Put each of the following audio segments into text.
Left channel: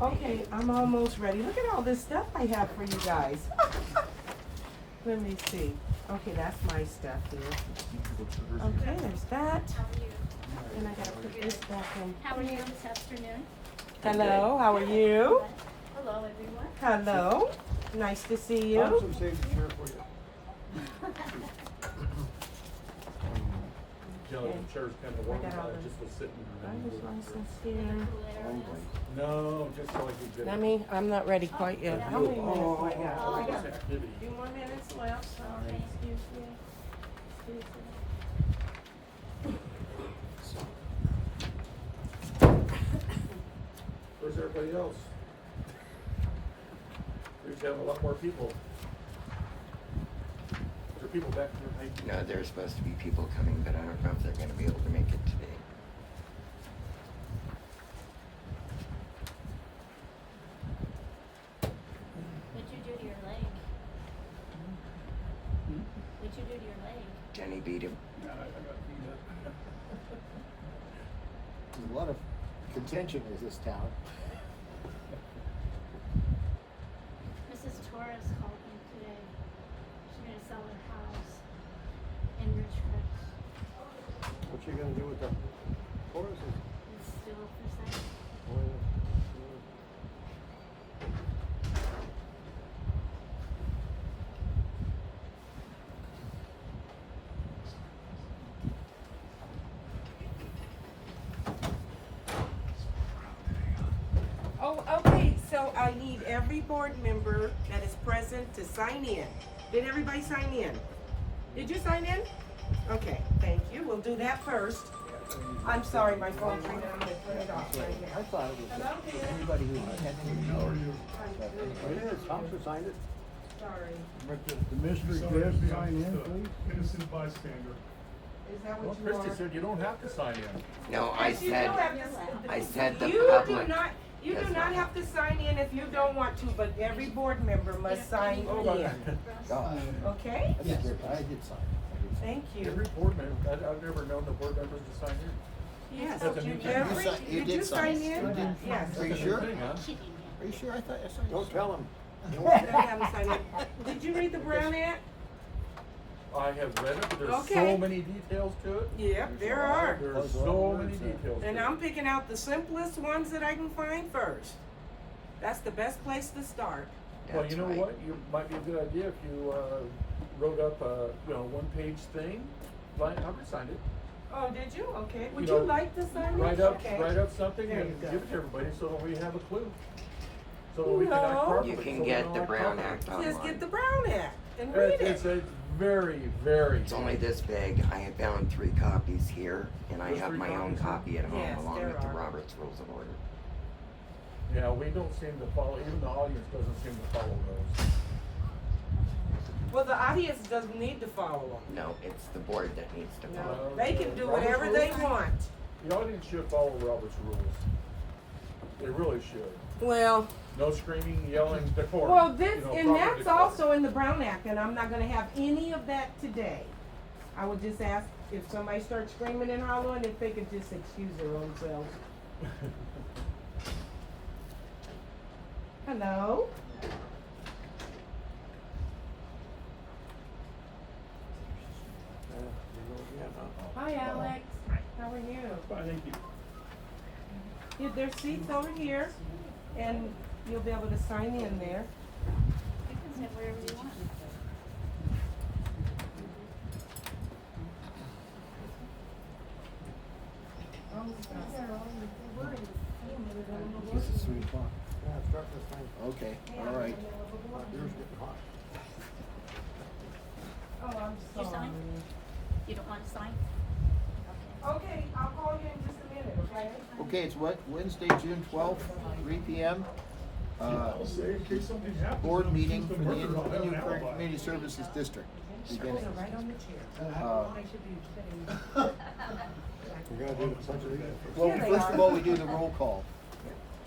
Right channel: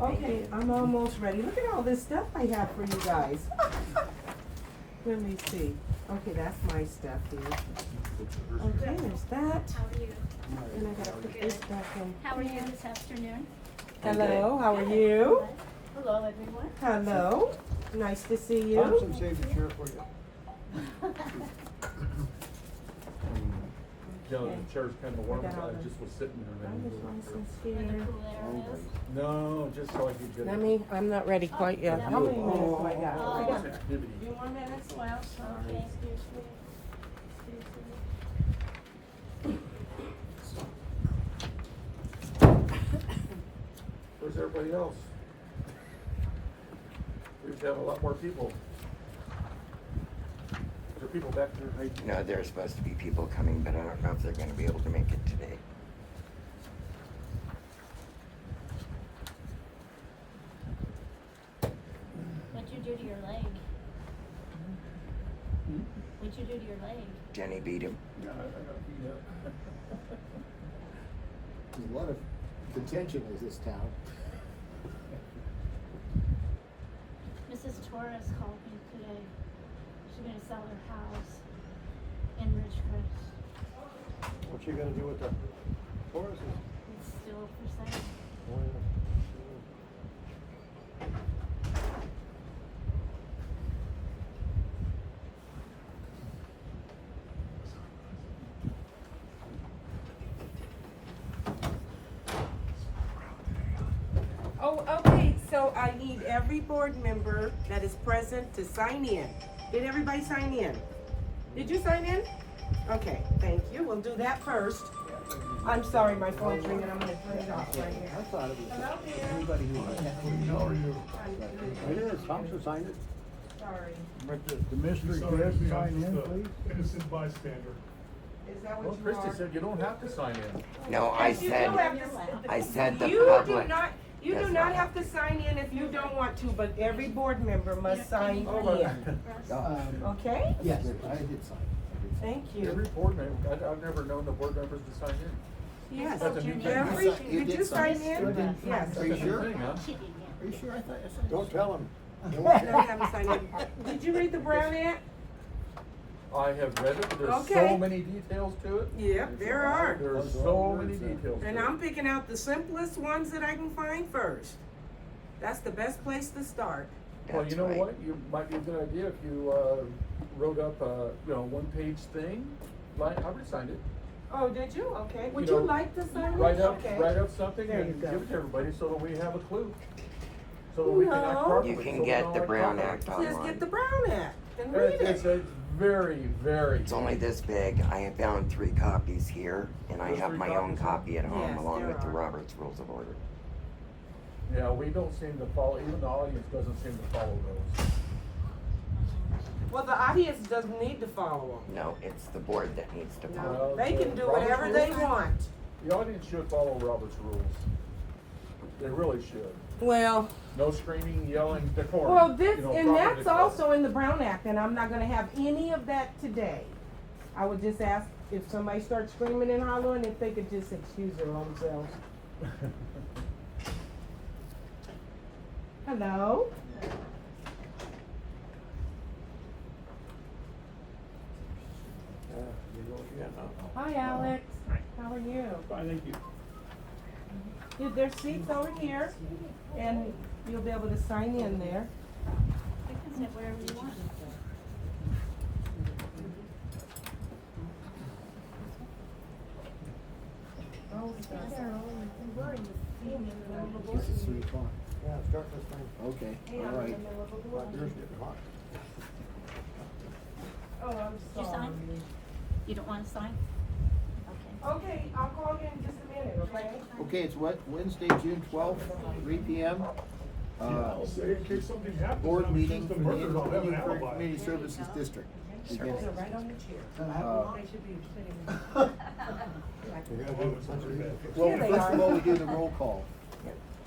Okay, I'm almost ready. Look at all this stuff I have for you guys. Let me see. Okay, that's my stuff here. Okay, there's that. And I gotta put this back in. How are you this afternoon? Hello, how are you? Hello, everyone. Hello, nice to see you. Thompson saved the chair for you. Joe, the chair's kind of warm, I got all I the just was sitting there. driver's license here. No, just so I could get. Let me, I'm not ready quite yet. How many minutes do I got? Oh. I got Activity. 2 more minutes left. Okay. Excuse me. Excuse me. Where's everybody else? We used to have a lot more people. Is there people back there, maybe? No, there's supposed to be people coming, but I don't know if they're gonna be able to make it today. What'd you do to your leg? What'd you do to your leg? Jenny beat him. There's a lot of contention in this town. Mrs. Torres called me today. She's gonna sell her house in Ridgecrest. What you gonna do with the horses? It's still for sale. Oh, yeah. Oh, okay, so I need every board member that is present to sign in. Did everybody sign in? Did you sign in? Okay, thank you. We'll do that first. I'm sorry, my phone's ringing. I'm gonna turn it off. I thought it was anybody who was attending. Thompson signed it. Sorry. But the mystery guest sign in, please. Innocent bystander. Is that Well, what you Christie are? said you don't have to sign in. No, I Yes, you do said, have to- I said the You do public. not, you do not have to sign in if you don't want to, but every board member must sign in, okay? Yes, I did sign. Thank Every you. board member, I've never known the board members to sign in. Yes, That's a new thing. every, You did you did sign sign. in? You did. Yes. Are you That's a new sure? thing, huh? She did, yeah. Are you sure? I thought I signed. Don't tell him. No, I haven't signed in. Did you read the Brown Act? I have read it, but there's Okay. so many details to it. Yep, there are. There's so many details And to I'm it. picking out the simplest ones that I can find first. That's the best place to start. Well, you know That's what, you, might be a good idea if you, wrote up a, one-page thing, like, I would sign it. Oh, did you? Okay. Would You you know, like to sign it? Write up, Okay. write up something There you and go. give it to everybody so that we have a clue. So that we can act No. properly. You so can we get don't the act Brown properly. Act Just online. get the Brown Act and read It's it. very, very. It's only this big. I have found 3 copies here, and I There's have 3 my own copies here? copy at home Yes, along there with the are. Robert's Rules of Order. Yeah, we don't seem to follow, even the audience doesn't seem to follow those. Well, the audience doesn't need to follow No, it's the board that needs to them. follow. No, Well, they can do Robert's whatever they rules? want. The audience should follow Robert's rules. They really should. Well, No screaming, yelling, decorum. well, this, you know, and proper that's decorum. also in the Brown Act, and I'm not gonna have any of that today. I would just ask if somebody starts screaming and hollering, if they could just excuse their own selves. Hello? Hi, Alex. How are you? Fine, thank you. Yeah, there's seats over here, and you'll be able to sign in there. You can sit wherever you want. This is 3 o'clock. Yeah, start this thing. Okay, all right. My beer's getting hot. Oh, I'm You sorry. sign? You don't wanna sign? Okay, I'll call you in just a minute, okay? Okay, it's Wednesday, June 12th, 3 p.m. In case something happens. Board meeting for the Indian Current Community Services District beginning. We're gonna do the pledge of allegiance first. Well, first of all, we do the roll call.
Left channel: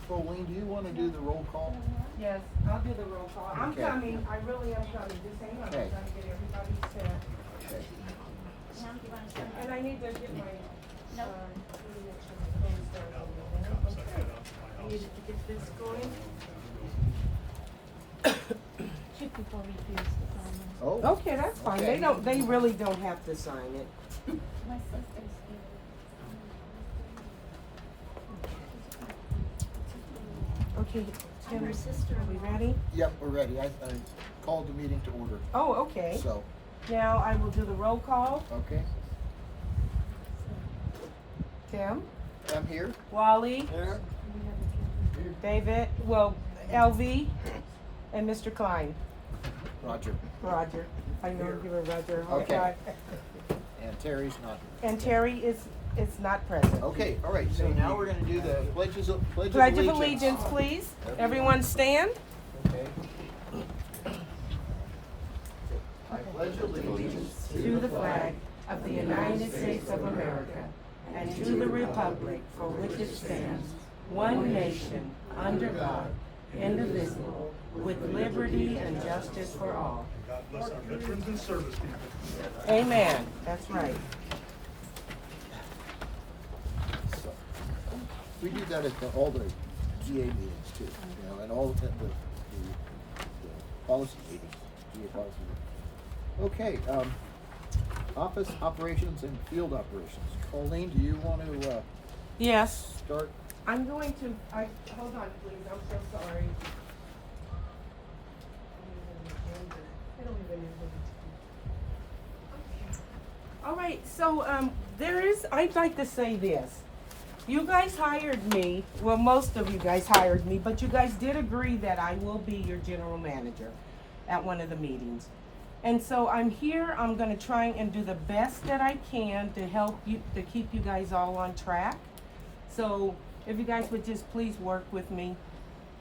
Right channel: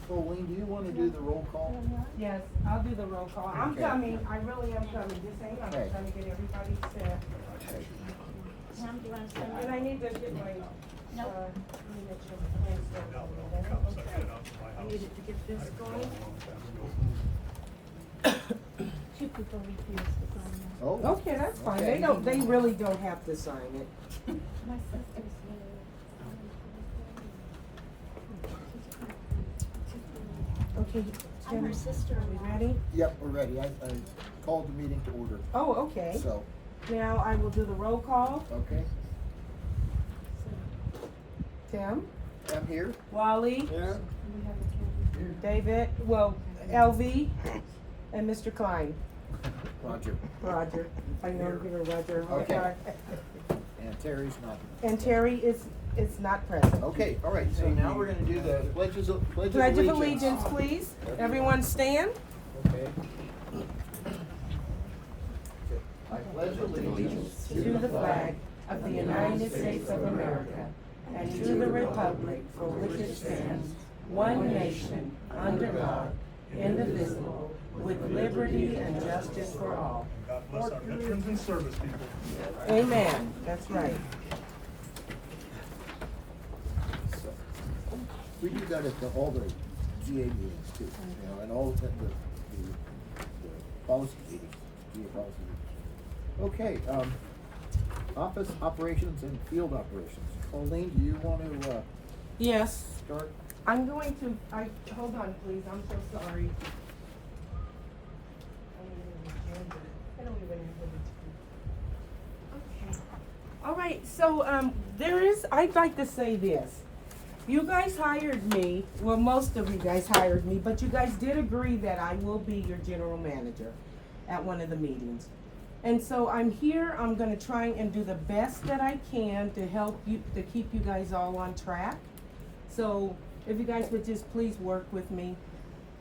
Colleen, do you want to do the roll call? Yes, I'll do the roll call. I'm Okay. coming, I really am coming. Just hang on, I'm Okay. trying to get everybody set. Okay. Now, do you wanna sign? And I need to get my, Nope. I needed to get this going. Two people refused to sign that. Oh. Okay, that's fine. Okay. They really don't have to sign it. My sister's Okay, I'm Tim, her sister. are we ready? Yep, we're ready. I called the meeting to order. Oh, okay. So, Now I will do the roll call. okay, Tim, I'm here. Wally, Here. David, well, LV, and Mr. Klein. Roger. Roger. I know you were Roger. Okay. And Terry's not here. And Terry is not present. Okay, all right, so now we're gonna do the pledge of Pledge of Allegiance, please. Everyone stand. Okay. I pledge allegiance To the flag of the United States of America and to the republic for which it stands, one nation, under God, indivisible, with liberty and justice for all. Community service people. Amen. That's right. So, we do that at all the GA meetings too, you know, and all the policy meetings, GA policy meetings. Okay, office operations and field operations. Colleen, do you want to, Yes. start? I'm going to, hold on, please. I'm so sorry. Okay. All right, so, I'd like to say this. You guys hired me, well, most of you guys hired me, but you guys did agree that I will be your general manager at one of the meetings. And so I'm here, I'm gonna try and do the best that I can to help you, to keep you guys all on track. So if you guys would just please work with me.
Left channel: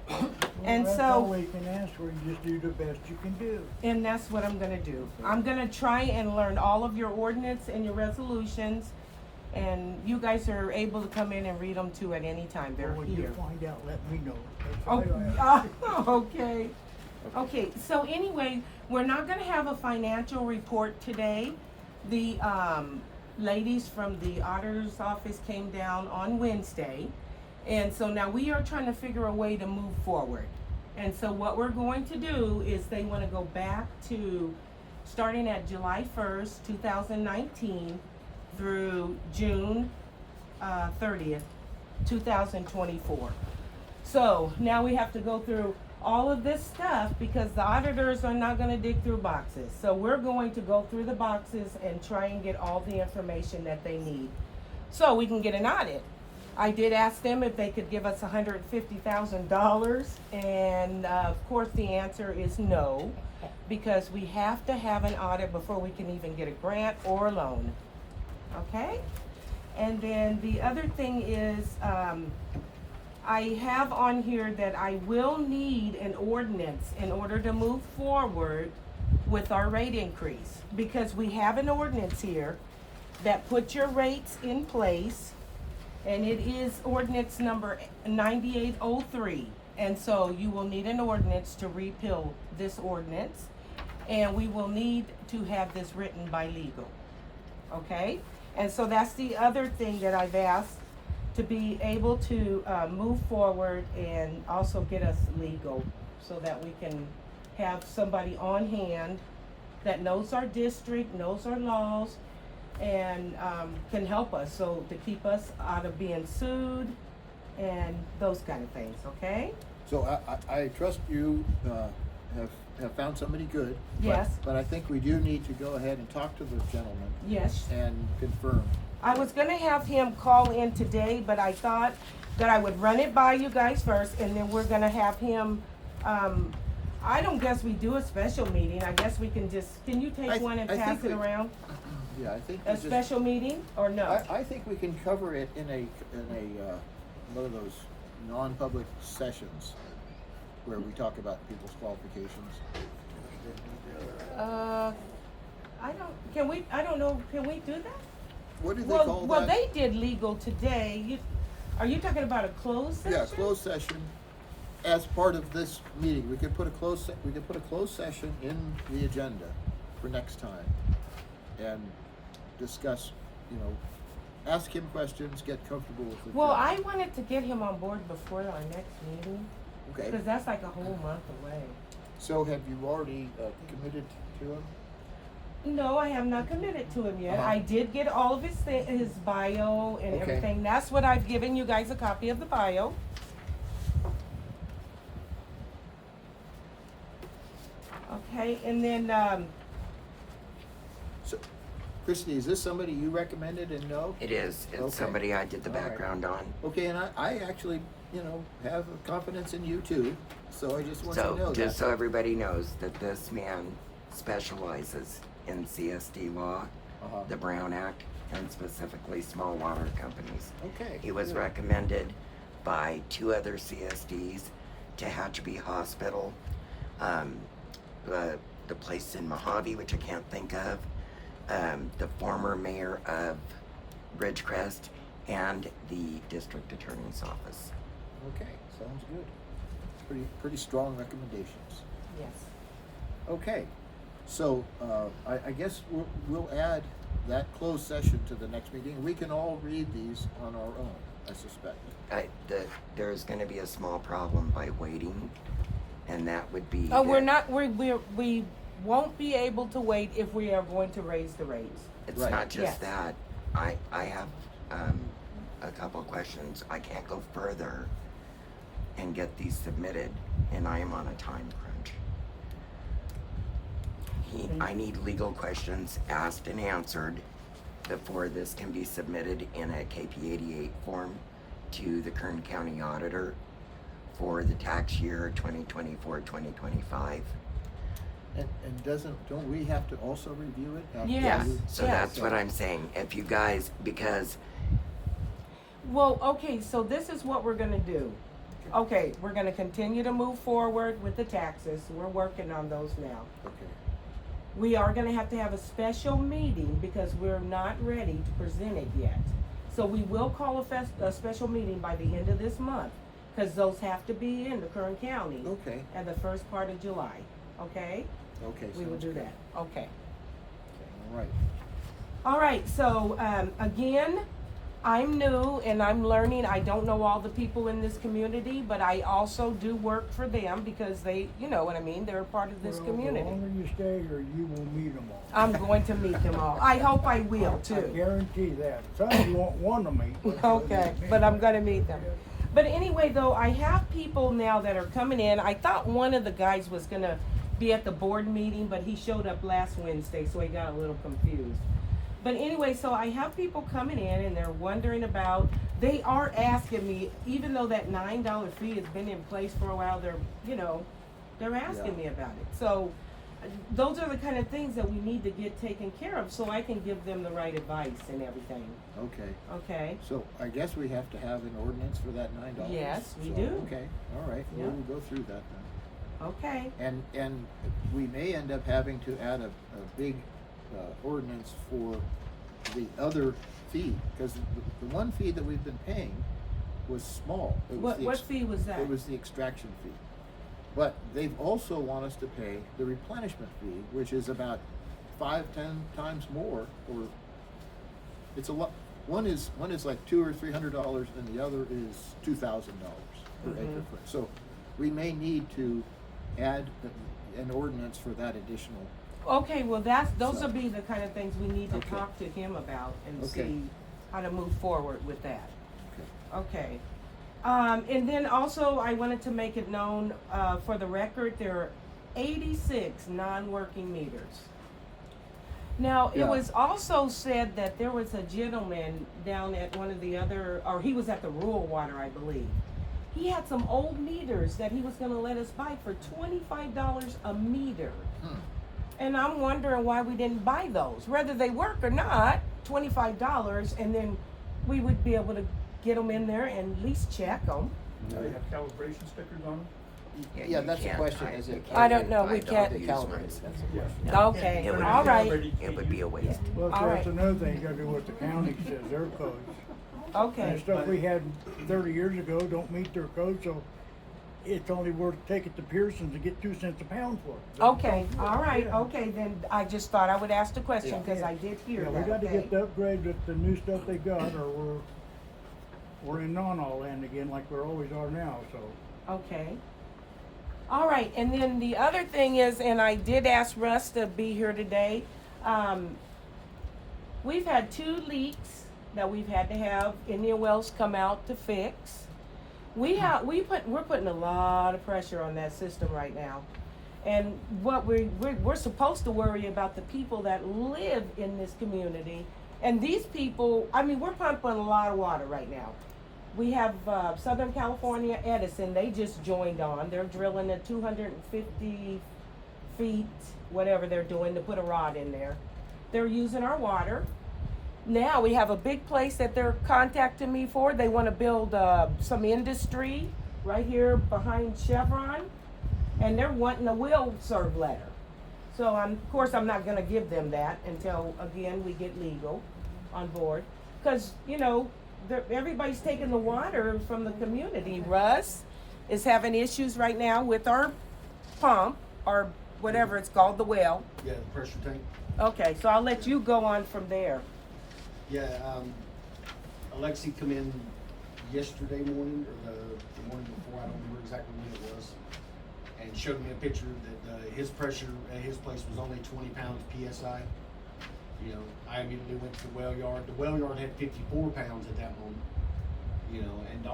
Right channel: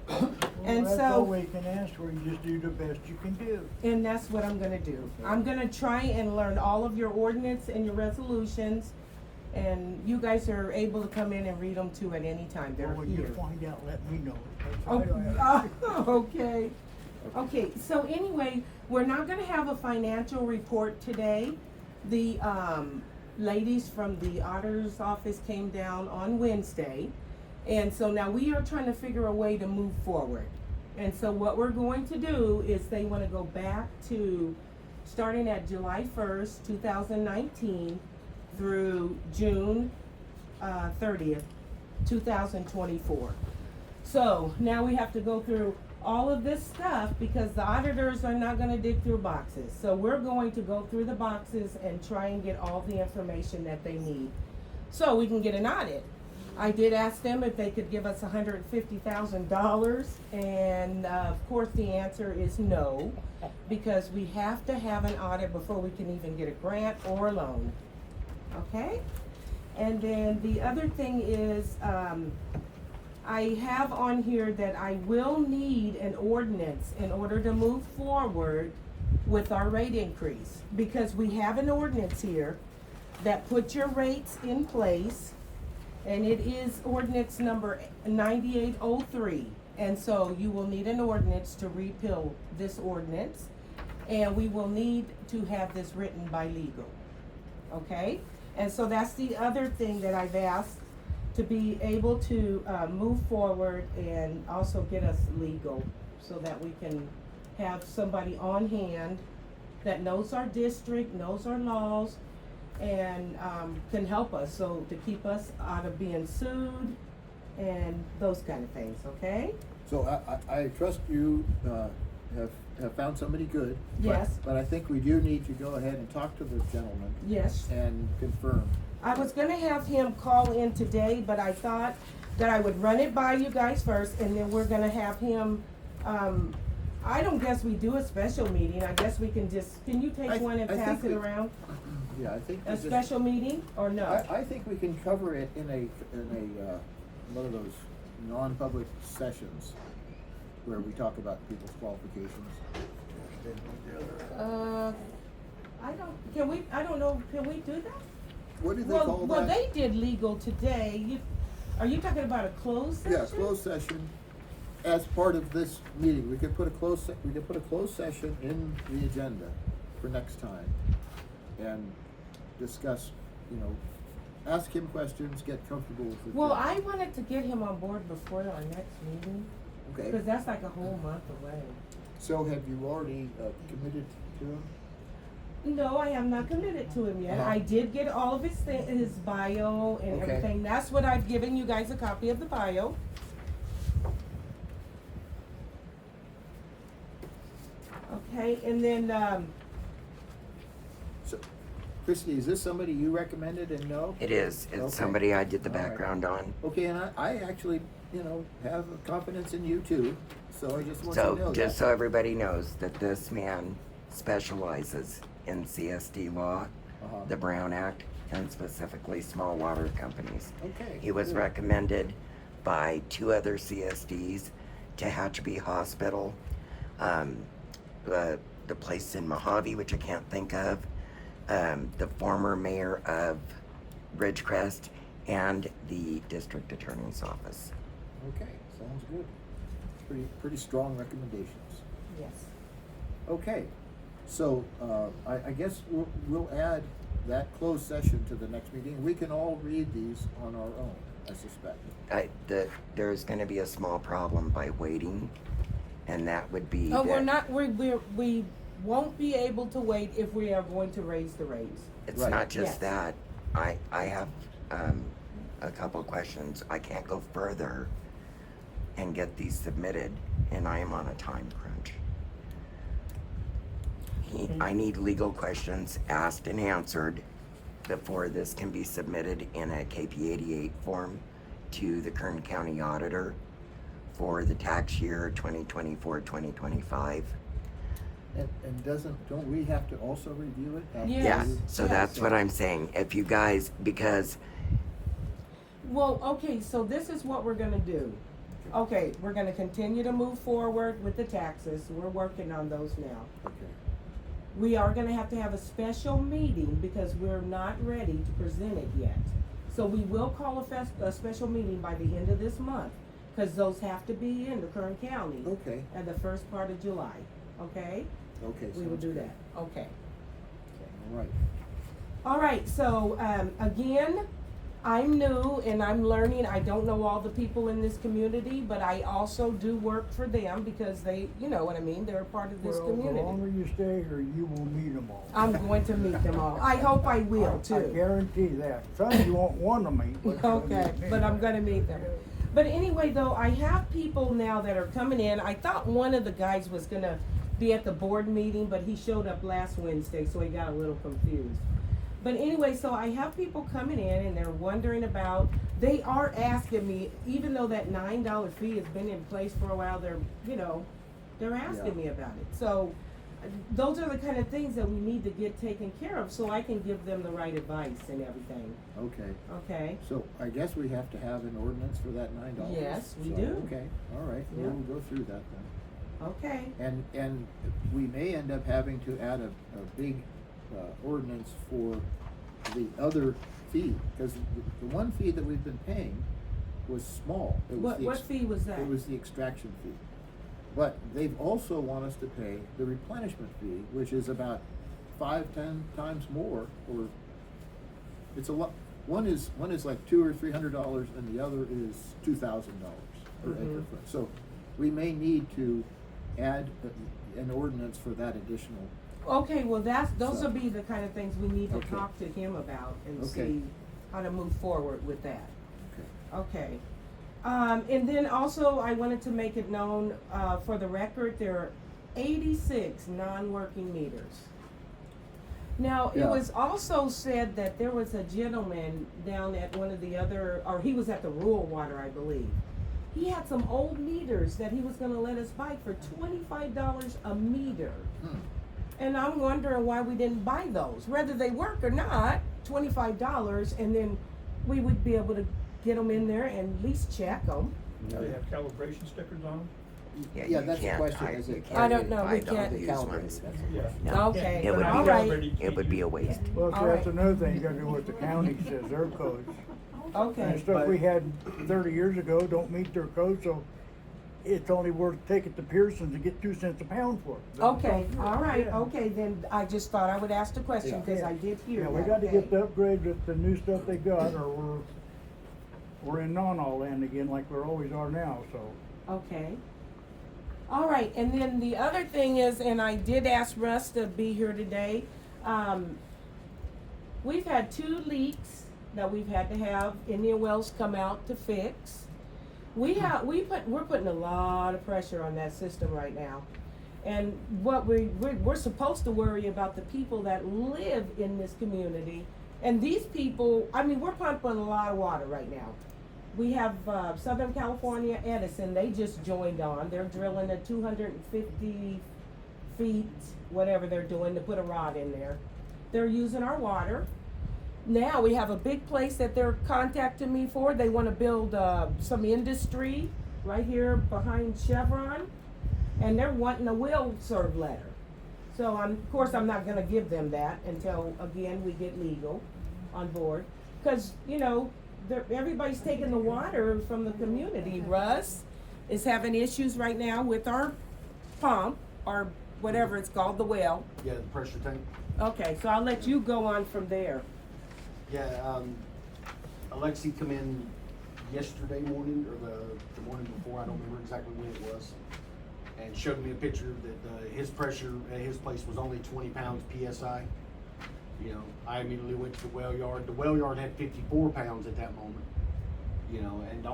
And Well, that's so- all we can ask for, you just do the best you can do. And that's what I'm gonna do. I'm gonna try and learn all of your ordinance and your resolutions. And you guys are able to come in and read them too at any time, they're When you here. find out, let me know. That's Oh, all I- okay. Okay, so anyway, we're not gonna have a financial report today. The, ladies from the auditor's office came down on Wednesday. And so now we are trying to figure a way to move forward. And so what we're going to do is they wanna go back to, starting at July 1st, 2019 through June, 30th, 2024. So now we have to go through all of this stuff because the auditors are not gonna dig through boxes. So we're going to go through the boxes and try and get all the information that they need, so we can get an audit. I did ask them if they could give us $150,000, and of course the answer is no, because we have to have an audit before we can even get a grant or a loan. Okay? And then the other thing is, I have on here that I will need an ordinance in order to move forward with our rate increase. Because we have an ordinance here that puts your rates in place, and it is ordinance number 9803. And so you will need an ordinance to repeal this ordinance, and we will need to have this written by legal. Okay? And so that's the other thing that I've asked, to be able to move forward and also get us legal, so that we can have somebody on hand that knows our district, knows our laws, and can help us, so to keep us out of being sued and those kind of things, okay? So I trust you, have found somebody good. but- Yes. But I think we do need to go ahead and talk to the gentleman Yes. and confirm. I was gonna have him call in today, but I thought that I would run it by you guys first, and then we're gonna have him, I don't guess we do a special meeting, I guess we can just, can you I take one and I pass think it we- around? Yeah, I think we A just. special meeting, or no? I think we can cover it in a, one of those non-public sessions where we talk about people's qualifications. I don't know, can we do that? What do they call that? Well, they did legal today, are you talking about a closed session? Yeah, closed session as part of this meeting. We could put a closed session in the agenda for next time and discuss, ask him questions, get comfortable with the Well, job. I wanted to get him on board before our next meeting, Okay, because that's like a whole month away. so have you already committed to him? No, I have not committed to him yet. Uh-huh. I did get all of his bio and Okay. everything. That's what I've given you guys, a copy of the bio. Okay, and then, So, Christie, is this somebody you recommended and know? It is. It's Okay. somebody I did the All right. background on. Okay, and I actually, have confidence in you too, so I just want you to know So, just so that. everybody knows that this man specializes in CSD law, Uh-huh. the Brown Act, and specifically small water companies. Okay. He was good. recommended by 2 other CSDs, Tehachapi Hospital, the place in Mojave, which I can't think of, the former mayor of Ridgecrest, and the district attorney's office. Okay, sounds good. Pretty strong recommendations. yes. Okay, so, I guess we'll add that closed session to the next meeting. We can all read these on our own, I suspect. There's gonna be a small problem by waiting, and that would be. Oh, we're that not, we won't be able to wait if we are going to raise the rates. It's Right. not just Yes. that. I have, a couple of questions. I can't go further and get these submitted, and I am on a time crunch. I need legal questions asked and answered before this can be submitted in a KP 88 form to the Kern County Auditor for the tax year 2024-2025. And don't we have to also review it? after Yes. we- So Yes. that's what I'm saying. If you guys, because Well, okay, so this is what we're gonna do. Okay, we're gonna continue to move forward with the taxes. We're working on those now. Okay, We are gonna have to have a special meeting because we're not ready to present it yet. So we will call a special meeting by the end of this month, cause those have to be in the Kern County okay, at the first part of July, okay? okay. We will sounds do good. that, okay. All right. All right, so, again, I'm new and I'm learning. I don't know all the people in this community, but I also do work for them because they, you know what I mean, they're a part of this Well, community. The longer you stay here, you will meet them all. I'm going to meet them all. I hope I will I too. guarantee that. Some you won't want to meet. but you'll Okay, meet but I'm me. gonna meet them. But anyway, though, I have people now that are coming in. I thought one of the guys was gonna be at the board meeting, but he showed up last Wednesday, so he got a little confused. But anyway, so I have people coming in and they're wondering about, they are asking me, even though that $9 fee has been in place for a while, they're asking Yeah. me about it. So, those are the kind of things that we need to get taken care of, so I can give them the right advice and everything, Okay, okay? so I guess we have to have an ordinance for that $9? Yes, we So, do. Okay, all right, Yeah. we'll go through that then. Okay, And we may end up having to add a big ordinance for the other fee, because the one fee that we've been paying was small. It was what fee was that? It was the extraction fee. But they've also want us to pay the replenishment fee, which is about 5-10 times more, or it's a lot. One is like $200 or $300, and the other is $2,000 per acre Mhm. foot. So we may need to add an ordinance for that additional. Okay, well, those So- will be the kind of things we need to Okay. talk to him about and Okay. see how to move forward with that. Okay. Okay. And then also I wanted to make it known, for the record, there are 86 non-working meters. Now, it Yeah. was also said that there was a gentleman down at one of the other, or he was at the rural water, I believe. He had some old meters that he was gonna let us buy for $25 a meter. And I'm wondering why we didn't buy those, whether they work or not, $25, and then we would be able to get them in there and at least check them. Do they have calibration stickers on them? Yeah, Yeah, you that's the can't question, hide- is you it? can't I don't know, we hide can't- all They these calibrated, ones. that's the Yeah. question. Okay, It would all be- right, It would be a waste. Well, All see, that's right. another thing, you gotta do what the county says, their codes. And okay. stuff we had 30 years ago don't meet their code, so it's only worth taking to Pearson's to get 2 cents a pound for it. Okay, all right, Yeah. okay, then I just thought I would ask the question, Yeah. cause I did hear Yeah, that, we got to okay? get the upgrade with the new stuff they got, or we're in non-all land again like we always are now, so. Okay. All right, and then the other thing is, and I did ask Russ to be here today, we've had 2 leaks that we've had to have Indian Wells come out to fix. We're putting a lot of pressure on that system right now. And what we're supposed to worry about the people that live in this community. And these people, I mean, we're pumping a lot of water right now. We have Southern California Edison, they just joined on. They're drilling at 250 feet, whatever they're doing, to put a rod in there. They're using our water. Now we have a big place that they're contacting me for. They want to build some industry right here behind Chevron, and they're wanting a will serve letter. So of course I'm not going to give them that until again we get legal on board, because you know everybody's taking the water from the community. Russ is having issues right now with our pump or whatever it's called, the well. Yeah, the pressure tank. Okay, so I'll let you go on from there. Yeah, Alexi come in yesterday morning, or the morning before, I don't remember exactly when it was, and showed me a picture that his pressure at his place was only 20 pounds PSI. You know, I immediately went to the well yard. The well yard had 54 pounds at that moment. You know, and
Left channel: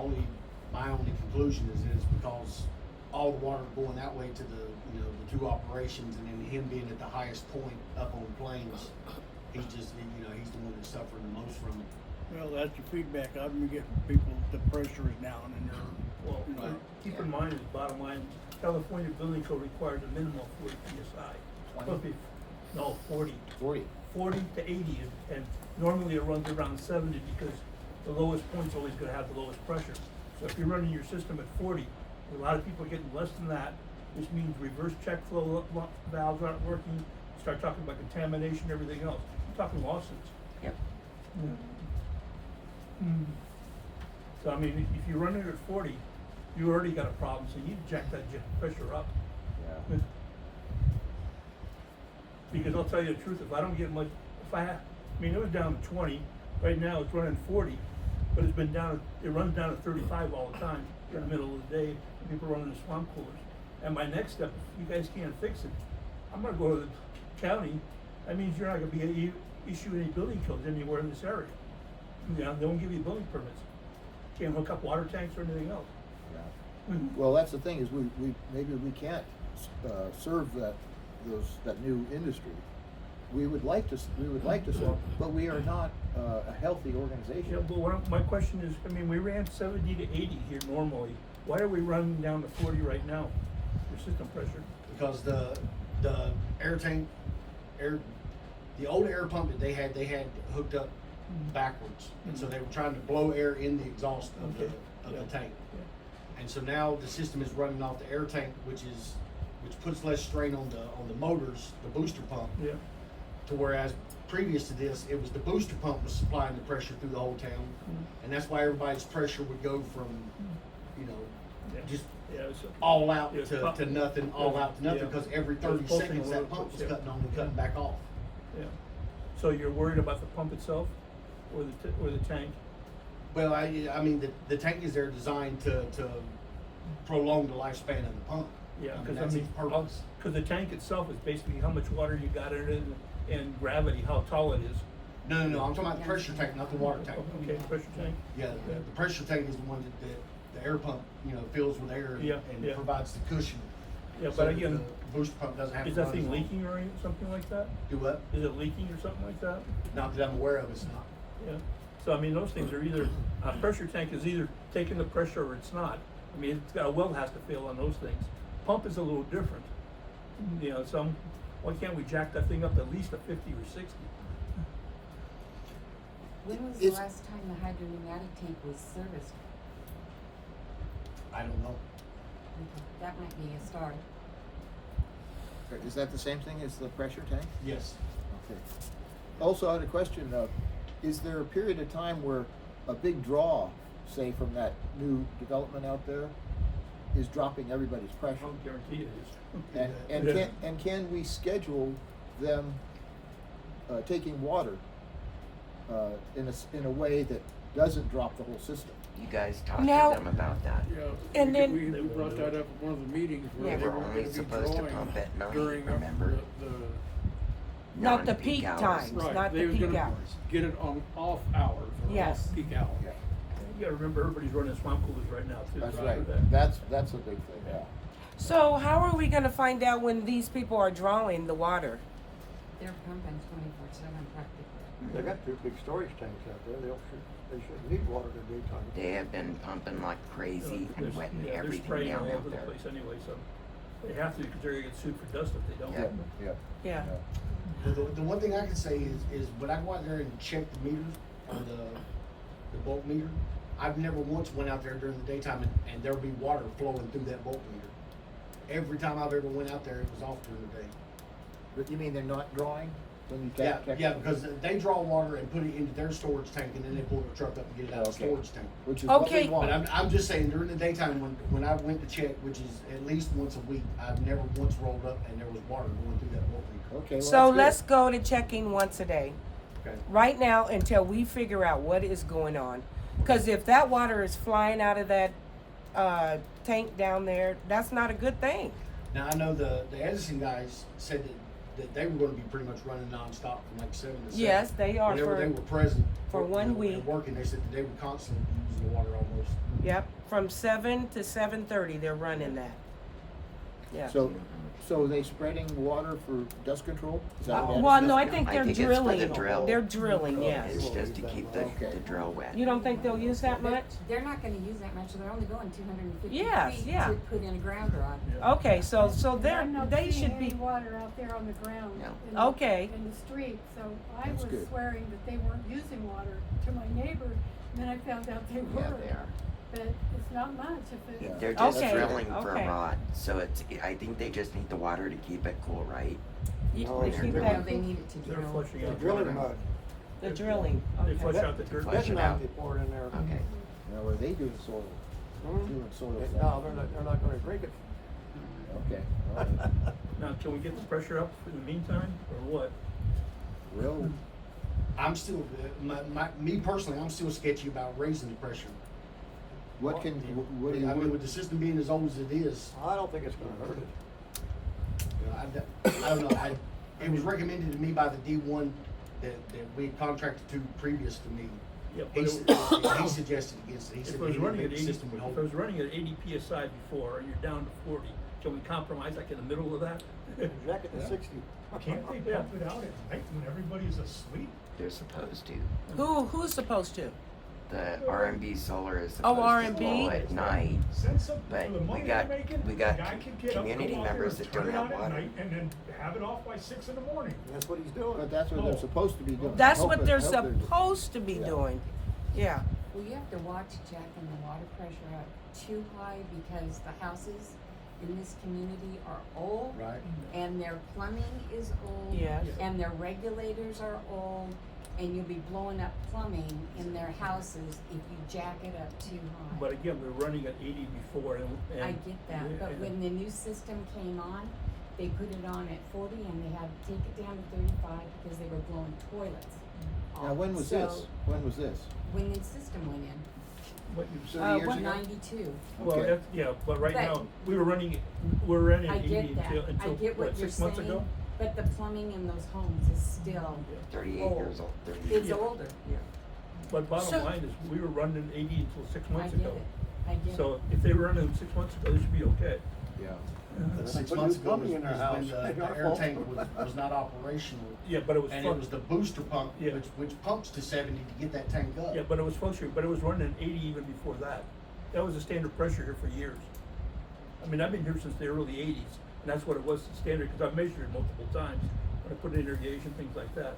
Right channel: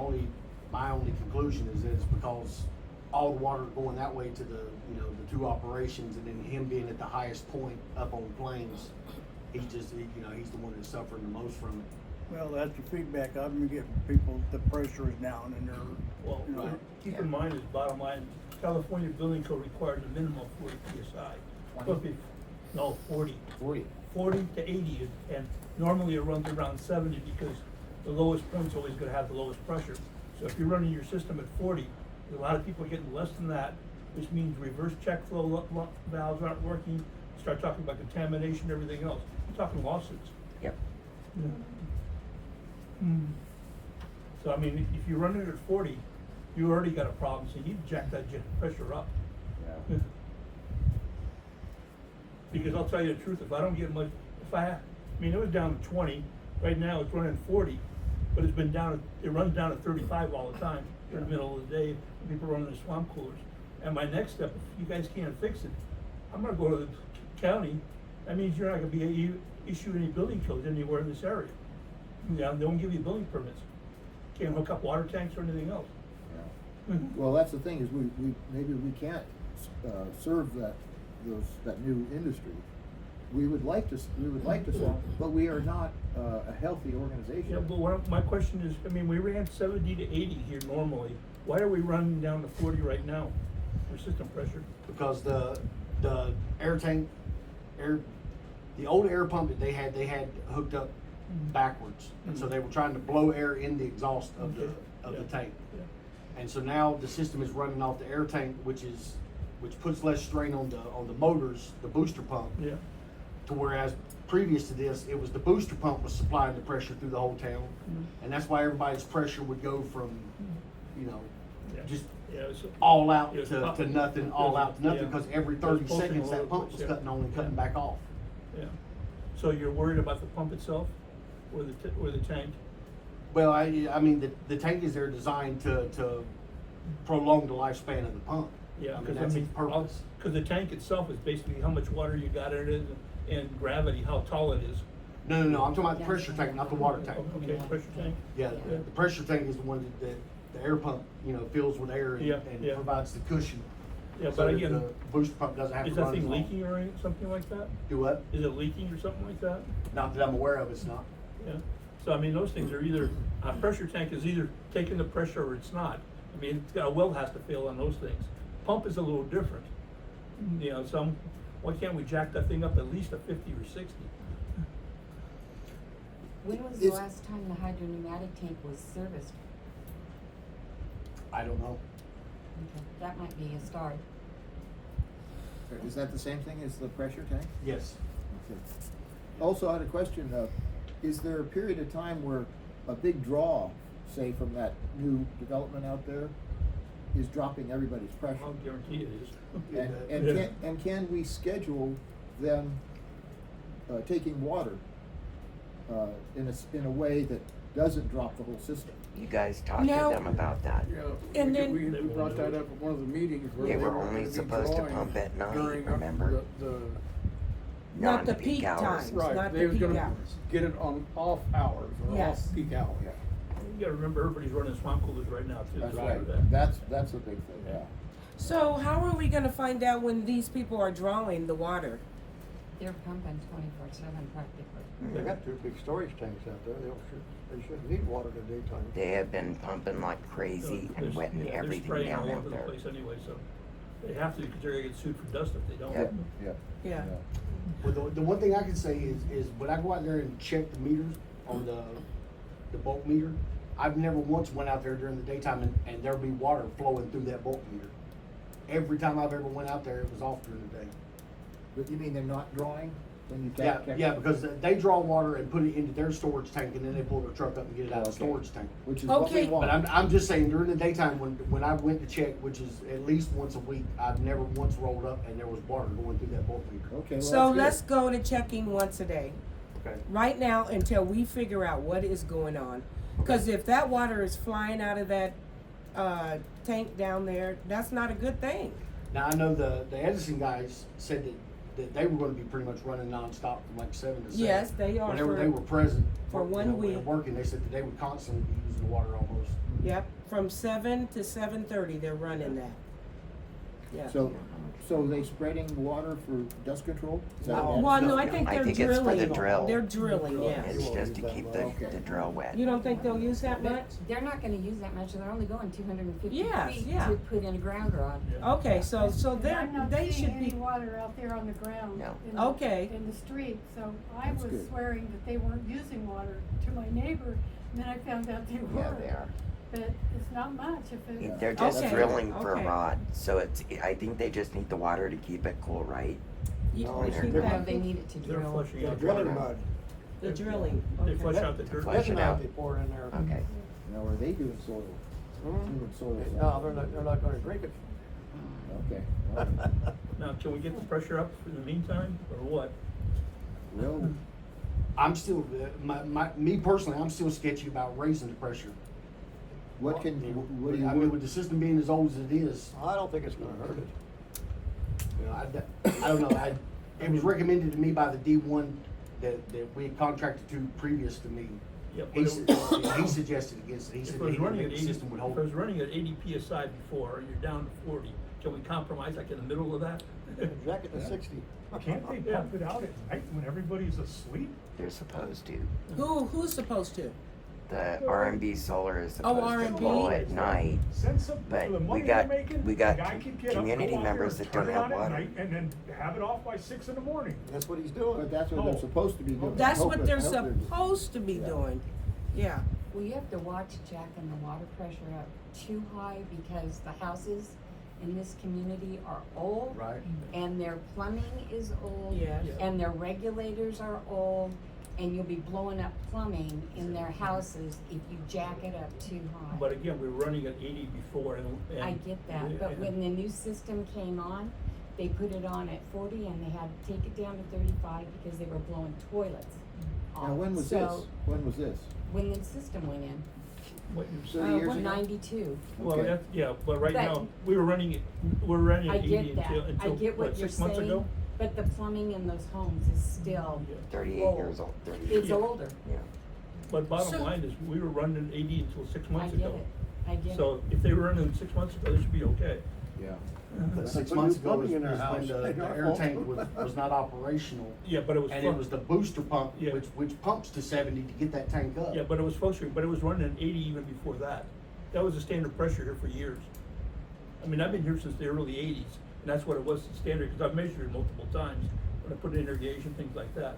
my only conclusion is that it's because all the water going that way to the, you know, the 2 operations, and then him being at the highest point up on the plains, he's just, you know, he's the one that's suffering the most from it. Well, that's the feedback I've been getting from people, the pressure is down and they're, Well, you know. keep in mind, is bottom line, California building code requires a minimum of 40 PSI. 20? Okay, no, 40. 40. 40 to 80, and normally it runs around 70 because the lowest point's always gonna have the lowest pressure. So if you're running your system at 40, a lot of people are getting less than that, which means reverse check flow valves aren't working, start talking about contamination, everything else. You're talking lawsuits. Yep. So I mean, if you run it at 40, you already got a problem, so you need to jack that pressure up. Yeah. Because I'll tell you the truth, if I don't get much, I mean, it was down to 20, right now it's running 40, but it's been down, it runs down to 35 all the time in the middle of the day, people running the swamp coolers. And my next step, if you guys can't fix it, I'm gonna go to the county, that means you're not gonna be issuing any building codes anywhere in this area. Yeah, they won't give you building permits, can't hook up water tanks or anything else. Yeah. Well, that's the thing, is we maybe we can't serve that new industry. We would like to serve, but we are not a healthy organization. Yeah, but my question is, I mean, we ran 70 to 80 here normally, why are we running down to 40 right now for system pressure? Because the air tank, the old air pump that they had hooked up backwards, and so they were trying to blow air in the exhaust of the tank. And so now the system is running off the air tank, which puts less strain on the motors, the booster pump. Yeah. To whereas previous to this, it was the booster pump was supplying the pressure through the whole town, and that's why everybody's pressure would go from, you know, Yeah. just Yeah, it was, all out Yeah, to nothing, all out to nothing, yeah. because every It was 30 pulsing seconds all that over pump the was place, cutting on and cutting back off. yeah. So you're worried about the pump itself, or the tank? Well, I mean, the tank is there designed to prolong the lifespan of the pump. Yeah, I mean, because that's its purpose. Cause the tank itself is basically how much water you got in it and gravity, how tall it is. No, I'm talking about the pressure tank, not the water tank. Okay, pressure tank. Yeah, the pressure tank is the one that the air pump, you know, fills with air and, Yeah, and yeah. provides the cushion. Yeah, So but that again, the booster pump doesn't have to is run that thing as long. leaking or something like that? Do what? Is it leaking or something like that? Not that I'm aware of, it's not. Yeah, so I mean, those things are either, a pressure tank is either taking the pressure or it's not. I mean, it's got a well has to fill on those things. Pump is a little different. You know, why can't we jack that thing up at least a 50 or 60? When was the It's- last time the hydropneumatic tank was serviced? I don't know. That might be a start. Is that the same thing as the pressure tank? Yes. Okay. Also, I had a question, is there a period of time where a big draw, say from that new development out there, is dropping everybody's pressure. I'll guarantee it is. And can we schedule them, taking water, in a way that doesn't drop the whole system? You guys talked No. to them about that. Yeah, And then- we brought that up at one of the meetings where Yeah. they We're were only gonna be supposed to drawing pump at night, during remember? the Not the Non-peak peak hours. times, right, not they the was peak gonna hours. get it on off hours, or Yes. off peak hours. Yeah, You gotta remember, everybody's running swamp coolers right now too. that's so right. that- That's a big thing, yeah. So how are we gonna find out when these people are drawing the water? They're pumping 24/7 practically. They got 2 big storage tanks out there, they shouldn't need water in the daytime. They have been pumping like crazy and There's- wetting yeah, they're everything spraying down all out over the there. place anyway, so they have to, because they're gonna get sued for dust if they don't. Yeah. Yeah. Well, the one thing I can say is when I go out there and check the meters or the bulk meter, I've never once went out there during the daytime and there'd be water flowing through that bulk meter. Every time I've ever went out there, it was off during the day. But you mean they're not drawing when you Yeah, check? yeah, because they draw water and put it into their storage tank and then they pull their truck up and get it out of the Okay. storage tank. Which is what Okay. we But want. I'm just saying during the daytime when I went to check, which is at least once a week, I've never once rolled up and there was water going through that bulk meter. Okay, well, So that's good. let's go to checking once a day, Okay. right now, until we figure out what is going on. Cause if that water is flying out of that, tank down there, that's not a good thing. Now, I know the Edison guys said that they were gonna be pretty much running nonstop from like 7 to 7. Yes, they are Whenever for- they were present. for you one know, week. and working, they said that they would constantly be using the water almost. Yep, from 7 to 7:30, they're running that. Yeah. So are they spreading water for dust control? Is that what Well, it is? no, I think I they're think it's for the drilling. drill. They're drilling, yes. It's just to keep the Okay. drill wet. You don't think they'll use that much? They're not gonna use that much, they're only going 250 Yes, feet yeah. to put in a ground rod. Okay, so they're, I'm not they seeing should any be, water out there on the ground. Yeah. in the- Okay. In the street, so I That's was good. swearing that they weren't using water to my neighbor, and then I found out they Yeah, were. they are. But it's not much if it's. Yeah. They're just Okay, drilling for okay. rod, so I think they just need the water to keep it cool, right? No, they it's keep they're- that, No, they need it to They're drill. flushing They're out. drilling mud. the drilling, They okay. flush out the dirt. Flush it Bentonite out. they pour in there. Okay. Now, are they doing soil? Doing soil? No, they're not gonna drink it. Okay, all right. Now, can we get the pressure up in the meantime, or what? Well, I'm still, me personally, I'm still sketchy about raising the pressure. what do you I mean, with work? the system being as old as it is, I don't think it's gonna hurt it. you know, I don't know, it was recommended to me by the D1 that we had contracted to previous to me. Yeah, He but he suggested against it, he If said it that was he running didn't at think the 80, system would if hold. it was running at 80 PSI before, and you're down to 40, can we compromise like in the middle of that? Jack it to 60. Can't they pump it out at night when everybody's asleep? They're supposed to. Who's supposed to? The R&B solar is Oh, supposed to R&B? flow at night, Send some, but for the we money got- they're making, we got the guy can get up, community go out there members and that turn don't it have on at water. night, and then have it off by 6 in the morning. That's what he's doing. But that's what they're Oh. supposed to be doing. That's Hope what it- they're hope they're- supposed to be Yeah. doing, yeah. Well, you have to watch jacking the water pressure up too high because the houses in this community are old. Right. And their plumbing is old. Yes. And their regulators are old, and you'll be blowing up plumbing in their houses if you jack it up too high. But again, we're running at 80 before, and. I get that, but when the new system came on, they put it on at 40 and they had to take it down to 35 because they were blowing toilets. Now, when was So, this? When was this? When the system went in, What- 30 years ago? 92. Well, Okay. that's, yeah, but right But- now, we're running at I 80 get that, until, I get what you're 6 months ago? saying, but the plumbing in those homes is still 38 old. years old, 38. It's Yeah. older. But So- bottom line is, we were running 80 until 6 I months get ago. it, I get it. So if they were running 6 months ago, they should be okay. Yeah. But They 6 put months new ago plumbing was in their when house. the Ain't our air fault. tank was not operational. Yeah, but it was. And it was the booster pump, Yeah. which pumps to 70 to get that tank up. Yeah, but it was supposed to, but it was running at 80 even before that. That was the standard pressure here for years. I mean, I've been here since the early 80s, and that's what it was, the standard, because I've measured it multiple times, when I put in irrigation, things like that.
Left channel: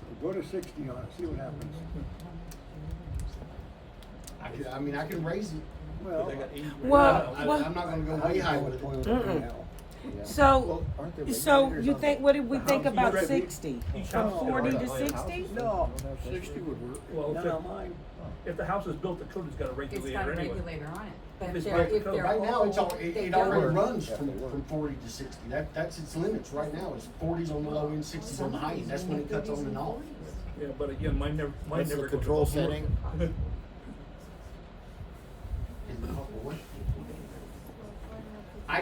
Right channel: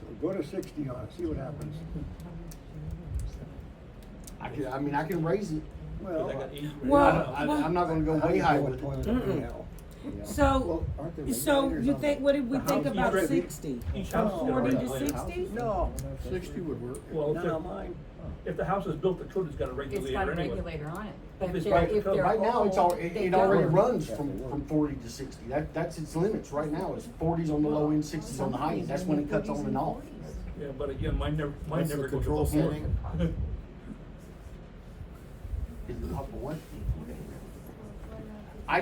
So go to 60 on it, see what happens. I can raise it. Well, I got 80 Well, right now. well- I'm not gonna go how way you high go with with it. toilet Mm-mm. anyhow? Yeah. So, Well, aren't there so regulators you on think, the- what did we the think house? about Each 60? house From is 40 to different. 60? No, 60 would work. Well, None of mine. if the house is built, the code has got a It's regulator got a anyway. regulator on it, but If if it's they're, right if code. they're Right now, it's all, old, it they it don't already work. runs Yeah, they work. from 40 to 60. That's its limits right now. It's 40s on the low end, 60s on the high end. That's when it cuts on and off. Yeah, but again, mine never That's the goes control above north. setting. Is the couple what? I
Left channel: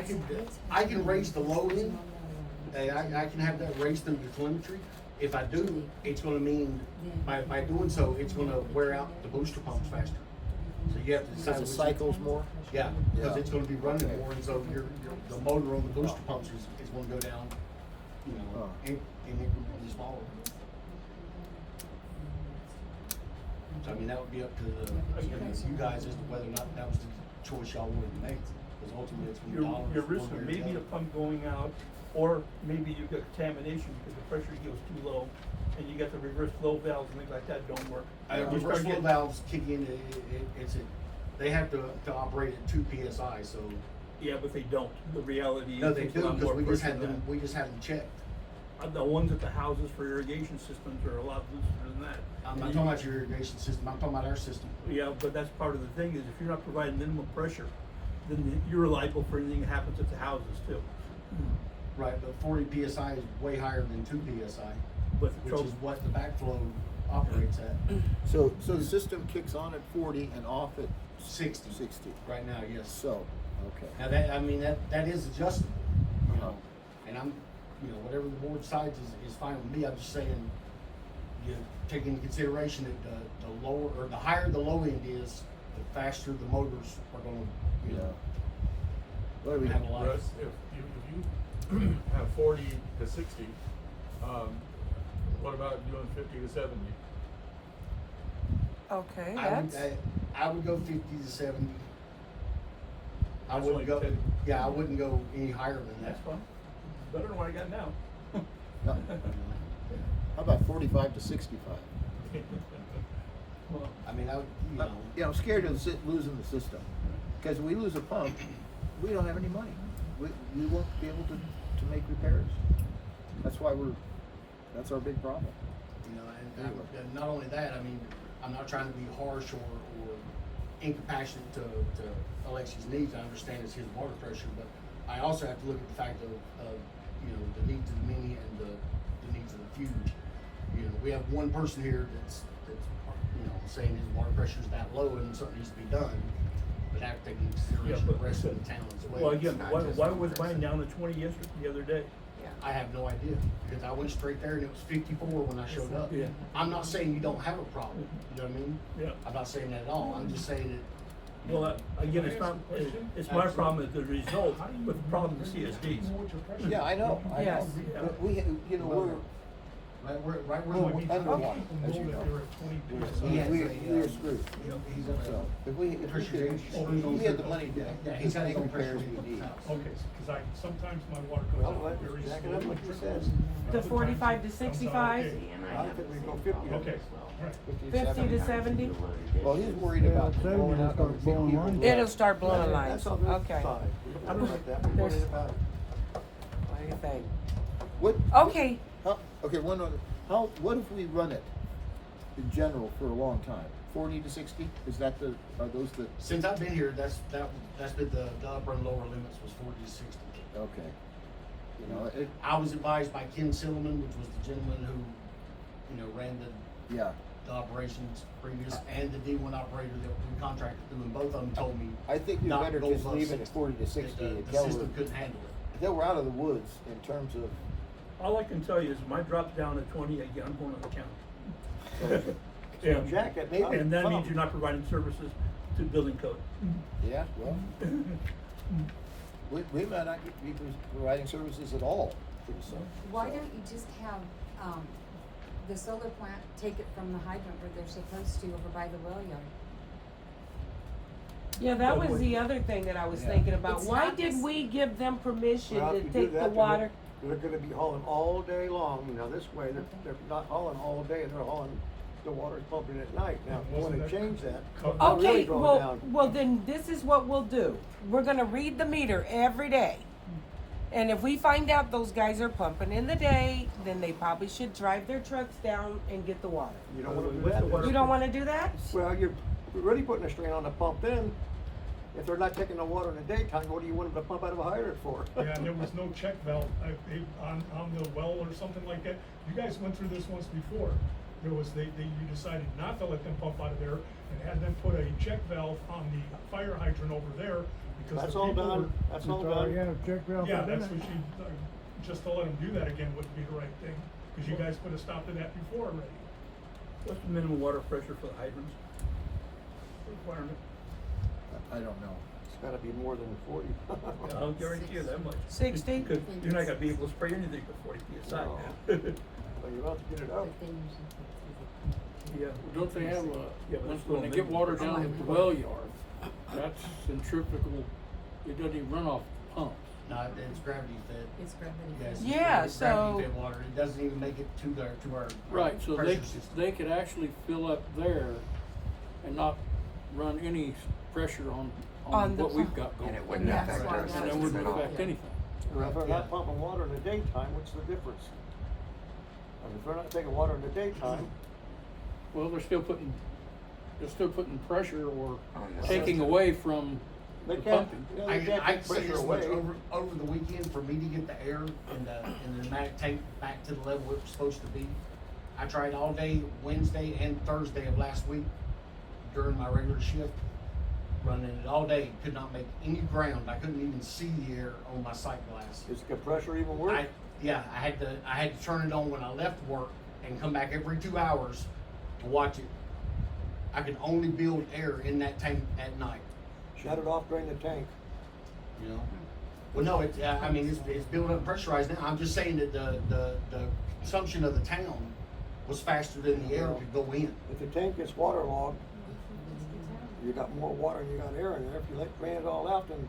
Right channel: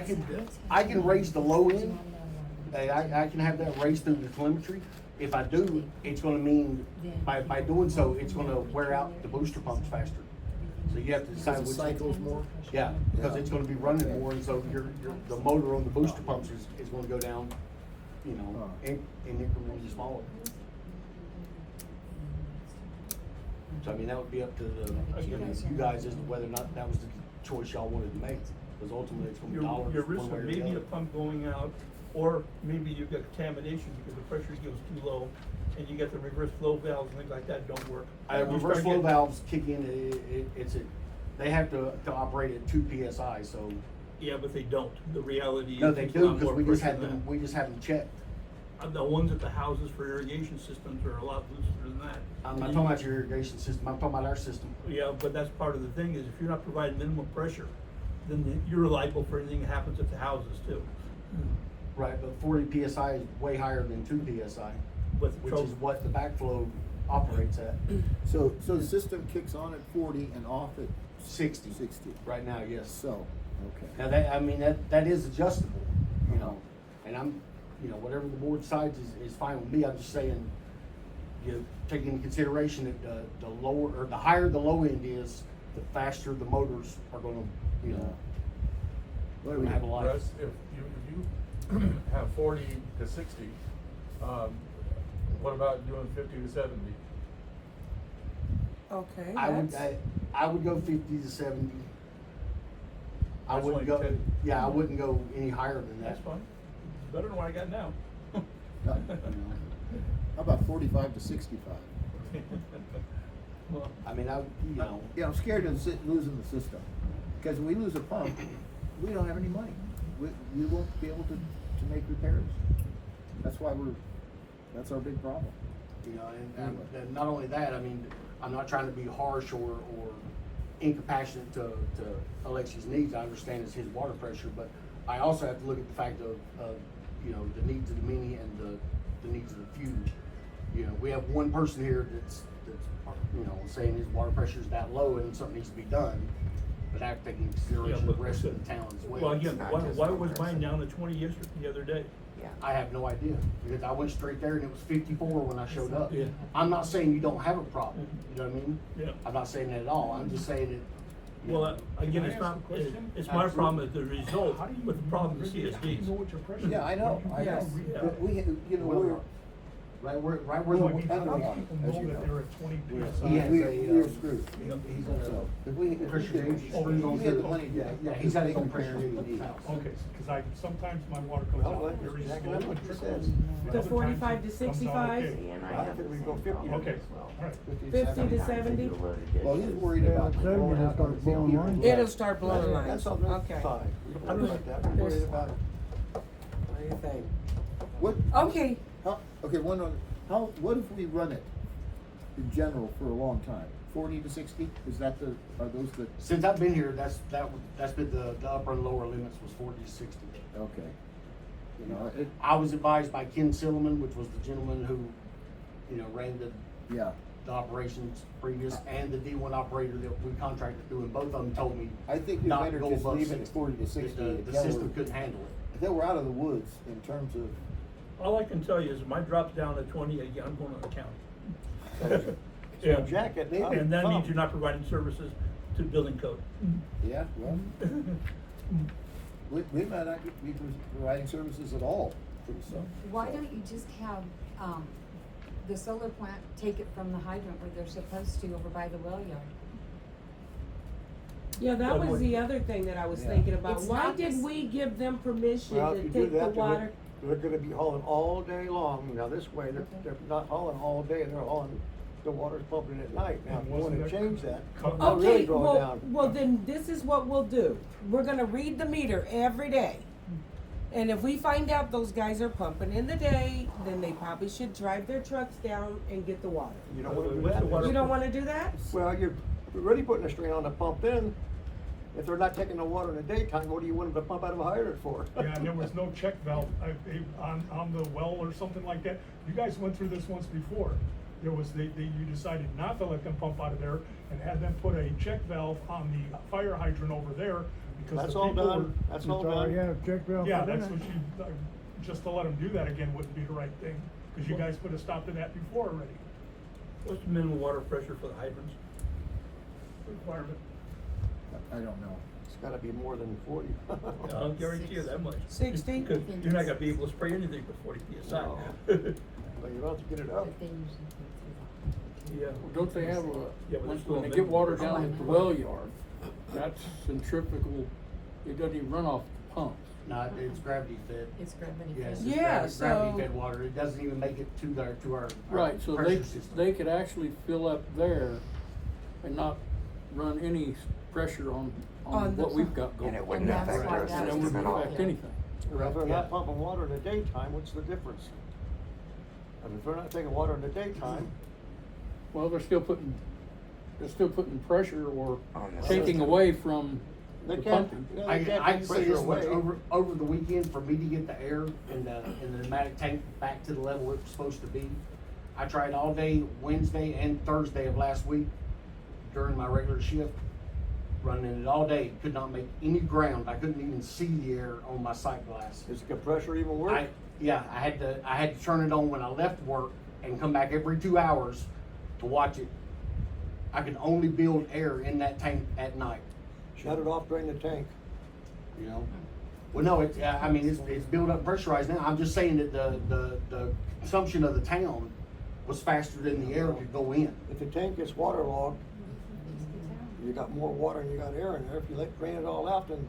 can raise the low end. I can have that raised through the telemetry. If I do, it's gonna mean, by doing so, it's gonna wear out the booster pumps faster. So you have to decide Because which. it cycles more? Yeah, because Yeah. it's gonna be running Okay. more, and so the motor on the booster pumps is gonna go down, you know, Huh. in incrementally smaller. So I mean, that would be up to you guys as to whether or not that was the choice y'all wanted to make, because ultimately it's gonna be dollars. You're one way risking or the maybe other. a pump going out, or maybe you've got contamination because the pressure goes too low, and you got the reverse flow valves and things like that don't work. You Reverse start flow getting- valves kick in, they have to operate at 2 PSI, so. Yeah, but they don't. The reality is. No, they it's a do, lot because more we just pressure had than them, that. we just had them checked. The ones at the houses for irrigation systems are a lot looser than that. I'm not talking about your irrigation system, I'm talking about our system. Yeah, but that's part of the thing, is if you're not providing minimum pressure, then you're liable for anything that happens at the houses too. Right, but 40 PSI is way higher than 2 PSI, But the which trouble, is what the backflow operates at. So the system kicks on at 40 and off at 60. 60. Right now, yes. So, okay. Now that is adjustable, you Uh-huh. know, and whatever the board decides is fine with me. I'm just saying, you take into consideration that the lower, or the higher the low end is, the faster the motors are gonna, Yeah. What do we, have a life. Russ, if you have 40 to 60, what about doing 50 to 70? Okay, I would go 50 to 70. I That's wouldn't like go, 10. yeah, I wouldn't go any higher than that. that's fine. Better than what I got now. how You know. about 45 to 65? Well, I mean, Yeah, I'm scared of losing the system, because when we lose a pump, we don't have any money. We won't be able to make repairs. That's why that's our big problem. Anyway. and not only that, I mean, I'm not trying to be harsh or incompassionate to Alexi's needs. I understand it's his water pressure, but I also have to look at the fact of the needs of the mini and the needs of the few. You know, we have one person here that's saying his water pressure is that low and something needs to be done, but I have to take into consideration the rest of the town as well. Well, again, why was mine down to 20 yesterday, the other day? I have no idea, because I went straight there and it was 54 when I showed up. Yeah. I'm not saying you don't have a problem, you know what I mean? Yeah. I'm not saying that at all, I'm just saying that. Well, again, it's my problem at the result, but the problem is CSDs. Yeah, I know. Yes. But we're Right where underwater, as you know. We're screwed. So if we had the money he's to got make his own repairs pressure. we need. Okay, cause sometimes my water goes Well, out very jack it up like you said. The 45 to Comes out 65? okay. I think we go 50 to Okay, alright. 50 to 70? Well, he's worried Yeah, about 70 blowing will out start other blowing people's lines. It'll start blowing lines. That's on the Okay. side. We don't worry about that. We're worried about What do you think? What? Okay, Okay, what if we run it in general for a long time? 40 to 60? Are those the? Since I've been here, that's been the upper and lower limits was 40 to 60. Okay. I was advised by Ken Silliman, which was the gentleman who, ran Yeah. the operations previous, and the D1 operator that we contracted to, and both of them told me. I think we not better go just above leave it at 40 to 60 The until system couldn't handle it. we're out of the woods in terms of. All I can tell you is if mine drops down to 20, again, I'm going to the county. So jack it up. And that means you're not providing services to building code. Yeah, well, we might not be providing services at all pretty soon. Why so. don't you just have, the solar plant take it from the hydrant where they're supposed to over by the well yard? yeah, that was the other thing that I was Yeah. thinking about. It's Why not did this- we give them permission Well, to if you do take the that, water? they're gonna be hauling all day long. Now, this way, they're not hauling all day, they're hauling, the water's pumping at night. Now, if you wanna change that, they'll really Okay, draw it well, down. well then this is what we'll do. We're gonna read the meter every day. And if we find out those guys are pumping in the day, then they probably should drive their trucks down and get the water. You don't wanna do that. You don't wanna do that? Well, you're really putting a strain on the pump then. If they're not taking the water in the daytime, what do you want them to pump out of a hydrant for? Yeah, and there was no check valve on the well or something like that. You guys went through this once before. There was, you decided not to let them pump out of there and had them put a check valve on the fire hydrant over there. Because That's the all people done, were- that's all It's already done. had a check valve Yeah, put in that's it. what just to let them do that again wouldn't be the right thing, because you guys put a stop to that before already. What's the minimum water pressure for the hydrants? Requirement? I don't know. It's gotta be more than 40. I'll guarantee you that much. 60? Because you're not gonna be able to spray anything with 40 PSI. No. But you're about to get it up. But they usually take Yeah. Well, don't they have a, Yeah, but when, it's when they still get water minimum. down at the well yard, that's centrifugal, it doesn't even run off the pump. No, it's gravity fed. It's gravity. Yes, it's Yeah, gravity so- fed water. It doesn't even make it to our Right, so pressure they, system. they could actually fill up there and not run any pressure on On the what we've pump. got And going. it wouldn't Yeah. affect That's why our that's- And that system wouldn't at all. affect anything. Well, if they're not Yeah. pumping water in the daytime, what's the difference? I mean, if they're not taking water in the daytime, Well, they're still putting pressure or On the taking system. away from they the can't, pumping. yeah, I they can can't take say pressure this much, away. over the weekend, for me to get the air in the pneumatic tank back to the level it was supposed to be, I tried all day Wednesday and Thursday of last week during my regular shift, running it all day, could not make any ground, I couldn't even see the air on my sight glass. Is the compressor even work? I had to turn it on when I left work and come back every 2 hours to watch it. I could only build air in that tank at night, Shut it off, drain the tank. you know? Well, no, it's built up pressurized now. I'm just saying that the consumption of the town was faster than the air could go in. If the tank gets waterlogged, you got more water and you got air in there. If you drain it all out, then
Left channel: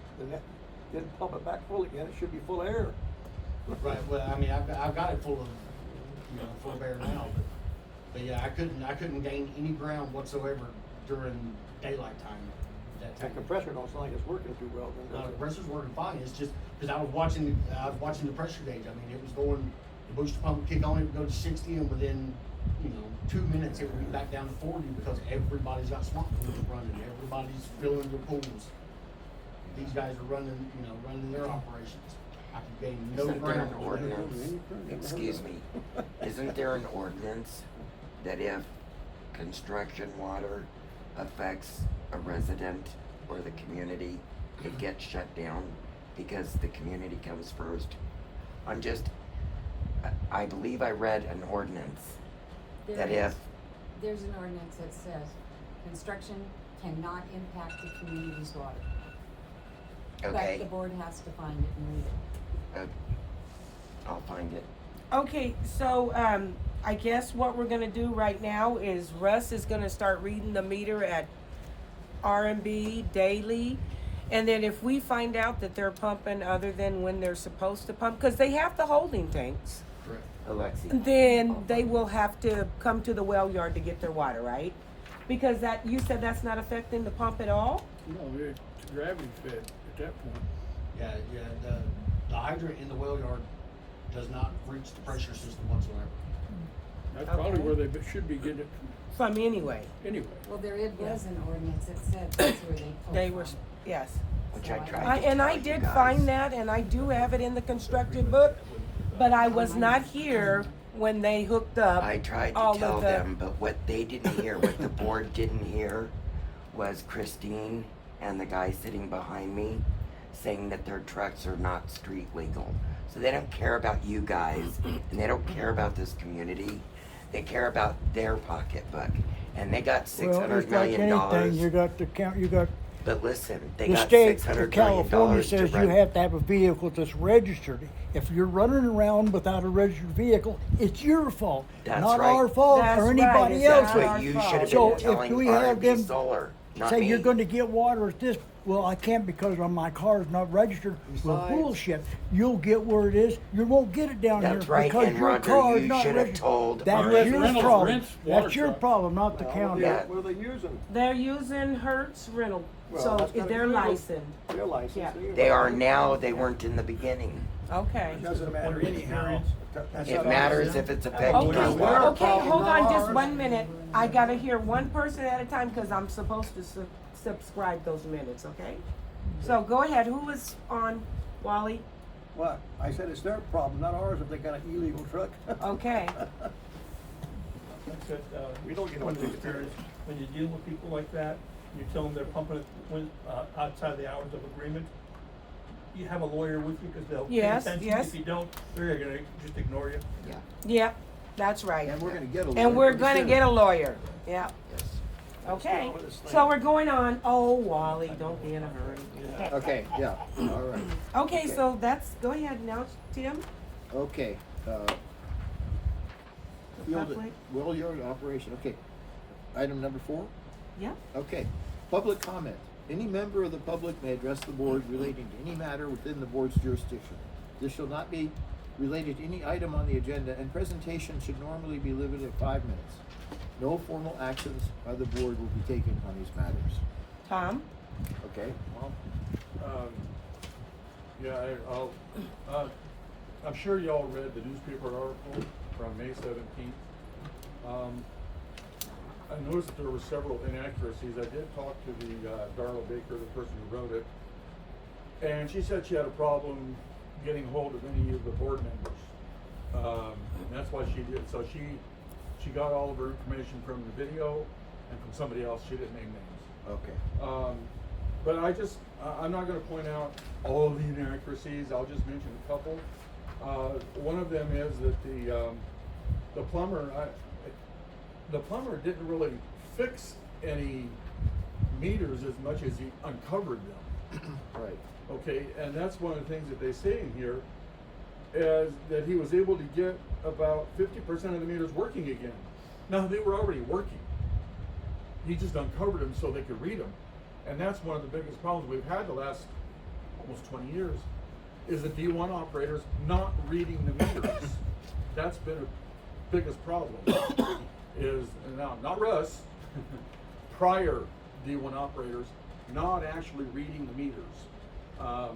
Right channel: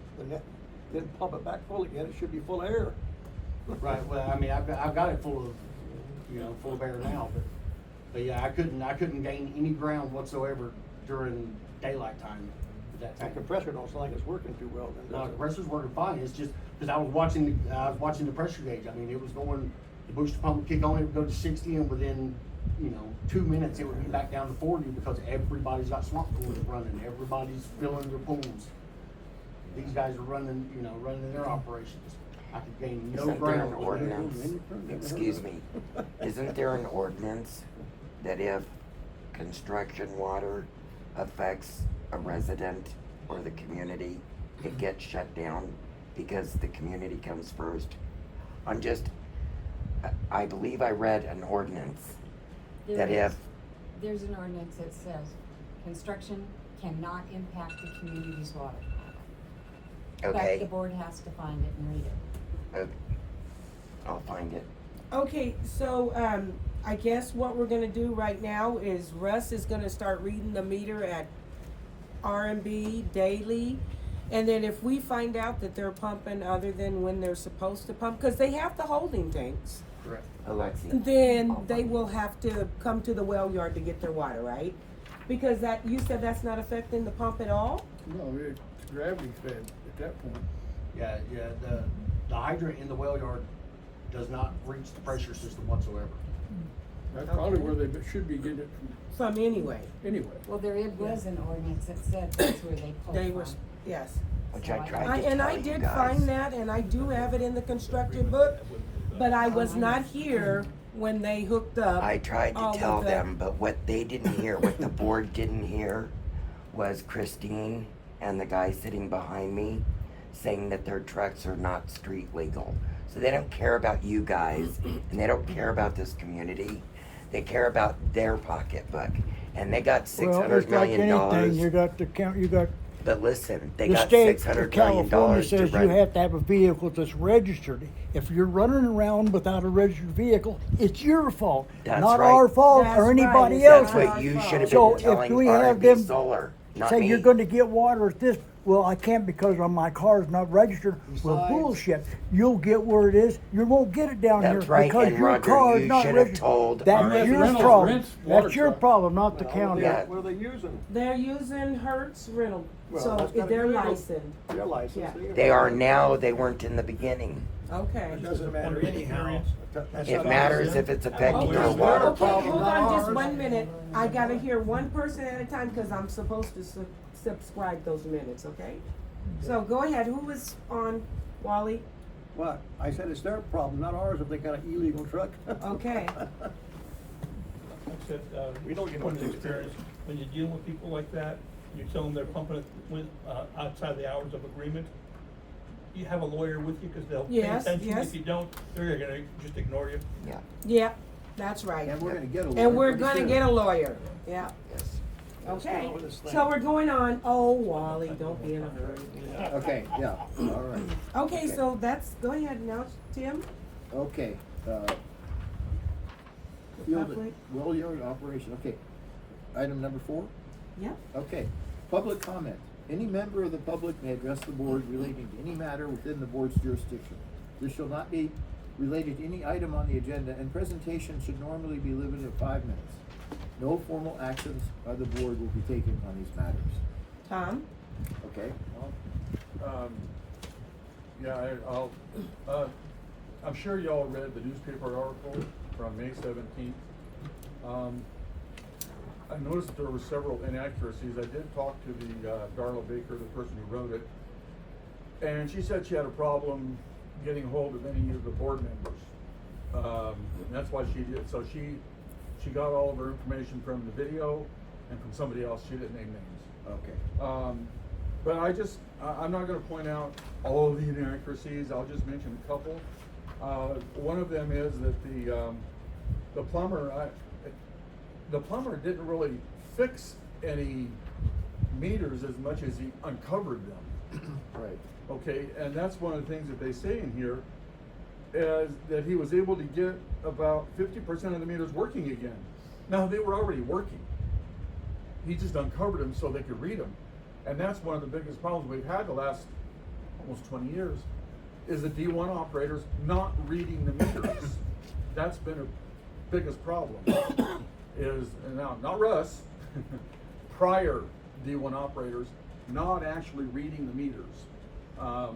pump it back full again, it should be full of air. Right, well, I've got it full of air now, but yeah, I couldn't gain any ground whatsoever during daylight time. of that That tank. compressor don't sound like it's working too well then, No, does the it? compressor's working fine, it's just, cause I was watching the pressure gauge, it was going, the booster pump would kick on, it would go to 60, and within, 2 minutes, it would be back down to 40, because everybody's got swamp pools running, everybody's filling their pools. These guys are running their operations. I could gain no Isn't there ground. an ordinance, excuse me, isn't there an ordinance that if construction water affects a resident or the community, it gets shut down because the community comes first? I believe I read an ordinance that if, There's an ordinance that says construction cannot impact the community's water. But the okay, board has to find it and read it. I'll find it. Okay, so, I guess what we're gonna do right now is Russ is gonna start reading the meter at R&B daily. And then if we find out that they're pumping other than when they're supposed to pump, cause they have the holding tanks, Correct. Alexi, then they will have to come to the well yard to get their water, right? Because you said that's not affecting the pump at all? No, it's gravity fed at that point. Yeah, the hydrant in the well yard does not reach the pressure system whatsoever. That's probably Okay. where they should be getting it From anyway, from anyway. Well, there was an ordinance that said that's where they pulled they were, from. yes. which I So tried to And I tell you did guys. find that, and I do have it in the construction book, but I was not here when they hooked up I tried all to of tell the. them, but what they didn't hear, what the board didn't hear, was Christine and the guy sitting behind me saying that their trucks are not street legal. So they don't care about you guys, and they don't care about this community. They care about their pocketbook, and they got Well, $600 it's like million. anything, you got But listen, they the got state $600 of million California to says you run- have to have a vehicle that's registered. If you're running around without a registered vehicle, it's your fault, That's not right. our fault That's or right, anybody it's not else's. our But you fault. should have So been if telling we have R&B them Solar, not say you're me. gonna get water at this well, I can't because my car's not registered. Well, Besides- bullshit. You'll get where it is. You won't get it down That's here right, because and your Roger, car is you not should have registered. told That's our your Reynolds problem. rents water That's your truck. problem, not the Well, county. What are they using? They're using Hertz rental, Well, so that's gotta they're be legal. licensed. They're licensed. Yeah. They are now, they weren't in the beginning. Okay. It doesn't matter anyhow. That's It not- matters if it's Okay, effective. It's their okay, problem, hold not on just ours. 1 minute. I gotta hear one person at a time because I'm supposed to subscribe those minutes, okay? So go ahead, who was on, Wally? What? I said it's their problem, not ours, if they got an illegal truck. Okay. That, We don't get from no tickets. experience, when you're dealing with people like that, you tell them they're pumping it outside the hours of agreement. You have a lawyer with you because they'll pay Yes, attention. yes. If you don't, they're gonna just ignore you. Yeah, that's right. And we're gonna get a lawyer. And we're pretty gonna soon. get a lawyer, yeah. Let's get Okay, on with this thing. so we're going on, oh, Wally, don't be in a hurry. Okay, yeah, all right. Okay, so that's, go ahead now, Tim. Okay, The field, public? well yard operation, okay. Item number 4? Yeah, Okay, public comment. Any member of the public may address the board relating to any matter within the board's jurisdiction. This shall not be related to any item on the agenda, and presentation should normally be limited to 5 minutes. No formal actions by the board will be taken on these matters. Tom? Okay? Well, yeah, I'm sure y'all read the newspaper article from May 17th. I noticed that there were several inaccuracies. I did talk to the Darla Baker, the person who wrote it, and she said she had a problem getting hold of any of the board members. And that's why she did. So she got all of her information from the video and from somebody else. She didn't name names. Okay. But I'm not gonna point out all of the inaccuracies, I'll just mention a couple. One of them is that the plumber didn't really fix any meters as much as he uncovered them. Right. Okay, and that's one of the things that they say in here, is that he was able to get about 50% of the meters working again. Now, they were already working. He just uncovered them so they could read them. And that's one of the biggest problems we've had the last almost 20 years, is the D1 operators not reading the meters. That's been a biggest problem. Is, and now, not Russ, prior D1 operators not actually reading the meters,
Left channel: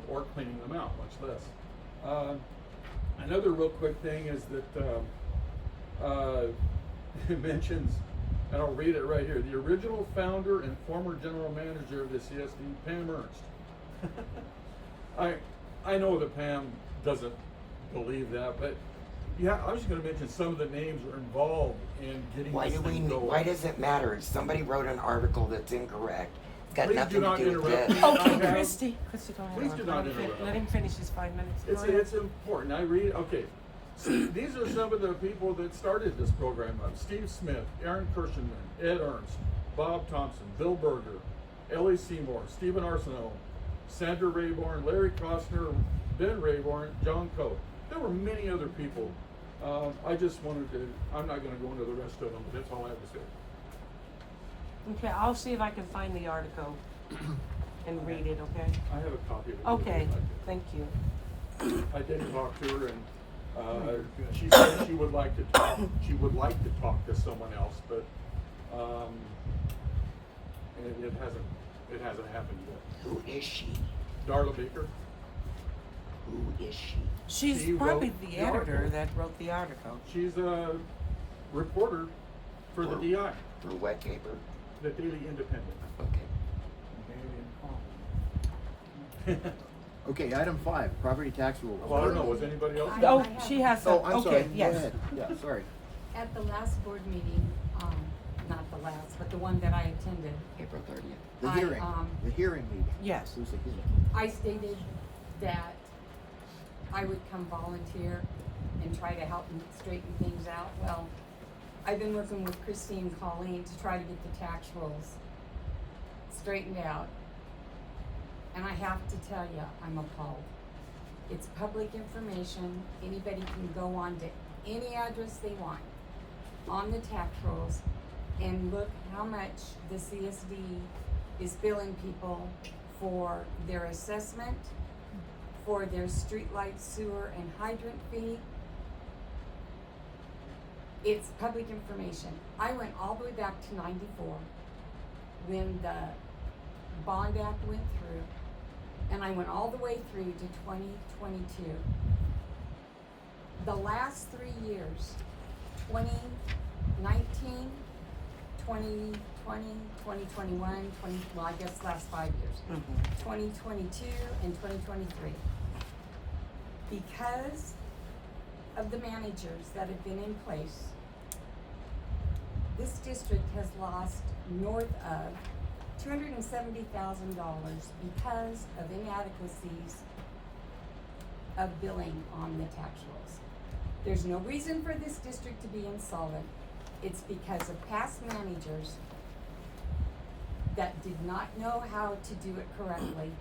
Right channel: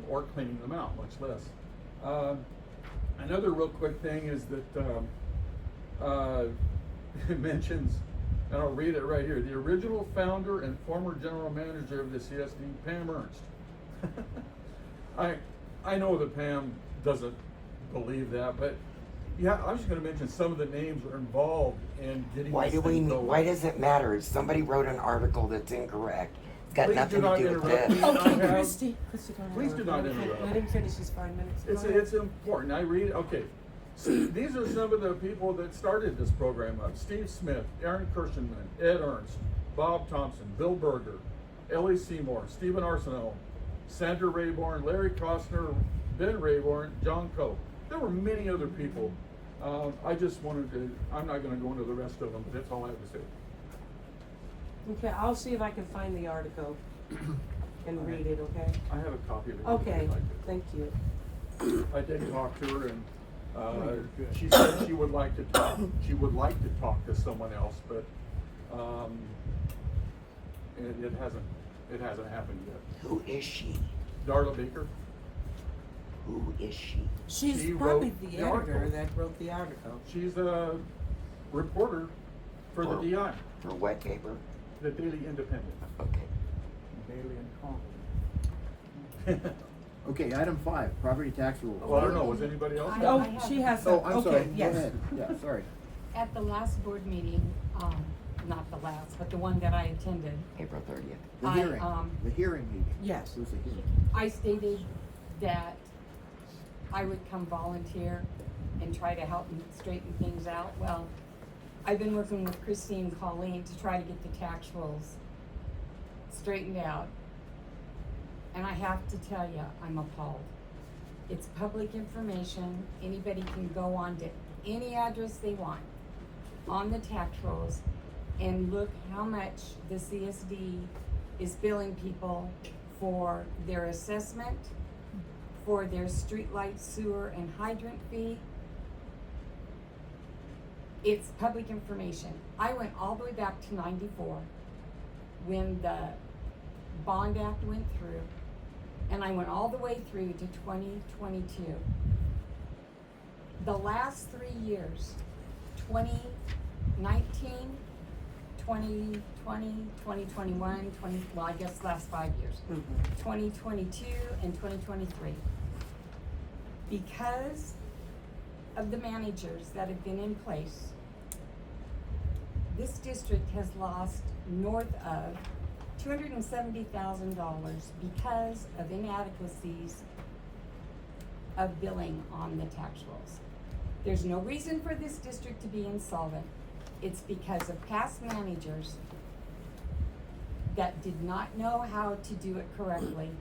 or cleaning them out, much less. Another real quick thing is that it mentions, and I'll read it right here, the original founder and former general manager of the CSD, Pam Ernst. I know that Pam doesn't believe that, but yeah, I'm just gonna mention some of the names are involved in getting Why this do we, thing going. why does it matter? Somebody wrote an article that's incorrect. It's got Please nothing do not to do with interrupt this. me. Okay, Okay. Christie, go ahead. Please do not interrupt. Let him finish his 5 minutes. Go ahead. It's important. I read, okay. See, these are some of the people that started this program up. Steve Smith, Aaron Kirschenman, Ed Ernst, Bob Thompson, Bill Berger, Ellie Seymour, Stephen Arsenault, Sandra Rayborn, Larry Costner, Ben Rayborn, John Coe. There were many other people. I just wanted to, I'm not gonna go into the rest of them, but that's all I have to say. Okay, I'll see if I can find the article and read it, okay? I have a copy of it. if Okay, you'd like it. thank you. I did talk to her, and she said she would like to talk. She would like to talk to someone else, but it hasn't happened yet. Who is she? Darla Baker. Who is she? She's She probably wrote the the editor article. that wrote the article. She's a reporter for the DI, For what paper? the Daily Independent. Okay. Okay, item 5, property tax rules. Well, I don't know. Was anybody else? Oh, she has some, Oh, I'm sorry, okay, go yes. ahead. Yeah, sorry. At the last board meeting, not the last, but the one that I attended, April 30th. The hearing meeting. Yes. Who's the hearing? I stated that I would come volunteer and try to help and straighten things out. Well, I've been working with Christine and Colleen to try to get the tax rules straightened out. And I have to tell you, I'm appalled. It's public information. Anybody can go on to any address they want on the tax rolls and look how much the CSD is billing people for their assessment, for their streetlight, sewer, and hydrant fee. It's public information. I went all the way back to 94 when the Bond Act went through, and I went all the way through to 2022. The last 3 years, 2019, 2020, 2021, well, I guess last 5 years, 2022 and 2023. Because of the managers that have been in place, this district has lost north of $270,000 because of inadequacies of billing on the tax rolls. There's no reason for this district to be insolvent. It's because of past managers that did not know how to do it correctly,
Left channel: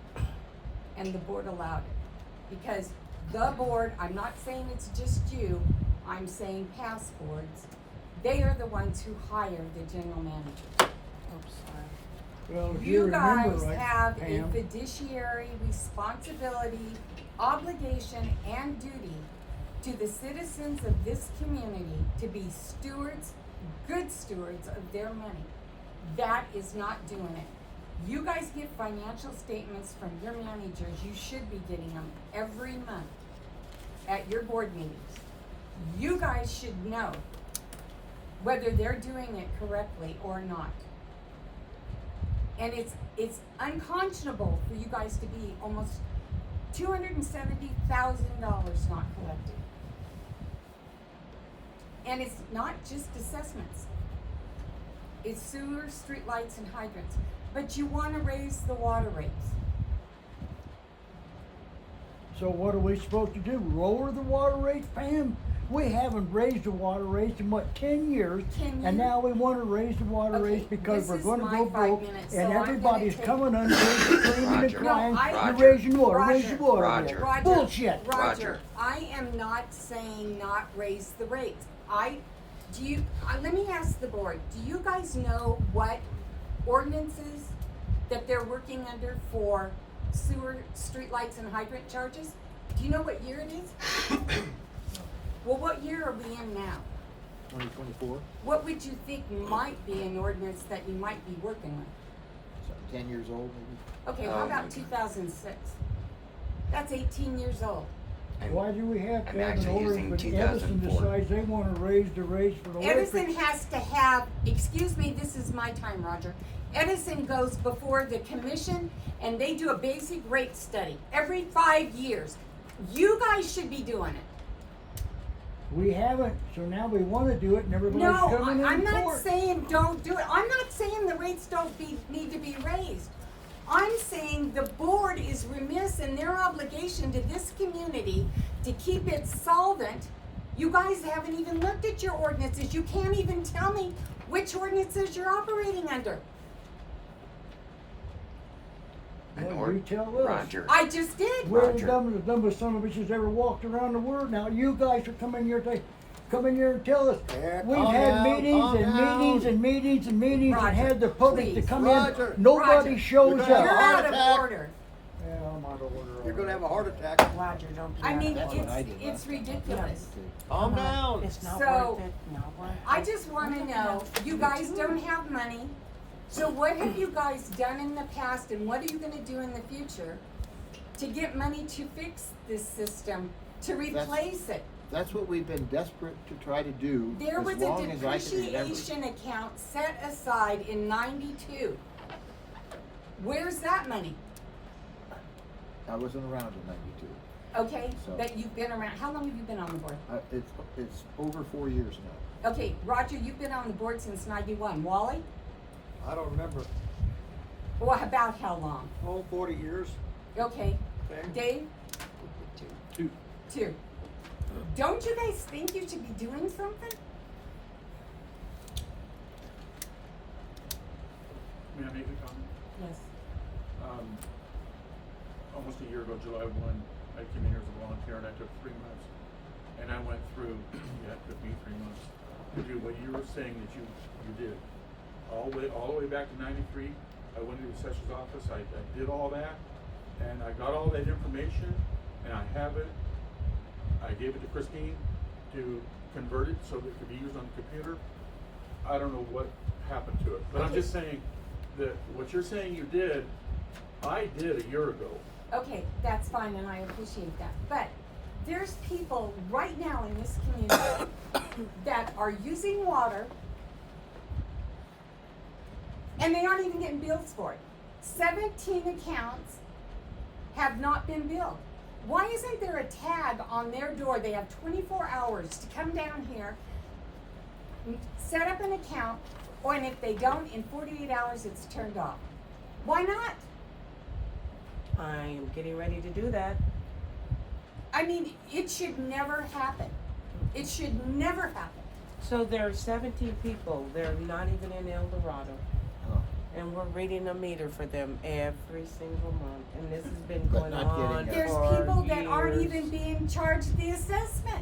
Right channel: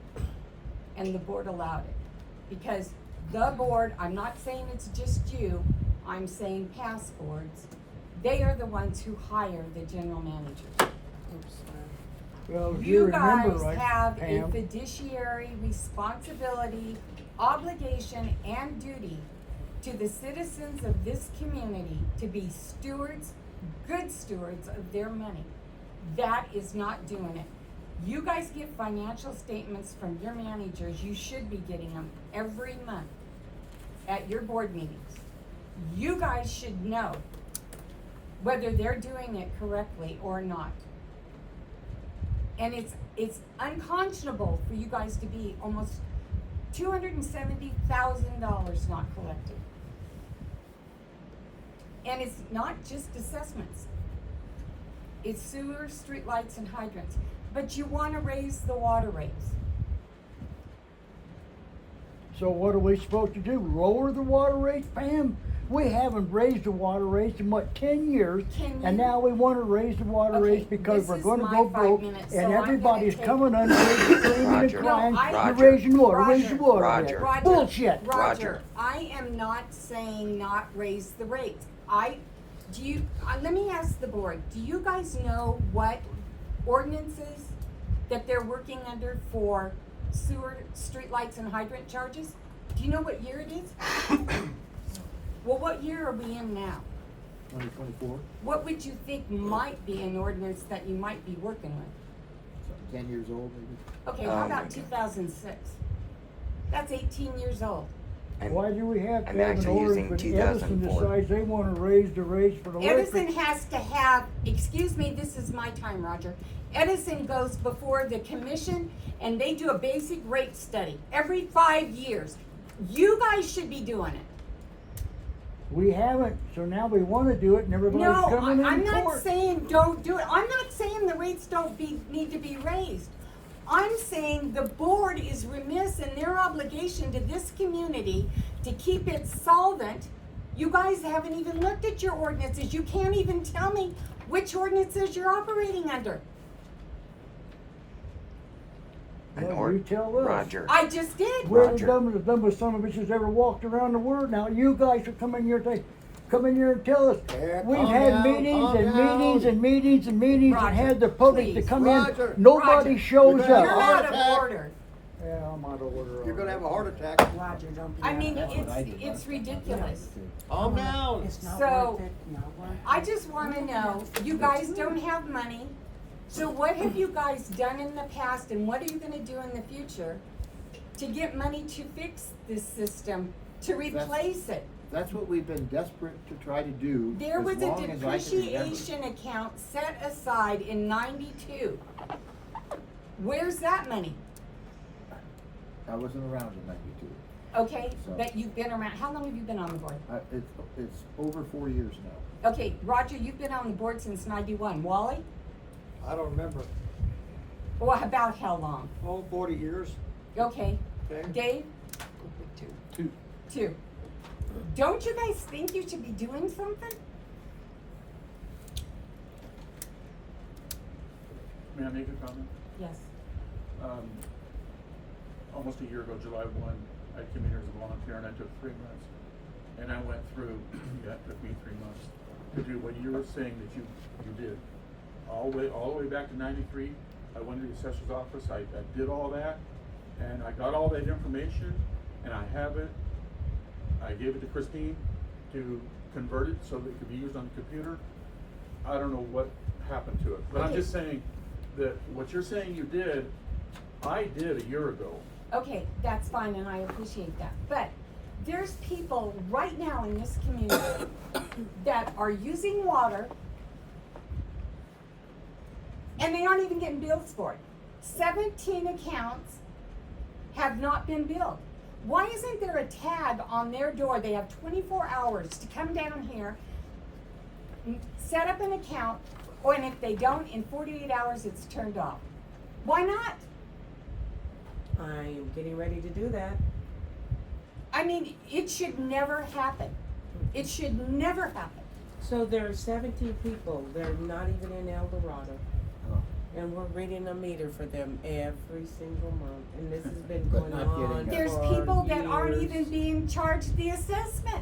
and the board allowed it. Because the board, I'm not saying it's just you, I'm saying past boards, they are the ones who hire the general manager. Well, if you You remember guys right, have a Pam, fiduciary responsibility, obligation, and duty to the citizens of this community to be stewards, good stewards of their money. That is not doing it. You guys get financial statements from your managers, you should be getting them every month at your board meetings. You guys should know whether they're doing it correctly or not. And it's unconscionable for you guys to be almost $270,000 not collected. And it's not just assessments. It's sewer, streetlights, and hydrants. But you wanna raise the water rates. so what are we supposed to do? Lower the water rates, Pam? We haven't raised the water rates in what, 10 years? Can And you- now we wanna raise the water Okay, rates because this we're is gonna my go 5 broke minutes, and so I'm everybody's gonna coming under here screaming and Roger. crying, No, you're Roger. raising water, raise the water Roger. bill. Roger, Bullshit. Roger, I am not saying not raise the rates. Let me ask the board, do you guys know what ordinances that they're working under for sewer, streetlights, and hydrant charges? Do you know what year it is? Well, what year are we in now? 2024, What would you think might be an ordinance that you might be working with? so 10 years old maybe. Okay, how about 2006? That's 18 years old. Why do we have I'm to have an actually ordinance using when Edison 2004. decides they wanna raise the rates for the electric? Edison has to have, excuse me, this is my time, Roger. Edison goes before the commission and they do a basic rate study every 5 years. You guys should be doing it. We haven't, so now we wanna do it and everybody's No, coming I'm in not court. saying don't do it. I'm not saying the rates need to be raised. I'm saying the board is remiss in their obligation to this community to keep it solvent. You guys haven't even looked at your ordinances. You can't even tell me which ordinances you're operating under. Well, you tell us. Roger. I just did. We're the Roger. dumbest son of a bitches ever walked around the world. Now you guys are coming here and tell us. Yeah, We've calm had down, meetings calm and down. meetings and meetings and meetings and Roger, had the public to please. come Roger. in. Nobody Roger. shows You're gonna have You're a up. heart out of attack. order. Yeah, I'm out of order. You're gonna have a heart attack. Roger, don't be I mean, That's what I did it's last time. ridiculous. Okay. Calm down. It's not So, worth it, not worth it. I just wanna know, you guys don't have money, so what have you guys done in the past and what are you gonna do in the future to get money to fix this system, to replace it? That's what we've been desperate to try to do There as was a long as I can remember. depreciation account set aside in 92. Where's that money? I wasn't around in 92. Okay, So- that you've been around, how long have you been on the board? It's over 4 years now. Okay, Roger, you've been on the board since 91. Wally? I don't remember. Well, about how long? Oh, 40 years. Okay. Okay. Dave? 2. 2. Don't you guys think you should be doing something? May I make a comment? Yes. Almost a year ago, July 1, I came in here as a volunteer and I took 3 months. And I went through, yeah, it took me 3 months to do what you were saying that you did. All the way back to 93, I went to the assessor's office, I did all that, and I got all that information, and I have it. I gave it to Christine to convert it so that it could be used on the computer. I don't know what happened to it, but I'm just saying that what you're saying you did, I did a year ago. Okay, that's fine, and I appreciate that, but there's people right now in this community that are using water and they aren't even getting bills for it. 17 accounts have not been billed. Why isn't there a tag on their door? They have 24 hours to come down here, set up an account, or and if they don't, in 48 hours it's turned off. Why not? I am getting ready to do that. I mean, it should never happen. It should never happen. So there are 17 people, they're not even in El Dorado. And we're reading a meter for them every single month, and this has been But going not on getting it. There's for people that aren't years. even being charged the assessment.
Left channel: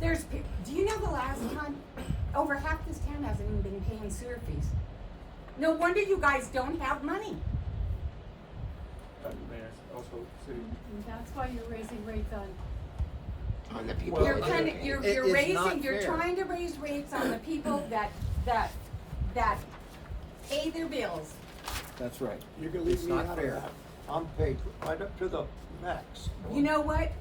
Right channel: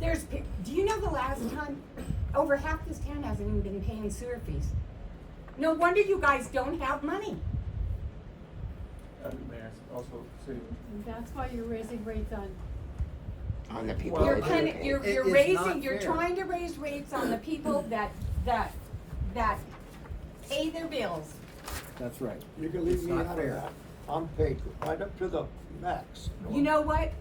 Do you know the last time, over half this town hasn't even been paying sewer fees? No wonder you guys don't have money. May I also say, And that's why you're raising rates on. On the people. Well, You're that kind live of, here. you're It's not raising, you're fair. trying to raise rates on the people that pay their bills. That's right. You can It's leave me not out of fair. that. I'm paid right up to the max. You know what?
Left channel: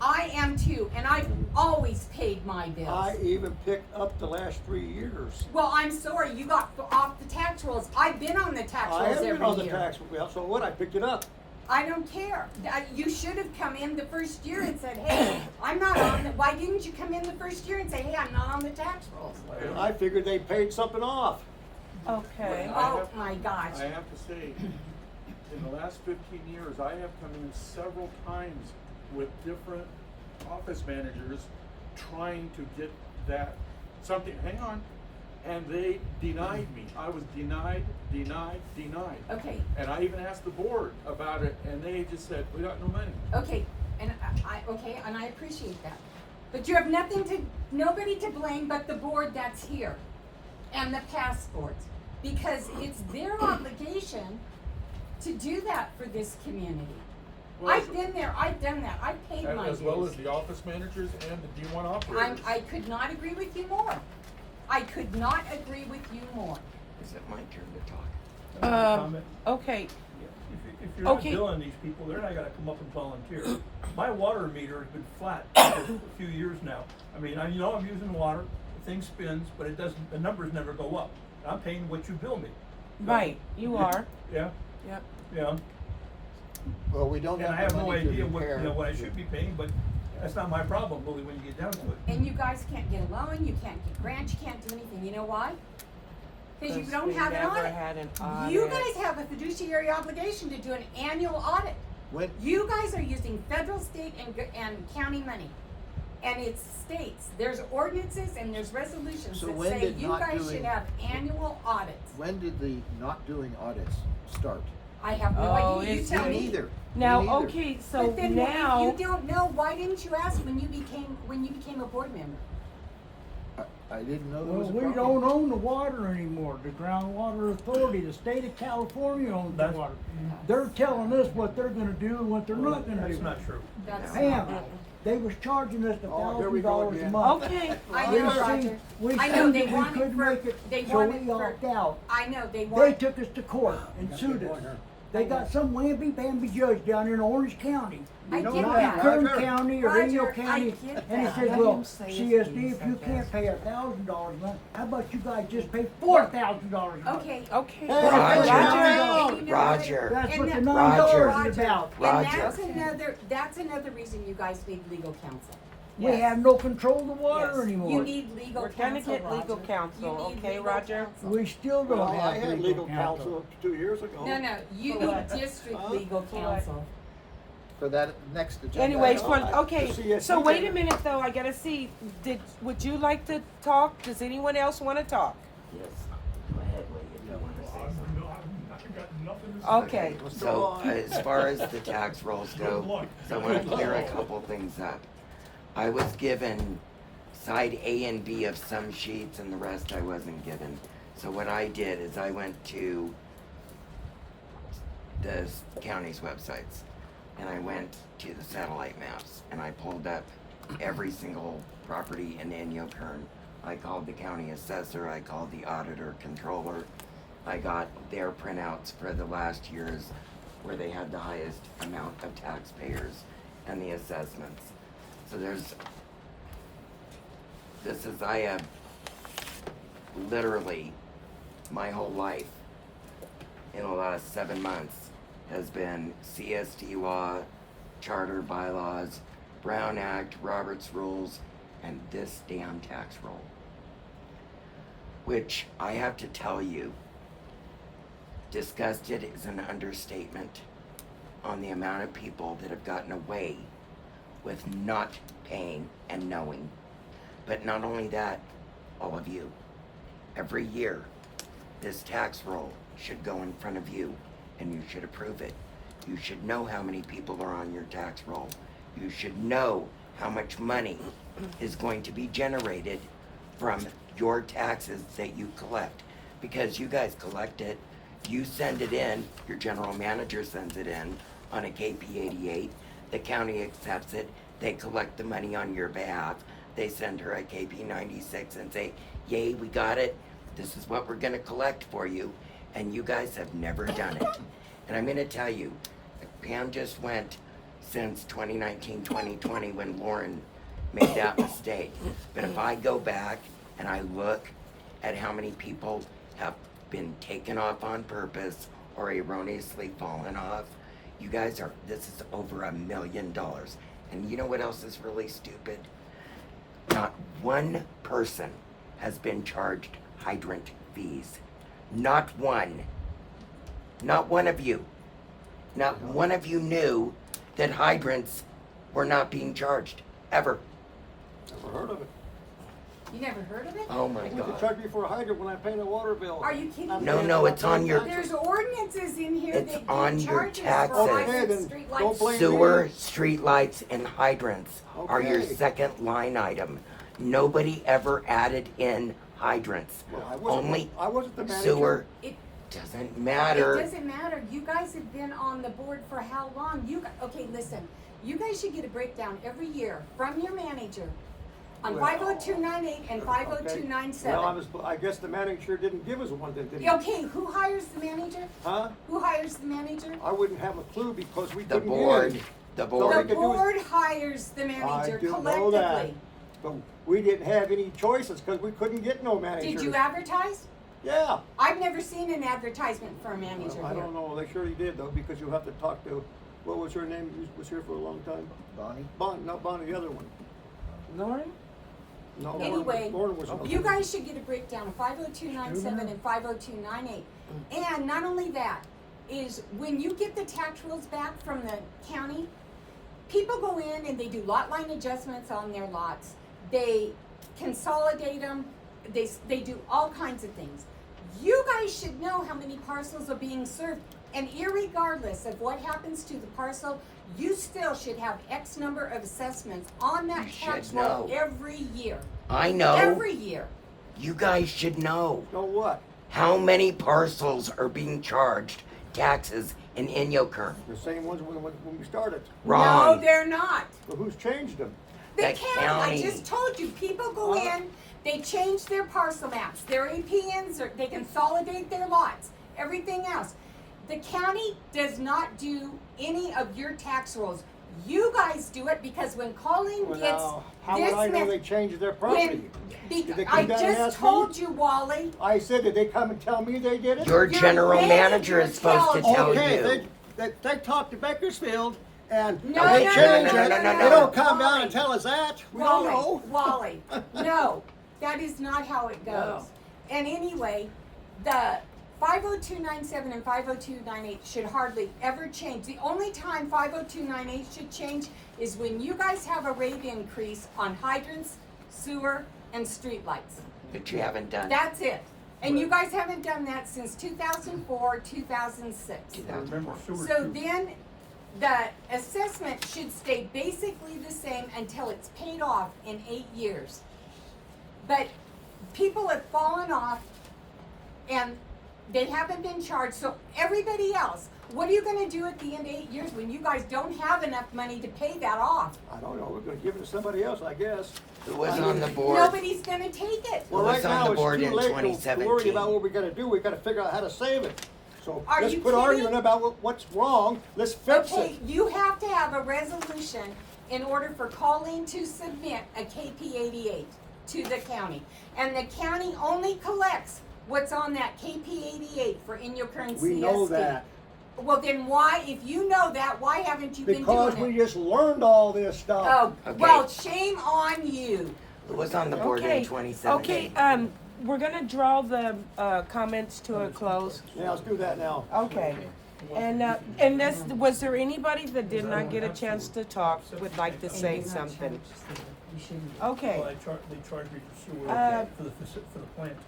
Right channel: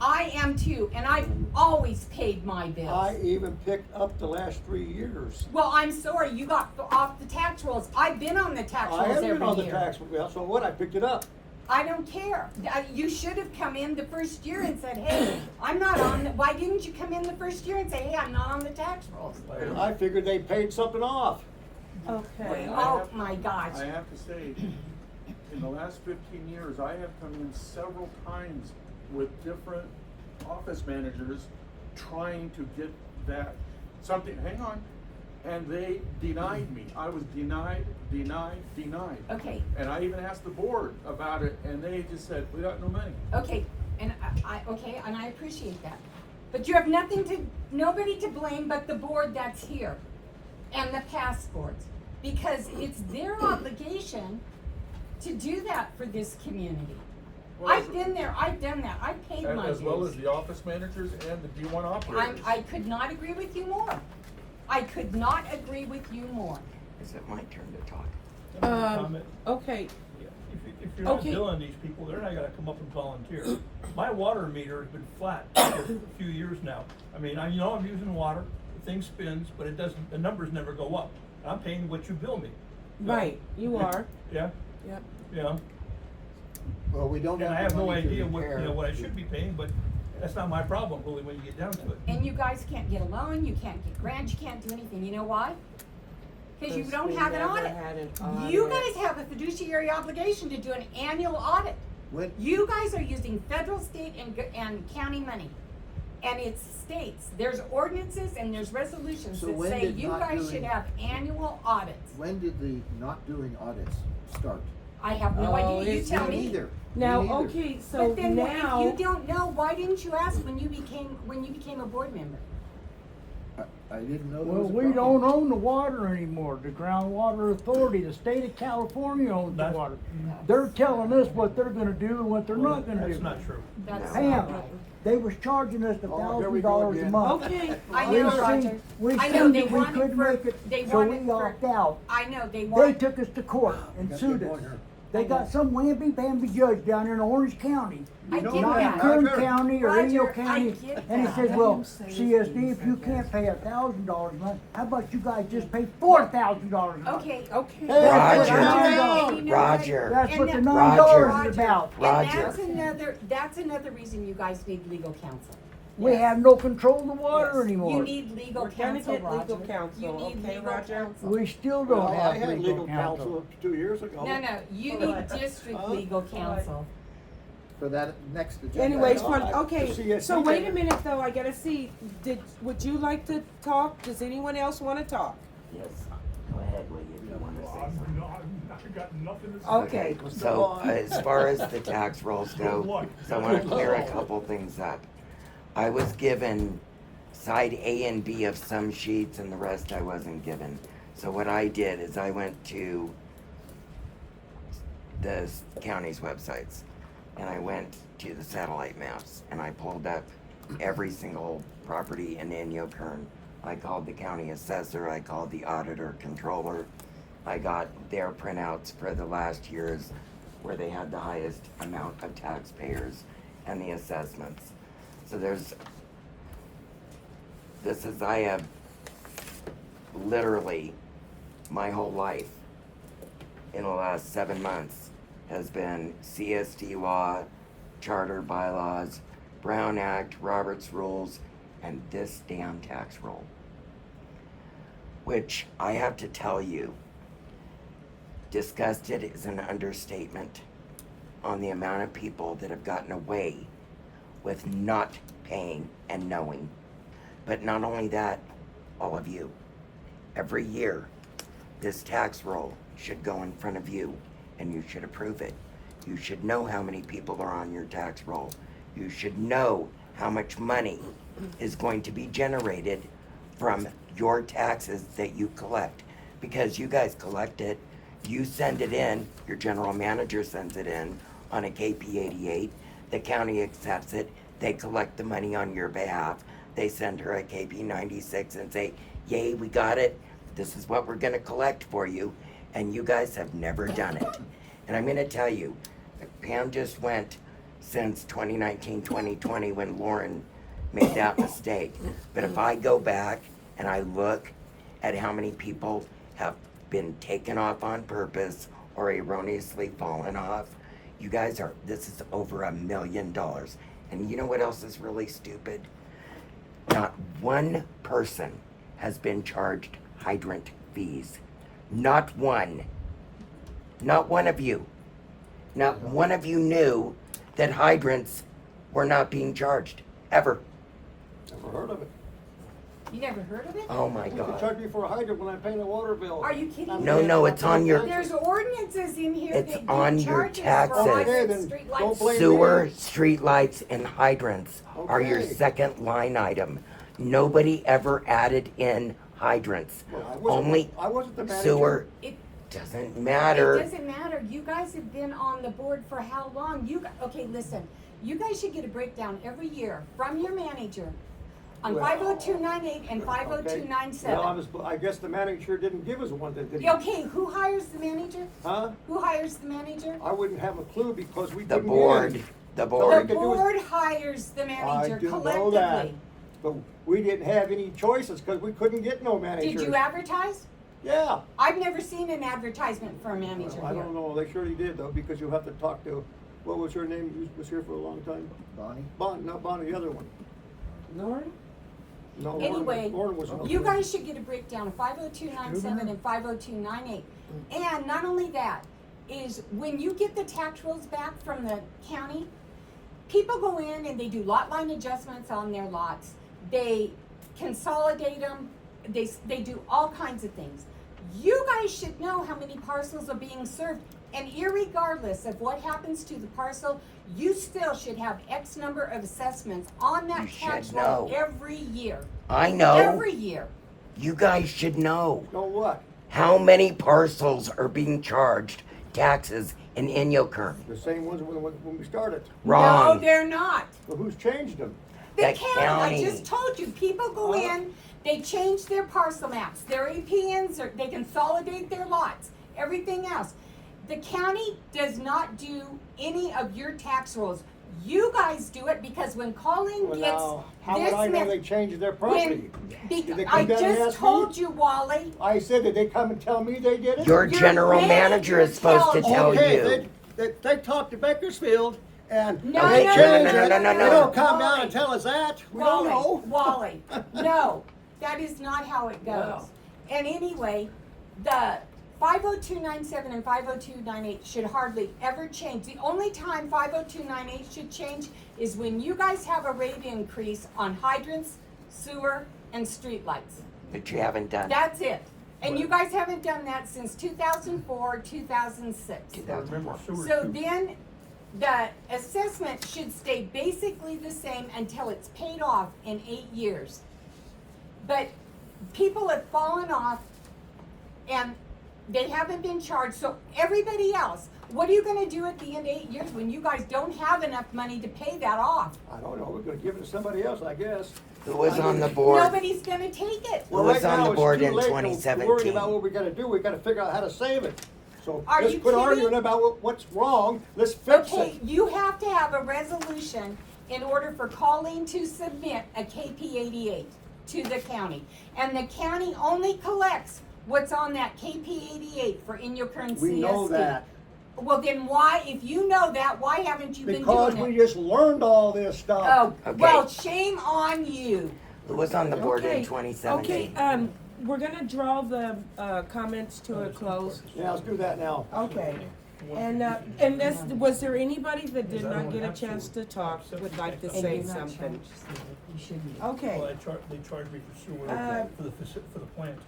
I am too, and I've always paid my bills. I even picked up the last 3 years. Well, I'm sorry, you got off the tax rolls. I've been on the tax rolls I every haven't year. been on the tax, well, so what? I picked it up. I don't care. You should have come in the first year and said, hey, I'm not on the, why didn't you come in the first year and say, hey, I'm not on the tax rolls? And I figured they paid something off. Okay. Oh my gosh. I have to say, in the last 15 years, I have come in several times with different office managers trying to get that something, hang on, and they denied me. I was denied. Okay, And I even asked the board about it, and they just said, we got no money. okay, and okay, and I appreciate that. But you have nobody to blame but the board that's here and the past boards. Because it's their obligation to do that for this community. Well, I've been there, I've done that, I've paid my As well dues. as the office managers and the D1 operators. I could not agree with you more. I could not agree with you more. Is it my turn to talk? Okay, If you're not Okay. billing these people, they're not gonna come up and volunteer. My water meter has been flat for a few years now. I mean, I know I'm using water, the thing spins, but it doesn't, the numbers never go up. I'm paying what you bill me. right, you are, Yeah, yep. yeah. Well, we don't And I have have the no money to idea what, repair. what I should be paying, but that's not my problem really when you get down to it. And you guys can't get a loan, you can't get grants, you can't do anything. You know why? Because you 'Cause don't we have an never audit. had an You audit. guys have a fiduciary obligation to do an annual audit. When, You guys are using federal, state, and county money. And it states, there's ordinances and there's resolutions So that when say did you not guys doing- should have annual audits. when did the not doing audits start? I have no Oh, idea, you it's tell Me me. neither. Now, Me neither. okay, so But then now, if you don't know, why didn't you ask when you became a board member? I didn't know there Well, was a we problem. don't own the water anymore. The Groundwater Authority, the state of California owns the That's- water. They're telling us what they're gonna do and what they're Well, not gonna do. That's not true. That's Pam, they was charging us Oh, here we go $1,000 a again. month. okay, I We know, seen, Roger. we I know, seen they that we wanted couldn't for- make they it, so we wanted for- opted out. I know, they They want. took us to court and Got sued good us. point here. They got some whammy-bamby judge down in Orange County. I know get Not that, in that. Kern Roger. County or Roger, Inyo I County, get and he that. says, Let well, him say his CSD, piece, if I you guess. can't pay $1,000 a month, how about you guys just pay $4,000 a month? Okay. okay. That's Roger. $9. You know what? Roger. That's And what the that- $9 Roger. is about. And Roger. that's another reason you guys need legal counsel. We Yes. have no control of the water Yes. anymore. You need legal We're counsel, gonna get legal Roger. counsel, You need okay, legal Roger? counsel. We still Well, don't I have had legal counsel. 2 years ago. No, you For need what? district Huh? legal counsel. For that next agenda. Anyways, No, fun, I- okay, the CSD so wait a did it. minute though, I gotta see, would you like to talk? Does anyone else wanna talk? Yes. Go ahead, Lee, if you wanna say something. I got nothing to say. Okay, Let's go So, on. as far as the tax rolls go, Good luck. so I want to clear a couple things up. I was given side A and B of some sheets and the rest I wasn't given. So what I did is I went to the county's websites, and I went to the satellite maps, and I pulled up every single property in Inyo Kern. I called the county assessor, I called the auditor controller, I got their printouts for the last years where they had the highest amount of taxpayers and the assessments. So I have literally my whole life in the last 7 months has been CSD law, charter bylaws, Brown Act, Roberts rules, and this damn tax roll. Which I have to tell you, disgusted is an understatement on the amount of people that have gotten away with not paying and knowing. But not only that, all of you, every year, this tax roll should go in front of you and you should approve it. You should know how many people are on your tax roll. You should know how much money is going to be generated from your taxes that you collect. Because you guys collect it, you send it in, your general manager sends it in on a KP88, the county accepts it, they collect the money on your behalf, they send her a KP96 and say, yay, we got it, this is what we're gonna collect for you, and you guys have never done it. And I'm gonna tell you, Pam just went since 2019, 2020 when Lauren made that mistake. But if I go back and I look at how many people have been taken off on purpose or erroneously fallen off, you guys this is over $1 million. And you know what else is really stupid? Not one person has been charged hydrant fees. Not one. Not one of you. Not one of you knew that hydrants were not being charged, ever. Never heard of it. You never heard of it? Oh my You could God. charge me for a hydrant when I pay the water bill. Are you kidding I'm me? No, paying no, for it's my on your- taxes. There's ordinances in here It's that on give your charges taxes. for Okay, hydrants, then streetlights. don't blame me. Sewer, streetlights, and hydrants are your Okay. second line item. Nobody ever added in hydrants. Well, I Only wasn't the manager. sewer. It- Doesn't It matter. doesn't matter. You guys have been on the board for how long? Okay, listen. You guys should get a breakdown every year from your manager on Well, 50298 and Okay. 50297. Well, I guess the manager didn't give us one, did he? Okay, who hires the manager? Huh? Who hires the manager? I wouldn't have a clue because we The couldn't board. get in. The So board. we The could do is- board hires the I manager do collectively. know that, but we didn't have any choices because we couldn't get no manager. Did you advertise? Yeah. I've never seen an advertisement for a manager Well, I here. don't know, they surely did though, because you'll have to talk to, what was her name, who was here for a long time? Bonnie? Not Bonnie, the other one. Lauren? No, Anyway, Lauren was another you one. guys should get a breakdown of 50297 and 50298. And not only that, is when you get the tax rolls back from the county, people go in and they do lot line adjustments on their lots. They consolidate them, they do all kinds of things. You guys should know how many parcels are being served, and irregardless of what happens to the parcel, you still should have X number of assessments on that You tax should roll know. every year. I know. Every year. You guys should know. Know what? How many parcels are being charged taxes in Inyo Kern? The same ones when we started. No, Wrong. they're not. But who's changed them? The The county, I county. just told you, people go in, they change their parcel maps, their APNs, or they consolidate their lots, everything else. The county does not do any of your tax rolls. You guys do it because when Colleen Well, gets now, how would I know they changed their property? Did they I come down and just ask me? told you, Wally. I said, did they come and tell me they did it? Your Your general manager is manager supposed to tells tell Okay, you. they talked to Bakersfield and No, they no, changed no, it. no, no, They no. don't come down and tell us that. We don't know. Wally, no, that is not how it goes. No. And anyway, the 50297 and 50298 should hardly ever change. The only time 50298 should change is when you guys have a rate increase on hydrants, sewer, and streetlights. That you haven't done. That's it. And you guys haven't done that since 2004, 2006. I remember sewer So too. then, the assessment should stay basically the same until it's paid off in 8 years. But people have fallen off, and they haven't been charged, so everybody else, what are you gonna do at the end of 8 years when you guys don't have enough money to pay that off? I don't know, we're gonna give it to somebody else, I guess. Who was I on mean, the board? Nobody's gonna take it. Well, Who was right on now, the it's board too in late to worry 2017? about what we gotta do, we gotta figure out how to save it. So, Are let's you quit kidding? arguing about what's wrong, let's fix Okay, it. you have to have a resolution in order for Colleen to submit a KP 88 to the county. And the county only collects what's on that KP 88 for in your current CSD. We know that, Well, then why, if you know that, why haven't you been because doing we it? just learned all this stuff. Oh, Okay. well, shame on you. Who was on the board in Okay, 2017? okay, we're gonna draw the, comments to a close. Yeah, let's do that now. Okay, and this, was there anybody that did not get a chance to talk, would like to say something? Okay, Well, they charge me for sewer, for the plant.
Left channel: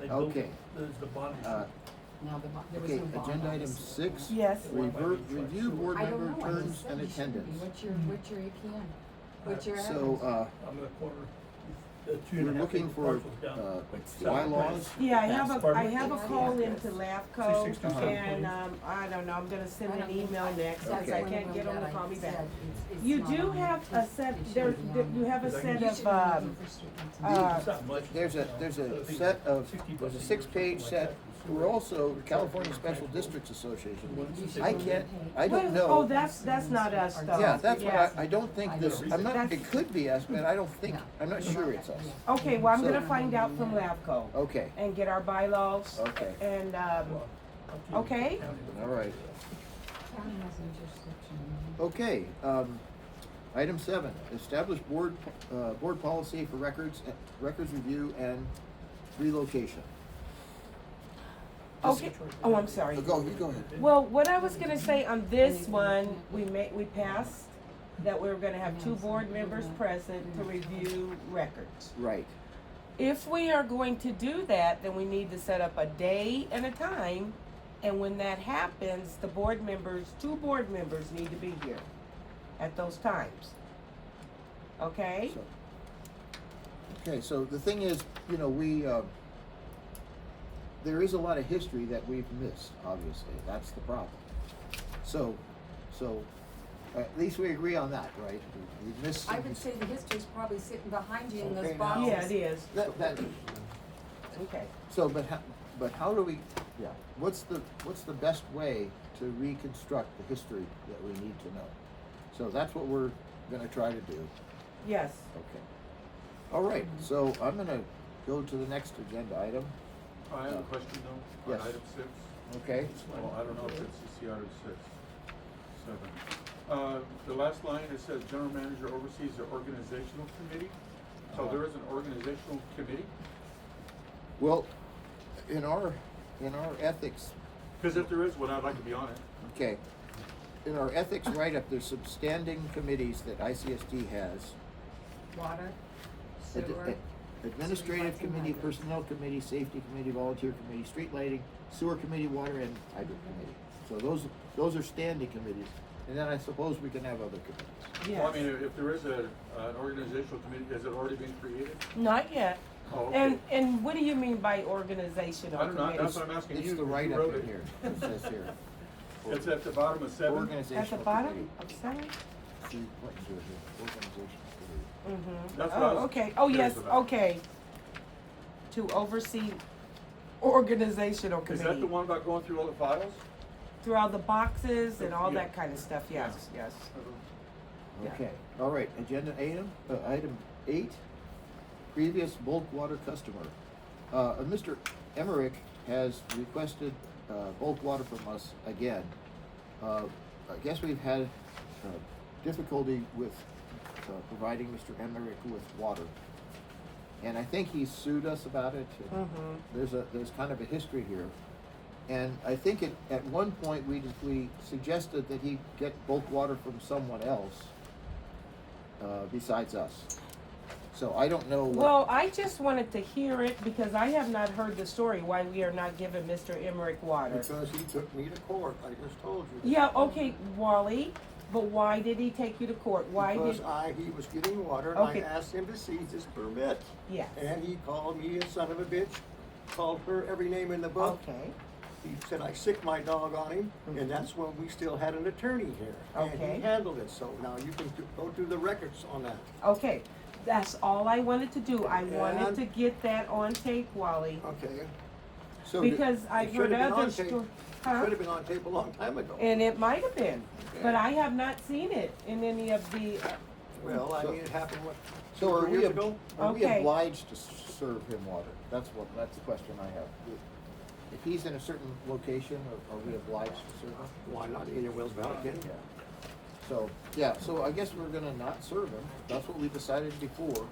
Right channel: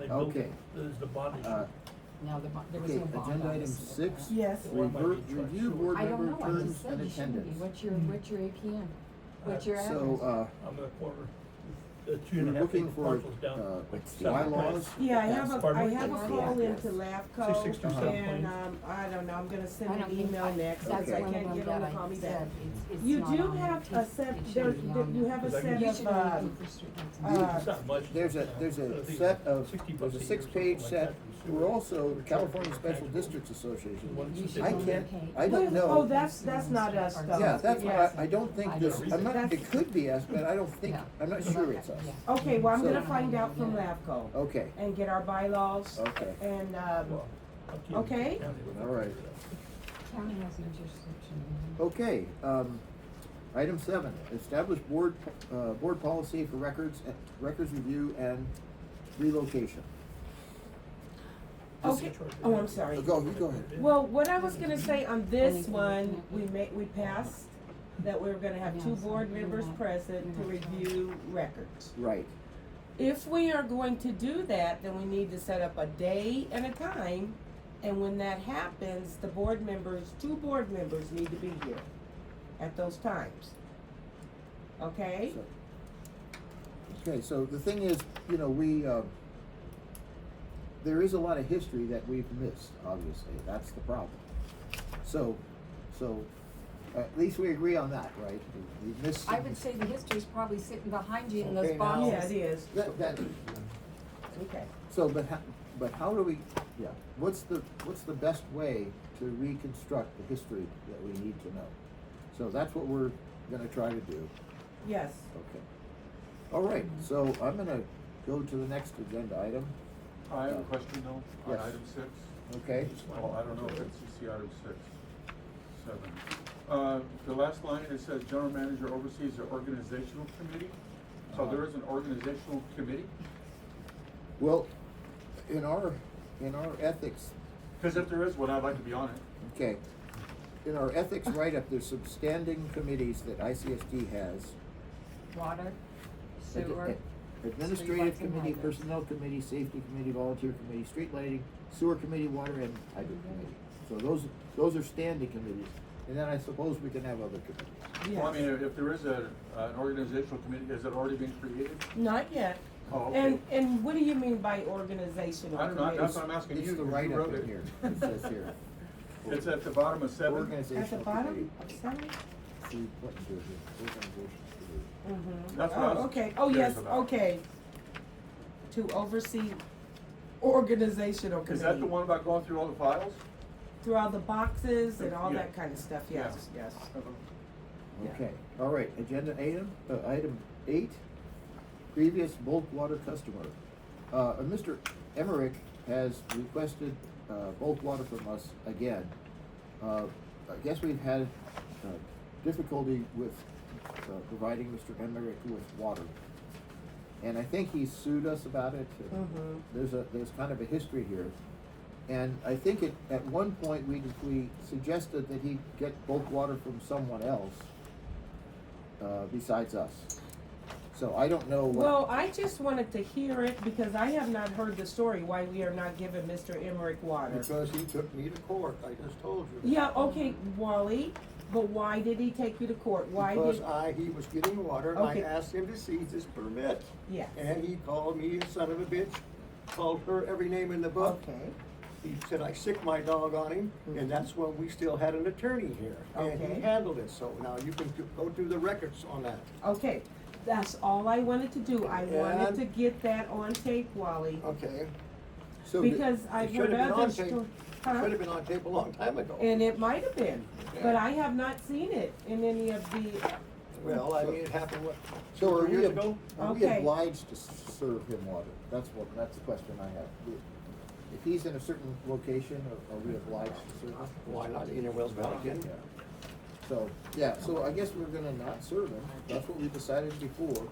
They built Okay. it. There's the bond issue. No, there was Okay, no bond agenda on item this. 6. yes, Review board I don't member know, I terms just said and you should be. attendance. What's your APM? What's your So, I'm at a quarter. we're looking for, bylaws. yeah, I have a call into LAFCO, 367. and, I don't know, I'm gonna send an email next, because I Okay. can't get them to call me back. You do have a set, you have a set of, There's a set of, there's a 6-page set. We're also California Special Districts Association. I don't know. Oh, that's not us, though. Yeah, that's Yes. what I don't think this, it could be us, but I don't think, I'm not sure it's us. Okay, well, I'm So- gonna find out from LAFCO Okay, and get our bylaws. Okay. And, okay, all right. County has no jurisdiction. Okay, item 7, establish board policy for records review and relocation. okay, oh, I'm sorry. You go ahead. Well, what I was gonna say on this one, we passed that we were gonna have 2 board members present to review records. Right, If we are going to do that, then we need to set up a day and a time, and when that happens, the 2 board members need to be here at those times. Okay? so the thing is, there is a lot of history that we've missed, obviously, that's the problem. So, at least we agree on that, right? We missed I some. would say the history's probably sitting behind you in those Okay, now- boxes. Yeah, it is. That, Okay. so, but how do we, what's the best way to reconstruct the history that we need to know? So that's what we're gonna try to do. Yes. Okay. All right, so I'm gonna go to the next agenda item, I have a question though, on Yes. item 6. okay? Oh, I don't know if it's the item 6, 7. The last line, it says general manager oversees the organizational committee. So there is an organizational committee? Well, in our ethics, Because if there is one, I'd like to be on it. okay, in our ethics write-up, there's some standing committees that ICSD has. Water, Ad- sewer. ad- Administrative committee, personnel committee, safety committee, volunteer committee, street lighting, sewer committee, water and hydrant committee. So those are standing committees, and then I suppose we can have other committees. Well, I Yes. mean, if there is an organizational committee, has it already been created? Not yet. Oh, okay. And what do you mean by organizational I don't know, committees? that's what I'm asking you. It's the You write-up wrote in it. here, it says here. It's at the bottom of 7? Organizational At the committee. bottom of 7? See, what you do here, organizational committee. Mm-hmm. That's what I was Okay, oh, curious yes, about. okay. To oversee organizational Is that the committee. one about going through all the files? Through all the boxes and all Yeah. that kind of stuff, yes, yes. Yeah. Okay, all right, agenda item 8, previous bulk water customer. Mr. Emmerich has requested, bulk water from us again. I guess we've had, difficulty with, providing Mr. Emmerich with water. And I think he sued us about it. And Mhm. There's kind of a history here. And I think at one point, we suggested that he get bulk water from someone else, besides us. So I don't know what. Well, I just wanted to hear it because I have not heard the story why we are not giving Mr. Emmerich water. Because he took me to court, I just told you. that. Yeah, okay, Wally, but why did he take you to court? Why Because did? he was getting water, and I Okay. asked him to seize his permit. Yes. And he called me a son of a bitch, called her every name in the book. Okay, He said I sicked my dog on him, and that's when we still had an attorney here. And Okay. he handled it, so now you can go through the records on that. Okay, that's all I wanted to do. I wanted And- to get that on tape, Wally. Okay. So Because It I've should heard have been other on tape. stories. Should have been on tape a long time ago. And it might have been, but Okay. I have not seen it in any of the, Well, I mean, it happened, what, So 2 are or 3 years we, ago? are we Okay. obliged to serve him water? That's the question I have. If he's in a certain location, are we obliged to serve him? Why not, in Wells Valley, Ken? Yeah. So, yeah, so I guess we're gonna not serve him. That's what we decided before.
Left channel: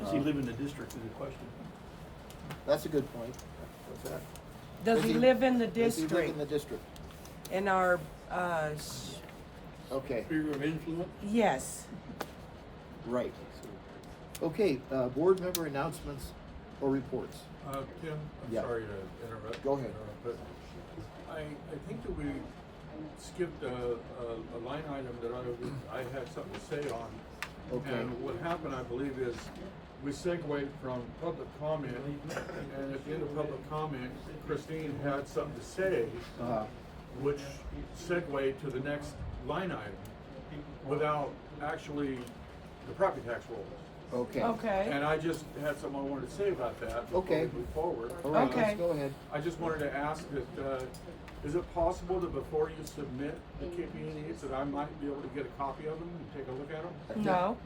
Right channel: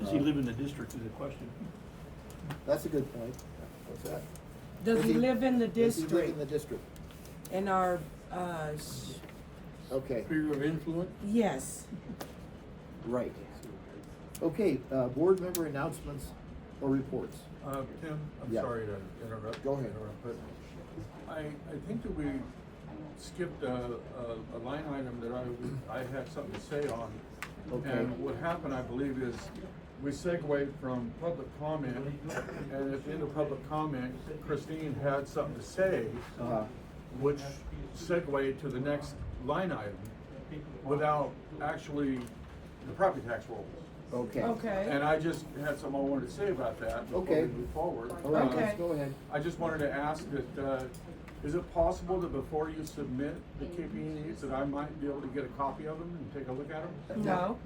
Does he live in the district is the question? That's a good point. What's that? does he live in the Does he live district? in the district? In our, Okay, Sphere of influence? yes. right. Okay, board member announcements or reports. Tim, I'm Yeah. sorry to interrupt. Go ahead. But I think that we skipped a line item that I had something to say on. Okay. And what happened, I believe, is we segued from public comment, and at the end of public comment, Christine had something to say, Uh-huh. which segued to the next line item without actually the property tax roll. Okay. Okay. And I just had something I wanted to say about that before Okay. we move forward. All right, Okay. let's go ahead. I just wanted to ask that, is it possible that before you submit the KP8s that I might be able to get a copy of them and take a look at them? No,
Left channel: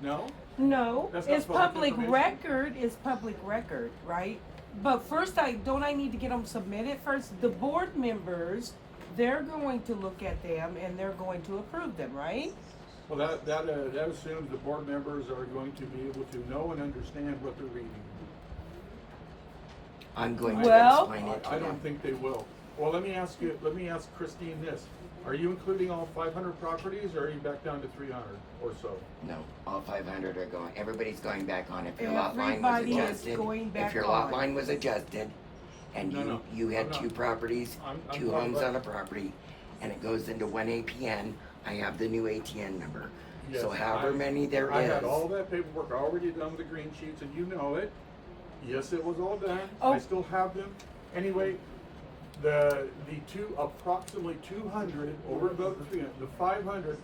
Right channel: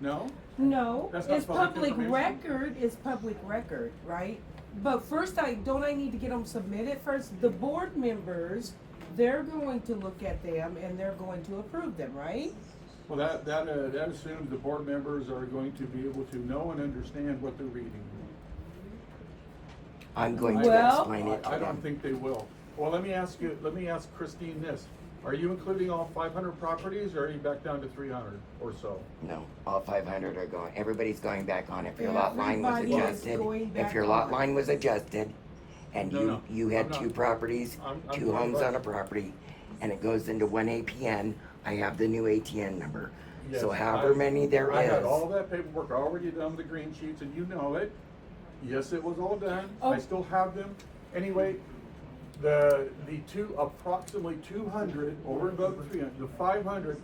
No? no, That's not it's public public information? record, it's public record, right? But first don't I need to get them submitted first? The board members, they're going to look at them and they're going to approve them, right? Well, that assumes the board members are going to be able to know and understand what they're reading. I'm going Well- to explain it to I don't them. think they will. Well, let me ask Christine this. Are you including all 500 properties, or are you back down to 300 or so? No, all 500 are going, everybody's going back on. If your lot line was Everybody is adjusted, going back if your lot on. line was adjusted, and No, you had I'm not. 2 properties, I'm 2 not homes right. on a property, and it goes into 1 APN, I have the new ATN number. So Yes, however many there I is. had all that paperwork already done with the green sheets, and you know it. Yes, it was all done. Oh. I still have them. Anyway, the approximately 200 over and above the 300, the 500,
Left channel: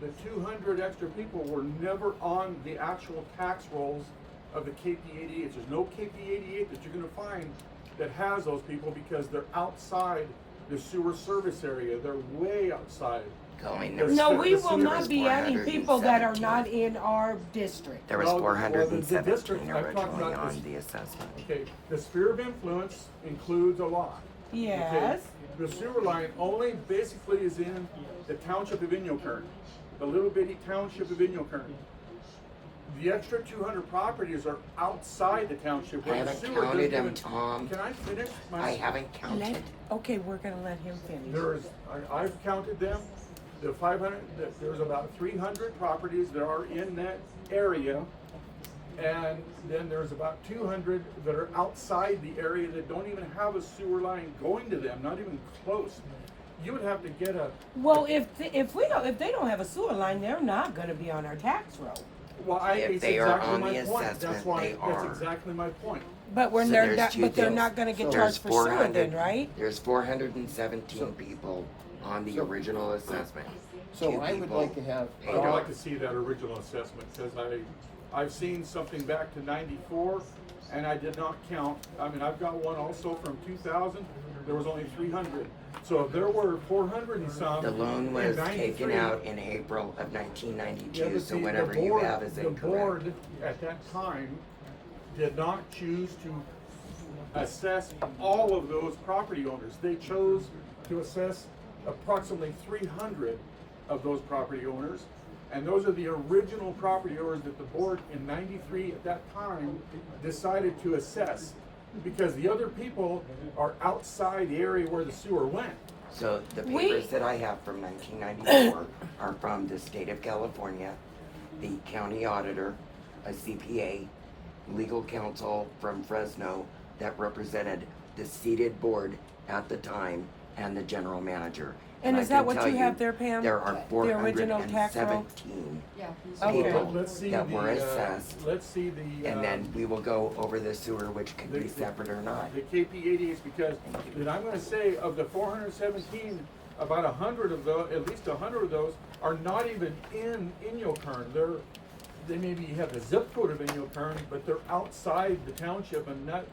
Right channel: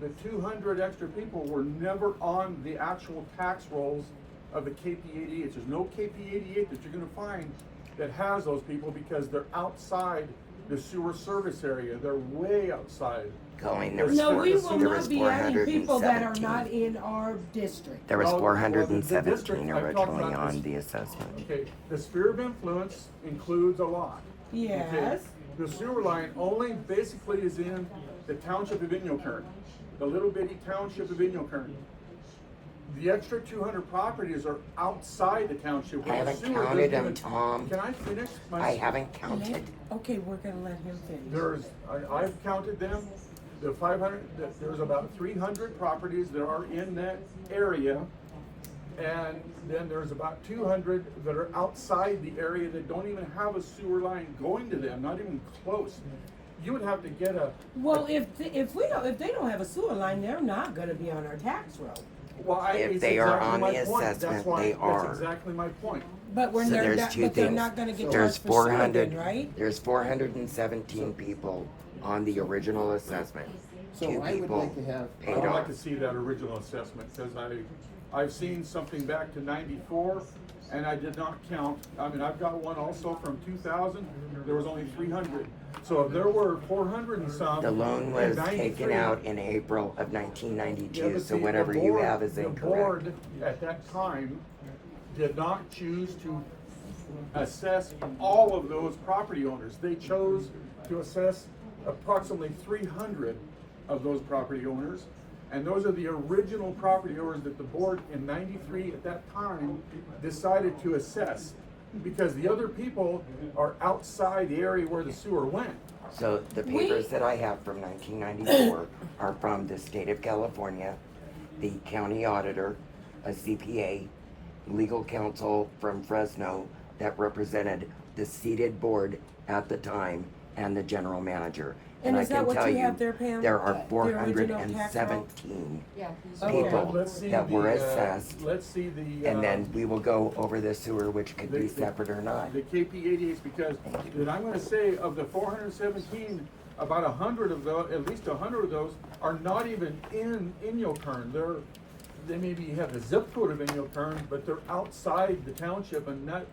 the 200 extra people were never on the actual tax rolls of the KP88. There's no KP88 that you're gonna find that has those people because they're outside the sewer service area. They're way outside. Colleen, There's No, the we will sewer- not be adding people that are 417. not in our district. There was Well, the 417 district I've talked originally about is- on the assessment. Okay, the sphere of influence includes a lot. Okay? Yes, The sewer line only basically is in the township of Inyokern, the little bitty township of Inyokern. The extra 200 properties are outside the township I where the haven't sewer doesn't counted them, even. Tom. Can I finish my? I haven't let, counted. okay, we're gonna let him finish. I've counted them, the 500, there's about 300 properties that are in that area. And then there's about 200 that are outside the area that don't even have a sewer line going to them, not even close. You would have to get a, Well, if they don't have a sewer line, they're not gonna be on our tax roll. well, If it's they are exactly on my the point, that's assessment, why, they that's are. exactly my point. But we're So they're there's not, 2 but they're deals. not gonna get There's charged for sewer 400 then, right? There's 417 people on the So- original assessment. So 2 I would people like to have, paid I'd off. like to see that original assessment, because I've seen something back to 94, and I did not count. I mean, I've got one also from 2000, there was only 300. So if there were 400 and some The loan in was 93. taken out in April of Yeah, 1992, but so see, the whatever you board, have is the incorrect. board at that time did not choose to assess all of those property owners. They chose to assess approximately 300 of those property owners. And those are the original property owners that the board in 93 at that time decided to assess. Because the other people are outside the area where the sewer went. So the We- papers that I have from 1994 are from the state of California, the county auditor, a CPA, legal counsel from Fresno that represented the seated board at the time and the general manager. And I is that can what tell you have there, Pam? There are The original tax roll? 417 Yeah. he's- Okay. people Let's see that were the, assessed. let's see the, And then we will go over the sewer, which could be the- separate or not. the KP 88s, because then I'm gonna say of the 417, about 100 of those, at least 100 of those are not even in Inyokern. They maybe have the zip code of Inyokern, but they're outside the township, and not,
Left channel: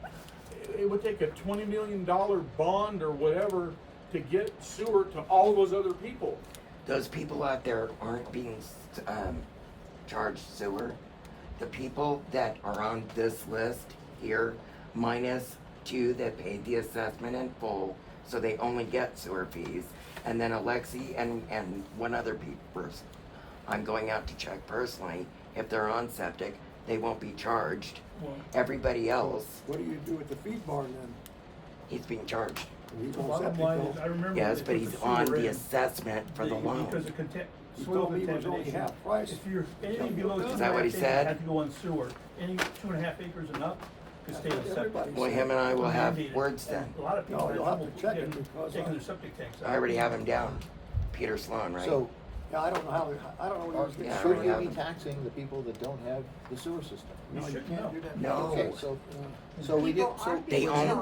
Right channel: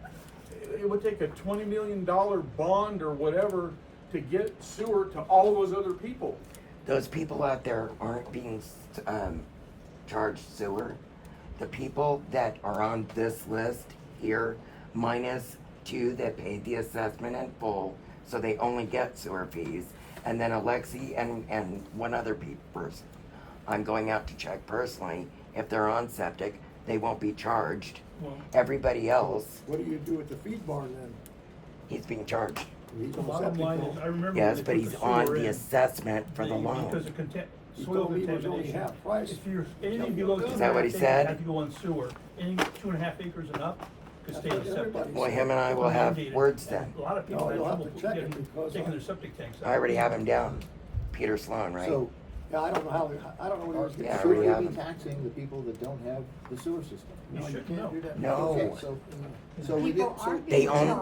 it would take a $20 million bond or whatever to get sewer to all those other people. Those people out there aren't being charged sewer. The people that are on this list here, minus 2 that paid the assessment in full, so they only get sewer fees, and then Alexi and one other person. I'm going out to check personally. If they're on septic, they won't be charged. Everybody else, What do you do with the feed barn then? he's being charged. He's The on bottom septic line though. is, I remember. Yes, when but they he's put the on sewer the in, assessment for the loan. Because of He soil told me it was only contamination. half price. If you're, Tell anything me below what 2.5 Is that what he acres said? have to go on sewer, any 2.5 acres and up, to That's stay in what septic. everybody Well, him and I will have Mandated. words then. A lot of people. No, you'll have to actually check it getting- because taking I- their septic tanks out. I already have him down. Peter Sloan, right? So, Yeah, I don't know how, I don't know what he was should getting. Yeah, we already be have. taxing the people that don't have the sewer system? No, you can't do that. No. Okay, so we get, so.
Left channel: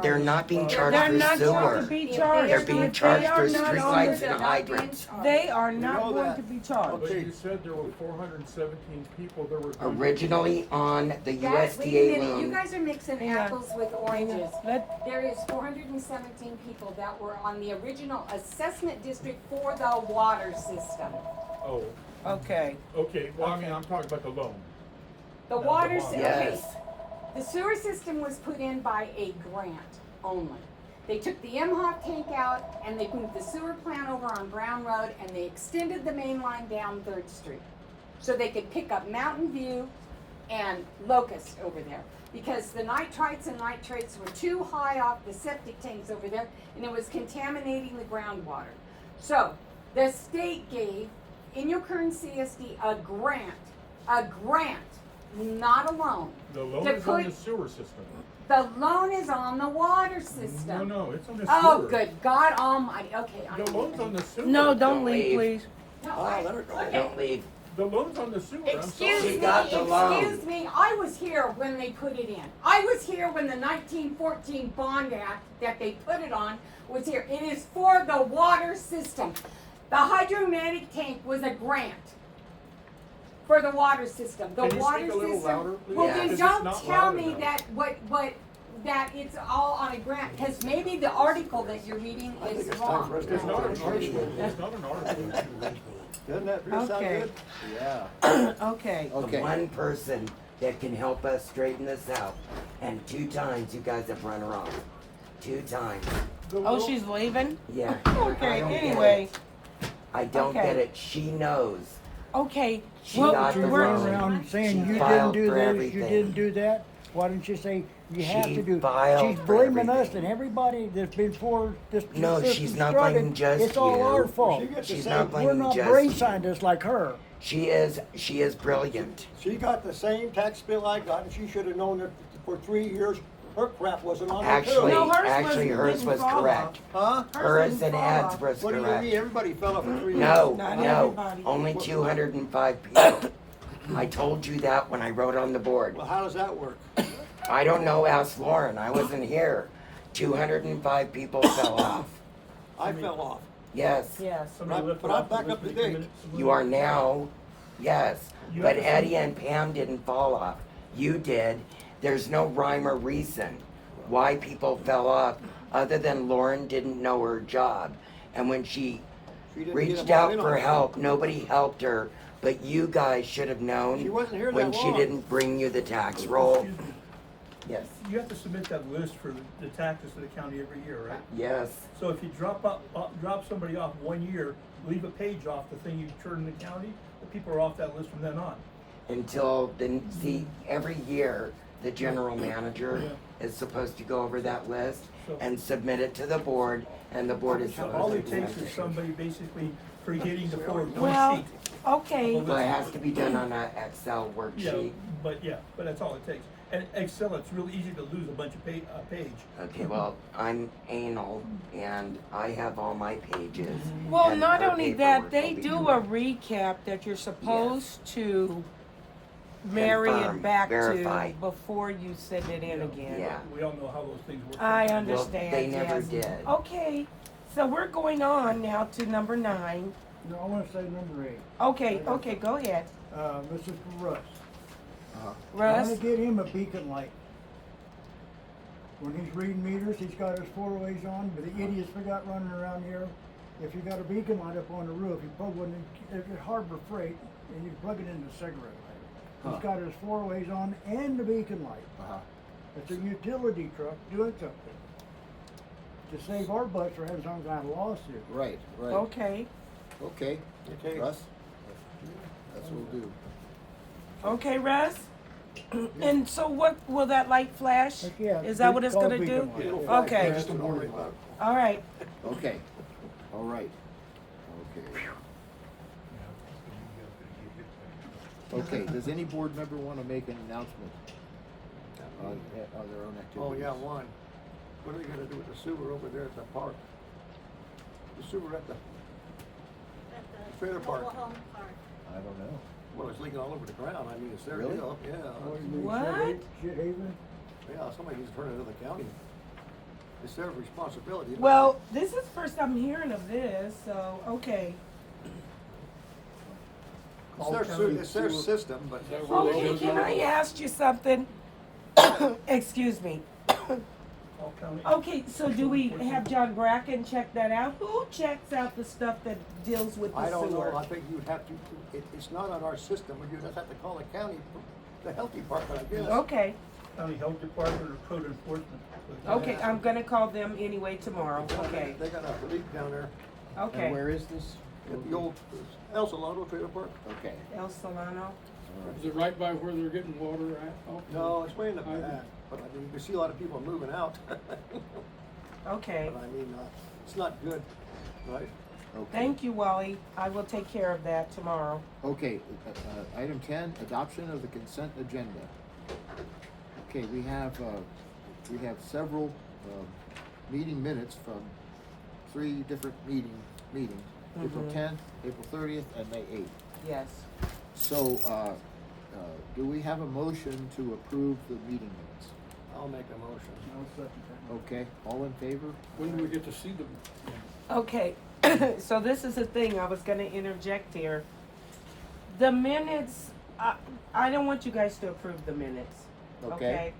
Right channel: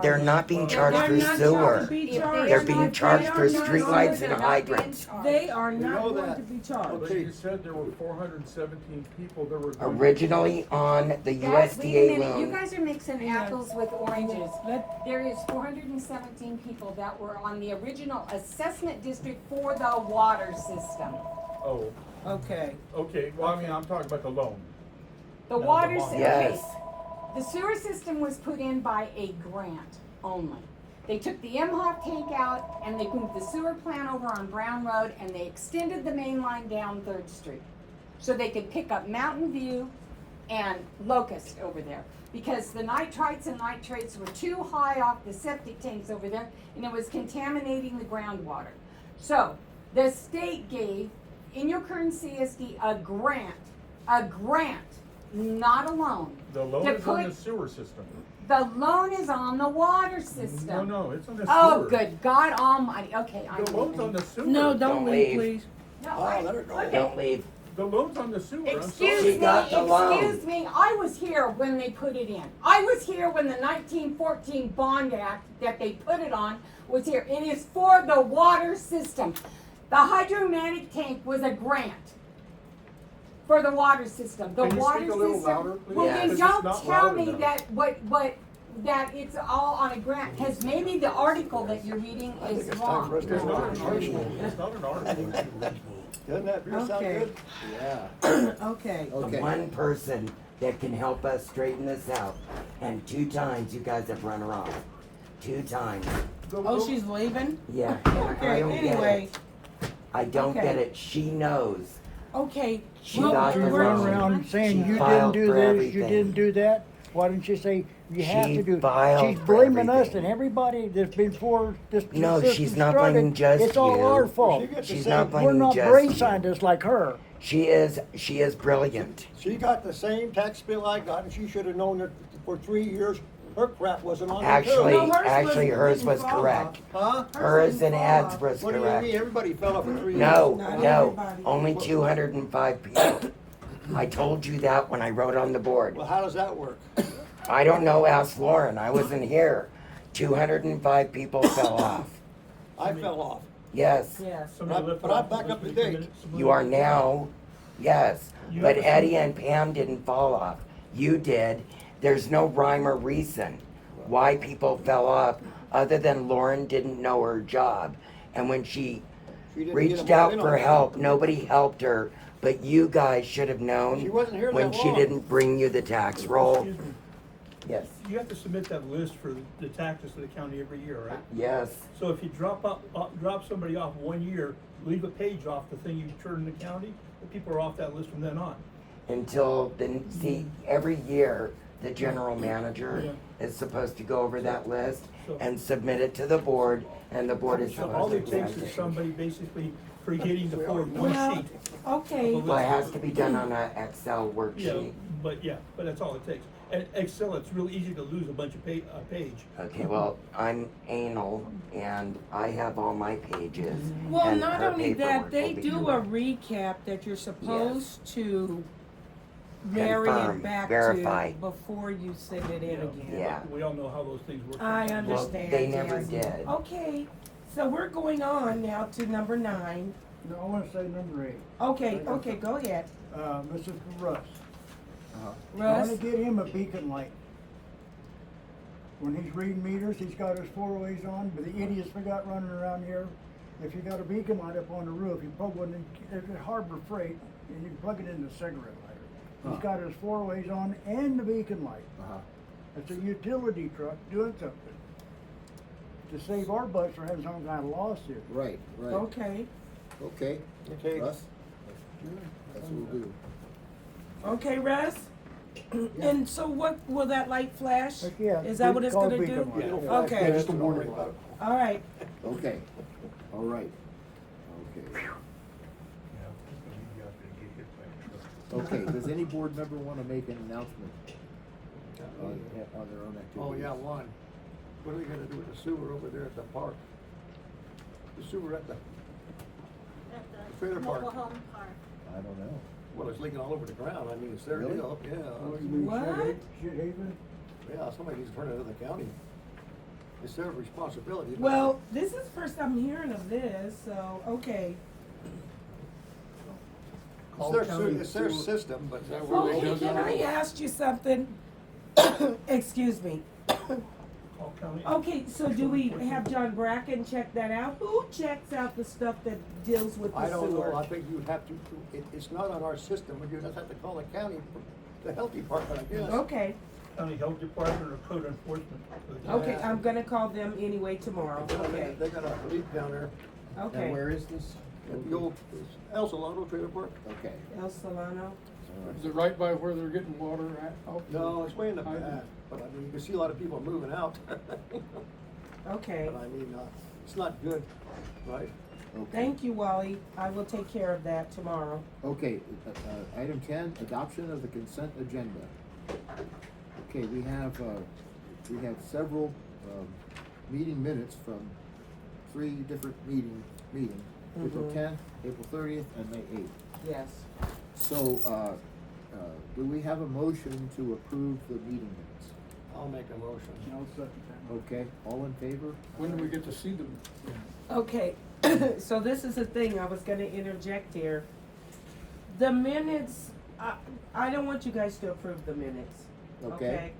They're not being charged They're for not going sewer. to be If charged. They're being They charged are for not on streetlights the- and hydrants. They are not know going that. to be But charged. Okay. you said there were 417 people that were going. Originally on the Guys, wait a USDA minute, you loan. guys are mixing Hang on. apples with oranges. Let, There is 417 people that were on the original assessment district for the water system. Oh, okay. okay, well, I mean, I'm talking about the loan. The No, the water bond. system, Yes. the sewer system was put in by a grant only. They took the MHOF tank out and they moved the sewer plant over on Brown Road and they extended the main line down 3rd Street. So they could pick up Mountain View and Locust over there. Because the nitrites and nitrates were too high off the septic tanks over there and it was contaminating the groundwater. So the state gave Inyokern CSD a grant, not a loan. The loan To is on the put- sewer system. The loan is on the water system. No, it's on the sewer. Oh, good God Almighty, okay. The loan's on the sewer. No, don't Don't leave, leave. please. No, Oh, let her go. okay. Don't leave. The loan's on the sewer, I'm Excuse sorry. She got the loan. me, I was here when they put it in. I was here when the 1914 Bond Act that they put it on was here. It is for the water system. The hydromatic tank was a grant for the water system. The Can you water speak a little system. louder, please? Well, Yeah. then Because it's don't not tell loud me enough. that it's all on a grant, because maybe the article that you're reading I think is it's time for us wrong. to It's not an It's article, it's not an article. Doesn't that sound Okay. good? Yeah, Okay. The okay. one person that can help us straighten this out, and 2 times you guys have run her off. 2 times. The Oh, loan- she's leaving? Yeah. Okay, I don't get anyway, it. I don't Okay. get it. She knows. okay. She Well, got You the we're- run loan. around saying She you didn't filed do for this, you everything. didn't do that. Why didn't you say you have She to do? filed She's for blaming us everything. and everybody that's before this No, system she's not started. blaming just It's all you. our fault. She gets the She's same, not We're blaming not just brain you. scientists like her. She is brilliant. she got the same tax bill I got, and she should have known that for 3 years, her crap wasn't on there Actually, too. No, hers actually hers didn't was fall correct. Huh? Hers didn't and fall Ed's off. was What do you correct. mean? Everybody fell off for 3 years. No, Not no, everybody. only 205 people. I told you that when I wrote on the board. Well, how does that work? I don't know, ask Lauren, I wasn't here. 205 people fell off. I fell off. Yes, Yes. Somebody But left I'm off back for up to 2 date. minutes. you are now, yes. You But have a- Eddie and Pam didn't fall off. You did. There's no rhyme or reason why people fell off, other than Lauren didn't know her job. And when she She didn't get reached them all out in on for time. help, nobody helped her. But you guys should have known She wasn't here when that she long. didn't bring you the tax roll. Excuse me. Yes. You have to submit that list for the taxes to the county every year, right? Yes. So if you drop somebody off 1 year, leave a page off the thing you turn in the county, well, people are off that list from then on. Until then, see, every year, the general manager is supposed to go over that list and submit it to the board, and the board is So all supposed it to. takes is somebody basically creating the forward Well, sheet. okay, Well, it has to be done on an Excel Yeah, worksheet. but that's all it takes. And Excel, it's real easy to lose a bunch of page. Okay, well, I'm anal and I have all my pages. well, and not the only that, paperwork they will be- do a recap that you're supposed to marry it Confirm, back verify. to before you send it in again. Yeah. We all know how those things work. I Well, understand, they never yes. did. Okay, so we're going on now to number 9. No, I wanna say number 8. Okay, okay, go ahead. This is for Russ. Uh-huh. I wanna Russ, get him a beacon light. When he's reading meters, he's got his 4-ways on, but the idiots we got running around here, if you got a beacon light up on the roof, you plug one in, if it's Harbor Freight, and you plug it into a cigarette lighter. Huh. He's got his 4-ways on and the beacon light. Uh-huh. It's a utility truck doing something. To save our butts for having some kind of lawsuit. Right, right. okay, Okay, Okay. Russ? That's what we'll do. okay, Russ? And so what, will that light flash? Heck yeah, Is that what it's called gonna do? beacon light. It'll flash, Okay. just don't worry about it. All right, Okay, all right. Okay. Okay, does any board member wanna make an announcement on their own activities? Oh, yeah, one. What are we gonna do with the sewer over there at the park? The sewer at the, Trailer park. Mobile home park. I don't know. well, it's leaking all over the ground. I mean, it's their Really? deal, yeah. What, you mean, What? Shit Haven? Yeah, somebody needs to turn it into the county. It's their responsibility. well, this is the first I'm hearing of this, so, okay. It's their, it's their system, but. that where they Okay, go can down? I ask you something? Excuse me. All county. Okay, so do we have John Bracken check that out? Who checks out the stuff that deals with the I don't sewer? know, I think you'd have to, it's not on our system, you'd just have to call the county, the health department, I guess. Okay, County Health Department or Code Enforcement. okay, I'm gonna call them anyway tomorrow, okay, They got a leak down there okay. And where is this? at the old El Solano Trailer Park. Okay, El Solano, all Is right. it right by where they're getting water at? off the- No, it's way in the I- back, but I mean, you can see a lot of people moving out. okay. But I mean, it's not good, right? Okay. Thank you, Wally, I will take care of that tomorrow. Okay, item 10, adoption of the consent agenda. Okay, we have several, meeting minutes from 3 different meetings, April Mhm. 10th, April 30th, and May 8th. Yes. So, do we have a motion to approve the meeting minutes? I'll make a motion. No, second that. Okay, all in favor? When do we get to see them? Okay, so this is the thing, I was gonna interject here. The minutes, I don't want you guys to approve the minutes, okay?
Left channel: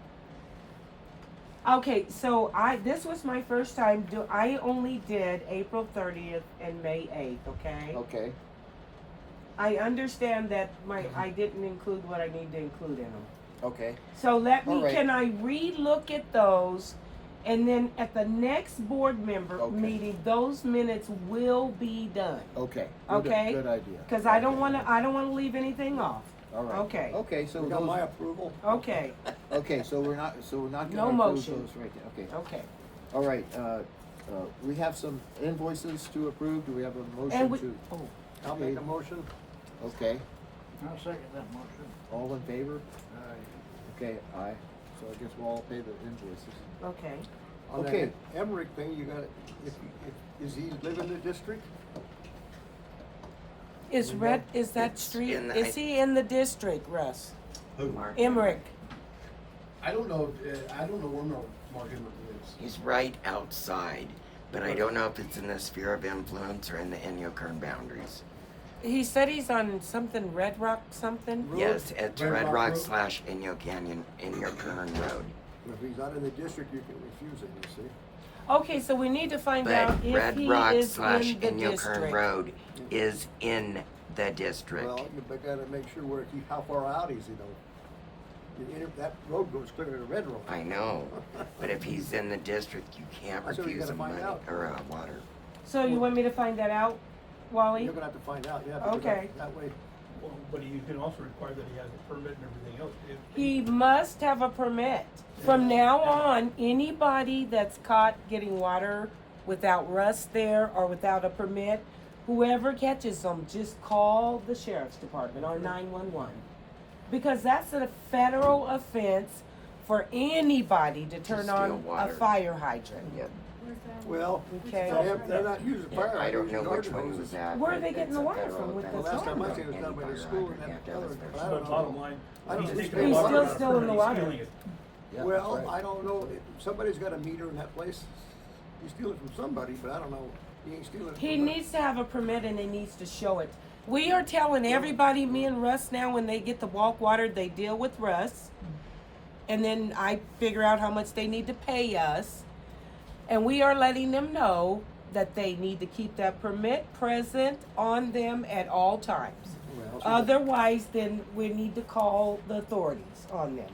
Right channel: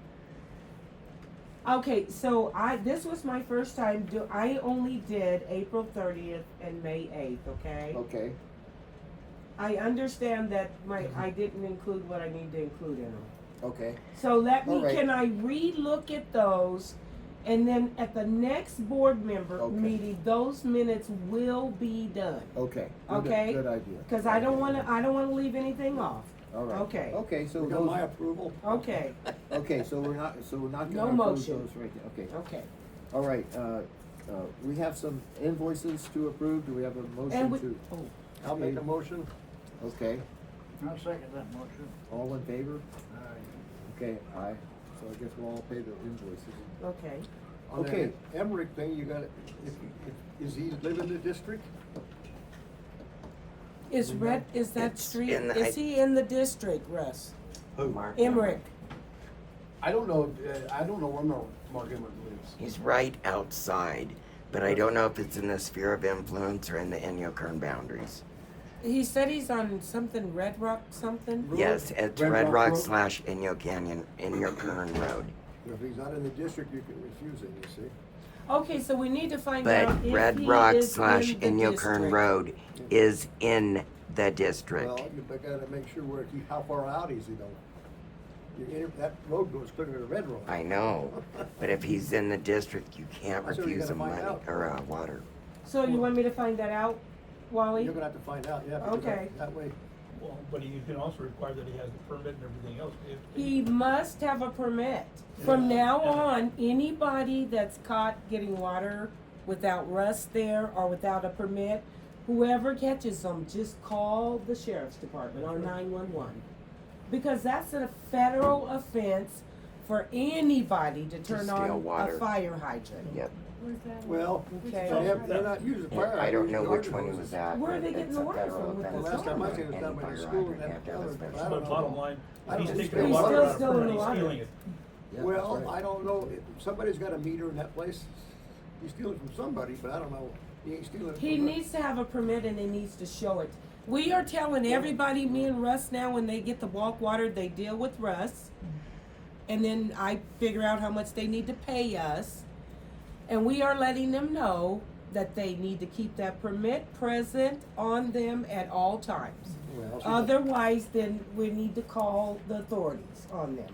Okay, so this was my first time I only did April 30th and May 8th, okay? Okay, I understand that I didn't include what I need to include in them. okay, So All right. can I re-look at those? And then at the next board member Okay. meeting, those minutes will be done. okay. Okay. Good idea. Cause I don't wanna leave anything off. All right. Okay. Okay, so We got those, my approval. Okay, okay, so we're not No gonna approve motion. those right now, okay. okay. All right, we have some invoices to approve, do we have a motion And we, to? oh, I'll make a motion. Okay, I'll second that motion. all in favor? Aye. Okay, aye, so I guess we'll all pay the invoices. okay. On that Okay. Emmerich thing, you got, is he live in the district? Is that street, in the- is he in the district, Russ? Mark, Emmerich? I don't know, I don't know where Mark Emmert lives. he's right outside, but I don't know if it's in the sphere of influence or in the Inyokern boundaries. He said he's on something, Red Rock something? Road? Yes, it's Red Red Rock Rock Road. slash Inyo Canyon, Inyokern Road. If he's not in the district, you can refuse him, you see? Okay, so we need to find But out if Red he Rock is slash in the Inyokern district. Road is in the district. Well, you gotta make sure how far out is he though? That road goes clear to the red road. I know, but if he's in the district, you can't That's what you refuse gotta him find money out. or water. So you want me to find that out, Wally? You're gonna have to find out, yeah, because Okay. that way, Well, but you can also require that he has a permit and everything else. He must have a permit. From now on, anybody that's caught getting water without Russ there or without a permit, whoever catches them, just call the sheriff's department or 911. Because that's a federal offense for anybody to turn steal on a water. fire hydrant. Yep. Where's that? Well, Okay. they're not using fire I don't hydrants, know they're which garden one was hoses. that. Where are but they getting it's the a water federal from with offense. The last time I seen it was And down by the fire school and that hydrant other, can't but I do don't this. know. Bottom line. I don't he's think taking he's water still out of stealing it, the he's water. stealing it. Yeah, Well, that's right. I don't know, somebody's got a meter in that place, he's stealing from somebody, but I don't know, he ain't stealing it from He us. needs to have a permit and he needs to show it. We are telling everybody, me and Russ now, when they get the walk water, they deal with Russ. And then I figure out how much they need to pay us. And we are letting them know that they need to keep that permit present on them at all times. Well, so Otherwise, then we need to call the authorities on them.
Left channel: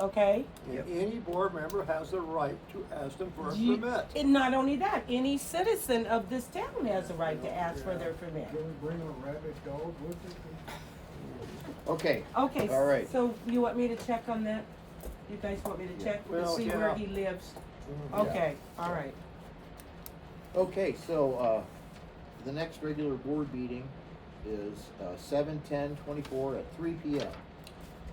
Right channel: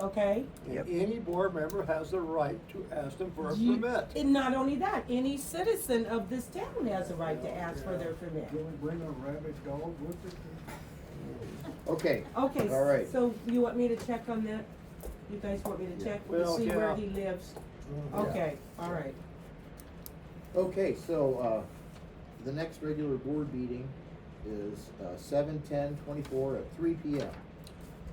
Okay? and any board member has the right to ask them for a You- permit. And not only that, any citizen of this town has a right to ask for their permit. Can we bring a rabid dog with us? Okay, Okay, all right. so you want me to check on that? You guys want me to check to Well, see where yeah. he lives? Yeah. Okay, all right. Okay, so, the next regular board meeting is, 7/10/24 at 3 p.m.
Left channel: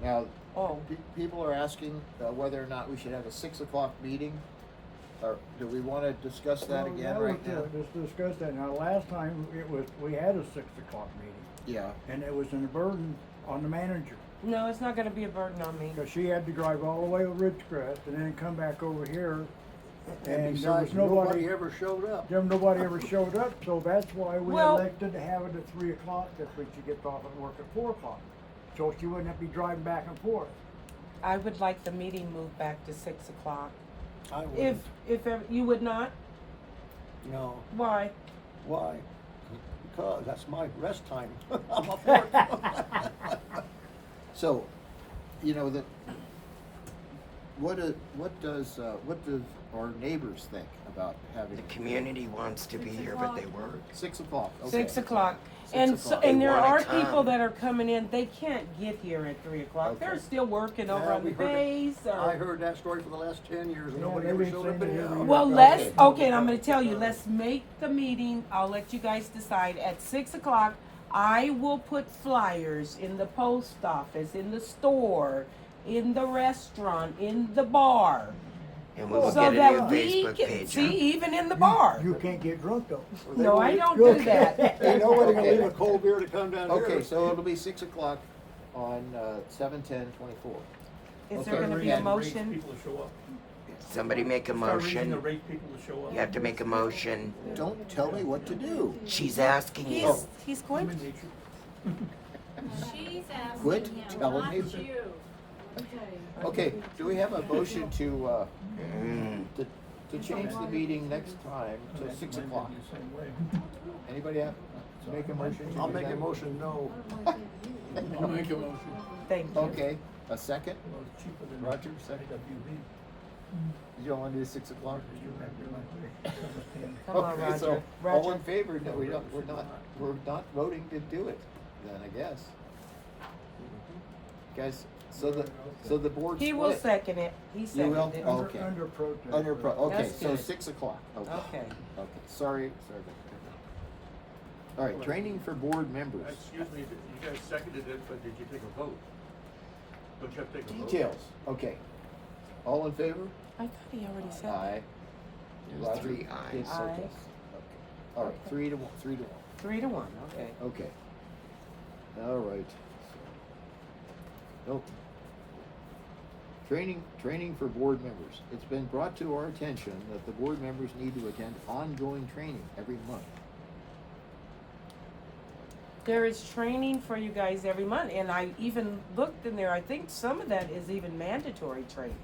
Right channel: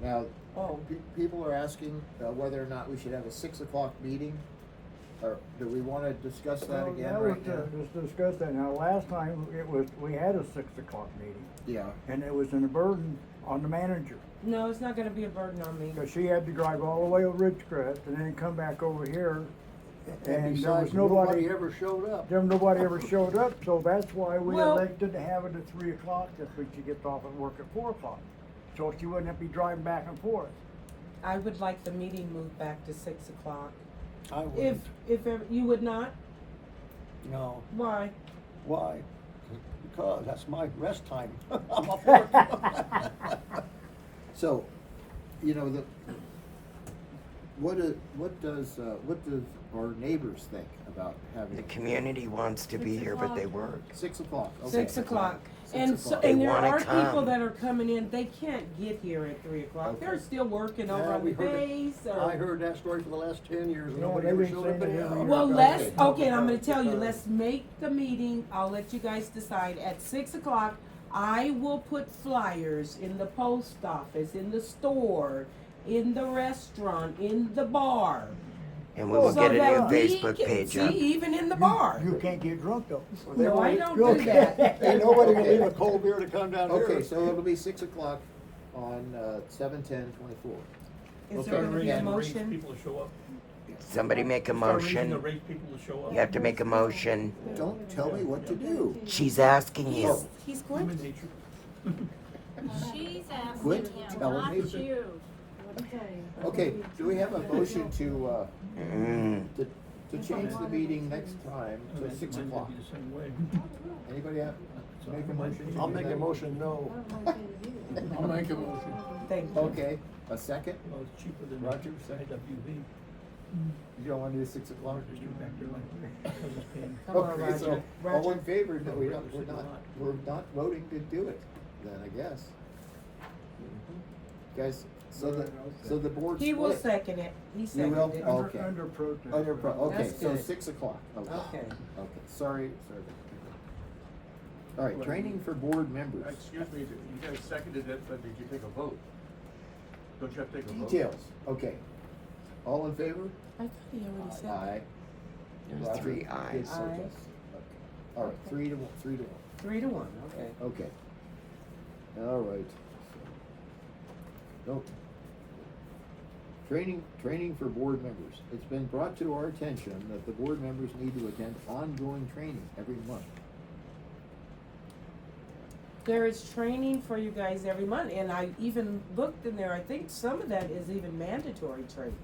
Now, Oh, people are asking, whether or not we should have a 6 o'clock meeting, or do we wanna discuss that Well, again that right was, now? Just discuss that. Now, last time we had a 6 o'clock meeting Yeah, and it was a burden on the manager. no, it's not gonna be a burden on me. Cause she had to drive all the way to Ridgecrest and then come back over here. And And there besides, was nobody, ever showed up. nobody ever showed up, so that's why we Well- elected to have it at 3 o'clock, that's when she gets off at work at 4 o'clock. So she wouldn't have to be driving back and forth. I would like the meeting moved back to 6 o'clock. I If, wouldn't, you would not? no, Why? why? Because that's my rest time. I'm off work. so, you know, what does our neighbors think about having? The community wants to be here, but they work. 6 o'clock, okay. 6 o'clock. 6 And so, o'clock. and They there wanna are people come. that are coming in, they can't get here at 3 o'clock. They're Okay. still working over Yeah, on we the heard it. bays or. I heard that story for the last 10 years and Yeah, nobody they've ever been showed saying up it anyhow. every Well, Okay. let's, okay, I'm gonna tell you, let's make the meeting, I'll let you guys decide, at 6 o'clock. I will put flyers in the post office, in the store, in the restaurant, in the bar. And we will So get it that on we Facebook can, page. see, even in the bar. You can't get drunk though. No, I don't do that. Ain't nobody gonna Okay. leave a cold beer to come down here. Okay, so it'll be 6 o'clock on, 7/10/24. Is there Okay. gonna be a And- motion? People to show up. Somebody make a Start raising the motion. rate people to show up. You have to make a motion. Don't tell me what to do. She's asking you. He's going Human to. nature. She's asking Quit him, telling not me. you. Okay, do we have a motion to Mm. change the meeting next time to 6 o'clock? Mine's gonna be the same way. Anybody have, to make a motion? to I'll do make a that? motion, no. I'll make a motion. Thank you. Okay, a second? Well, it's cheaper than. Roger, second. AWB. You don't wanna do 6 o'clock? Come on, Okay, so, Roger. all Roger. in favor, that we're not voting to do it, then I guess. Guys, so the board split. He will second it. He You will? seconded it. Oh. Okay. Under protest. Okay, That's so good. 6 o'clock, okay. Okay. Okay, sorry. All right, training for board members. Excuse me, you guys seconded it, but did you take a vote? Don't you have to take a vote? Details, okay. All in favor? I thought he already said that. Aye. There's Roger 3 did ayes. so, Aye. yes. Okay. All right, 3-1, 3-1. 3-1, okay. Okay. All right. Nope. Training for board members. It's been brought to our attention that the board members need to attend ongoing training every month. There is training for you guys every month, and I even looked in there, I think some of that is even mandatory training.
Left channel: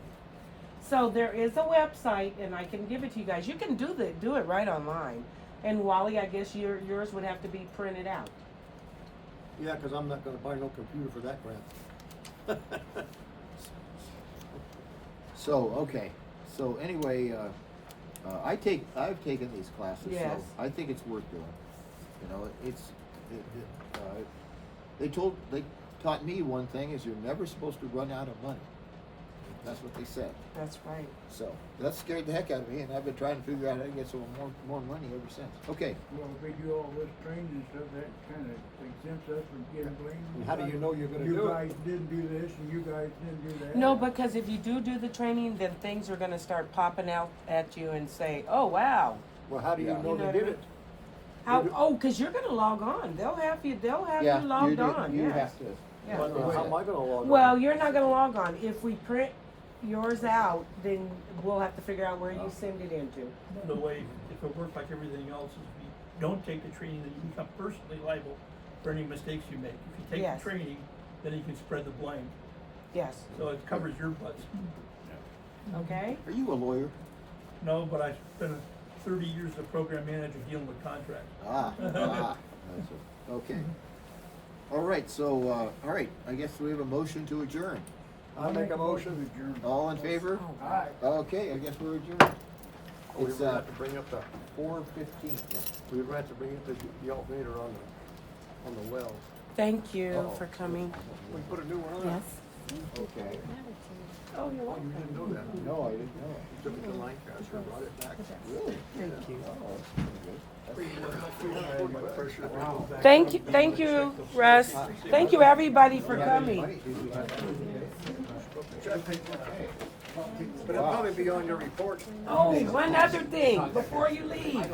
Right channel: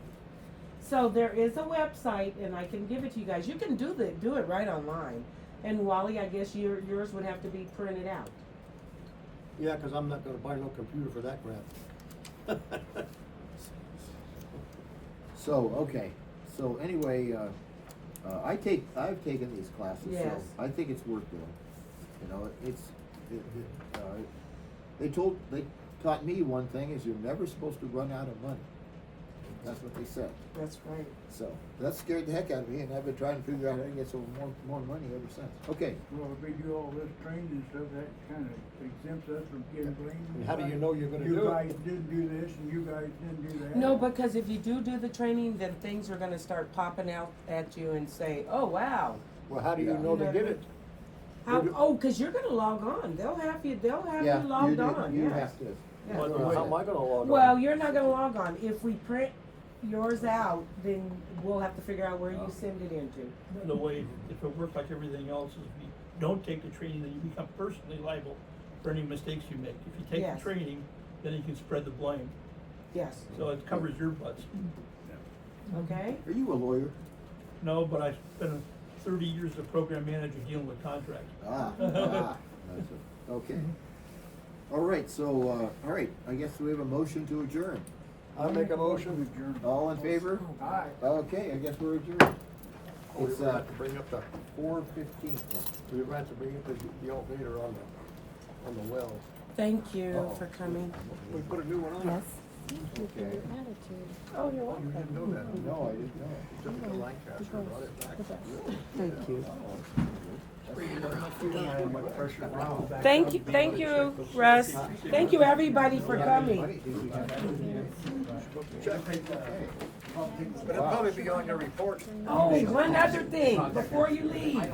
So there is a website, and I can give it to you guys. You can do it right online. And Wally, I guess yours would have to be printed out. Yeah, 'cause I'm not gonna buy no computer for that crap. So, okay, so anyway, I've taken these classes, so Yes. I think it's worth doing. You know, they taught me one thing, is you're never supposed to run out of money. That's what they said. That's right. So, that scared the heck out of me, and I've been trying to figure out how to get some more money ever since. Okay, Well, if we do all this training and stuff, that kinda exempts us from getting blamed. And how do you know you're gonna do it? You guys didn't do this and you guys didn't do that. No, because if you do the training, then things are gonna start popping out at you and say, oh, wow. Well, how do you Yeah. know You they know did what I it? How, do- oh, cause you're gonna log on. They'll have you yeah, you logged do, on, you yes. have to. Yeah. How am I gonna log on? Well, you're not gonna log on. If we print yours out, then we'll have to figure out where you send it into. Another way, if it worked like everything else, is if you don't take the training, then you become personally liable for any mistakes you make. If you take Yes. the training, then you can spread the blame, Yes, so it covers your butts. okay? Are you a lawyer? No, but I spent 30 years as a program manager dealing with contracts. That's it. Okay. All right, so, all right, I guess we have a motion to adjourn. I make a motion. Adjourn. All in favor? Aye. Okay, I guess we're adjourned. We're It's, gonna have to bring up the, 4:15. we're gonna have to bring up the alternator on the well. Thank you for coming. We put a new one on. Yes. Okay. Oh, you're Oh, you didn't know that? No, I didn't know it. You took it to Lancaster, brought it back. Really? Thank you. Oh, that's pretty good. My pressure. Wow. Thank you, Russ. Thank you, everybody, for coming. Okay. But it'll probably be on your report. Oh, one other thing, before you leave.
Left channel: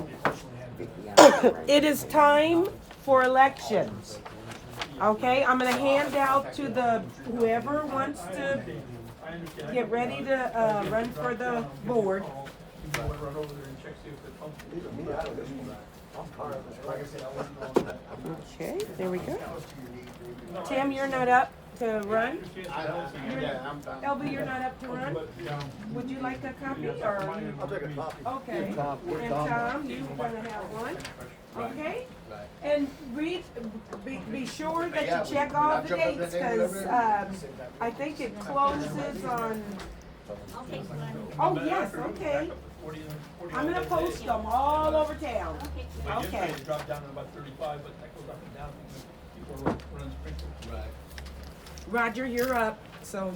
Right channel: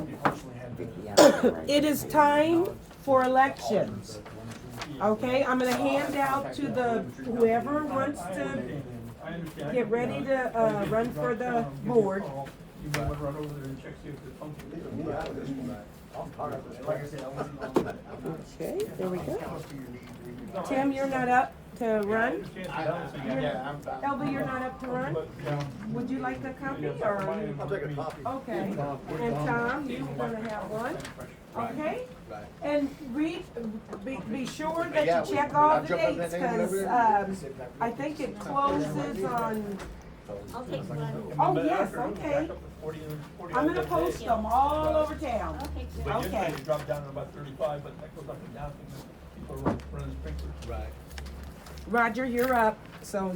It is time for elections. Okay, I'm gonna hand out to whoever wants to get ready to, run for the board. You wanna run over there and check, see if they're pumping. Leave me out of this one. I'm tired of this crap. Okay, there we go. Tim, you're not up to run? Elby, you're not up to run? Would you like a copy, or? I'll take a copy. Okay, and Tom, you're gonna have one, okay? And read, be sure that you check all the dates, cause, I think it closes on, I'll take one. oh, yes, okay. I'm gonna post them all over town. Okay, good. But yesterday Okay. it dropped down to about 35, but that goes up and down. People are running sprinklers. Roger, you're up, so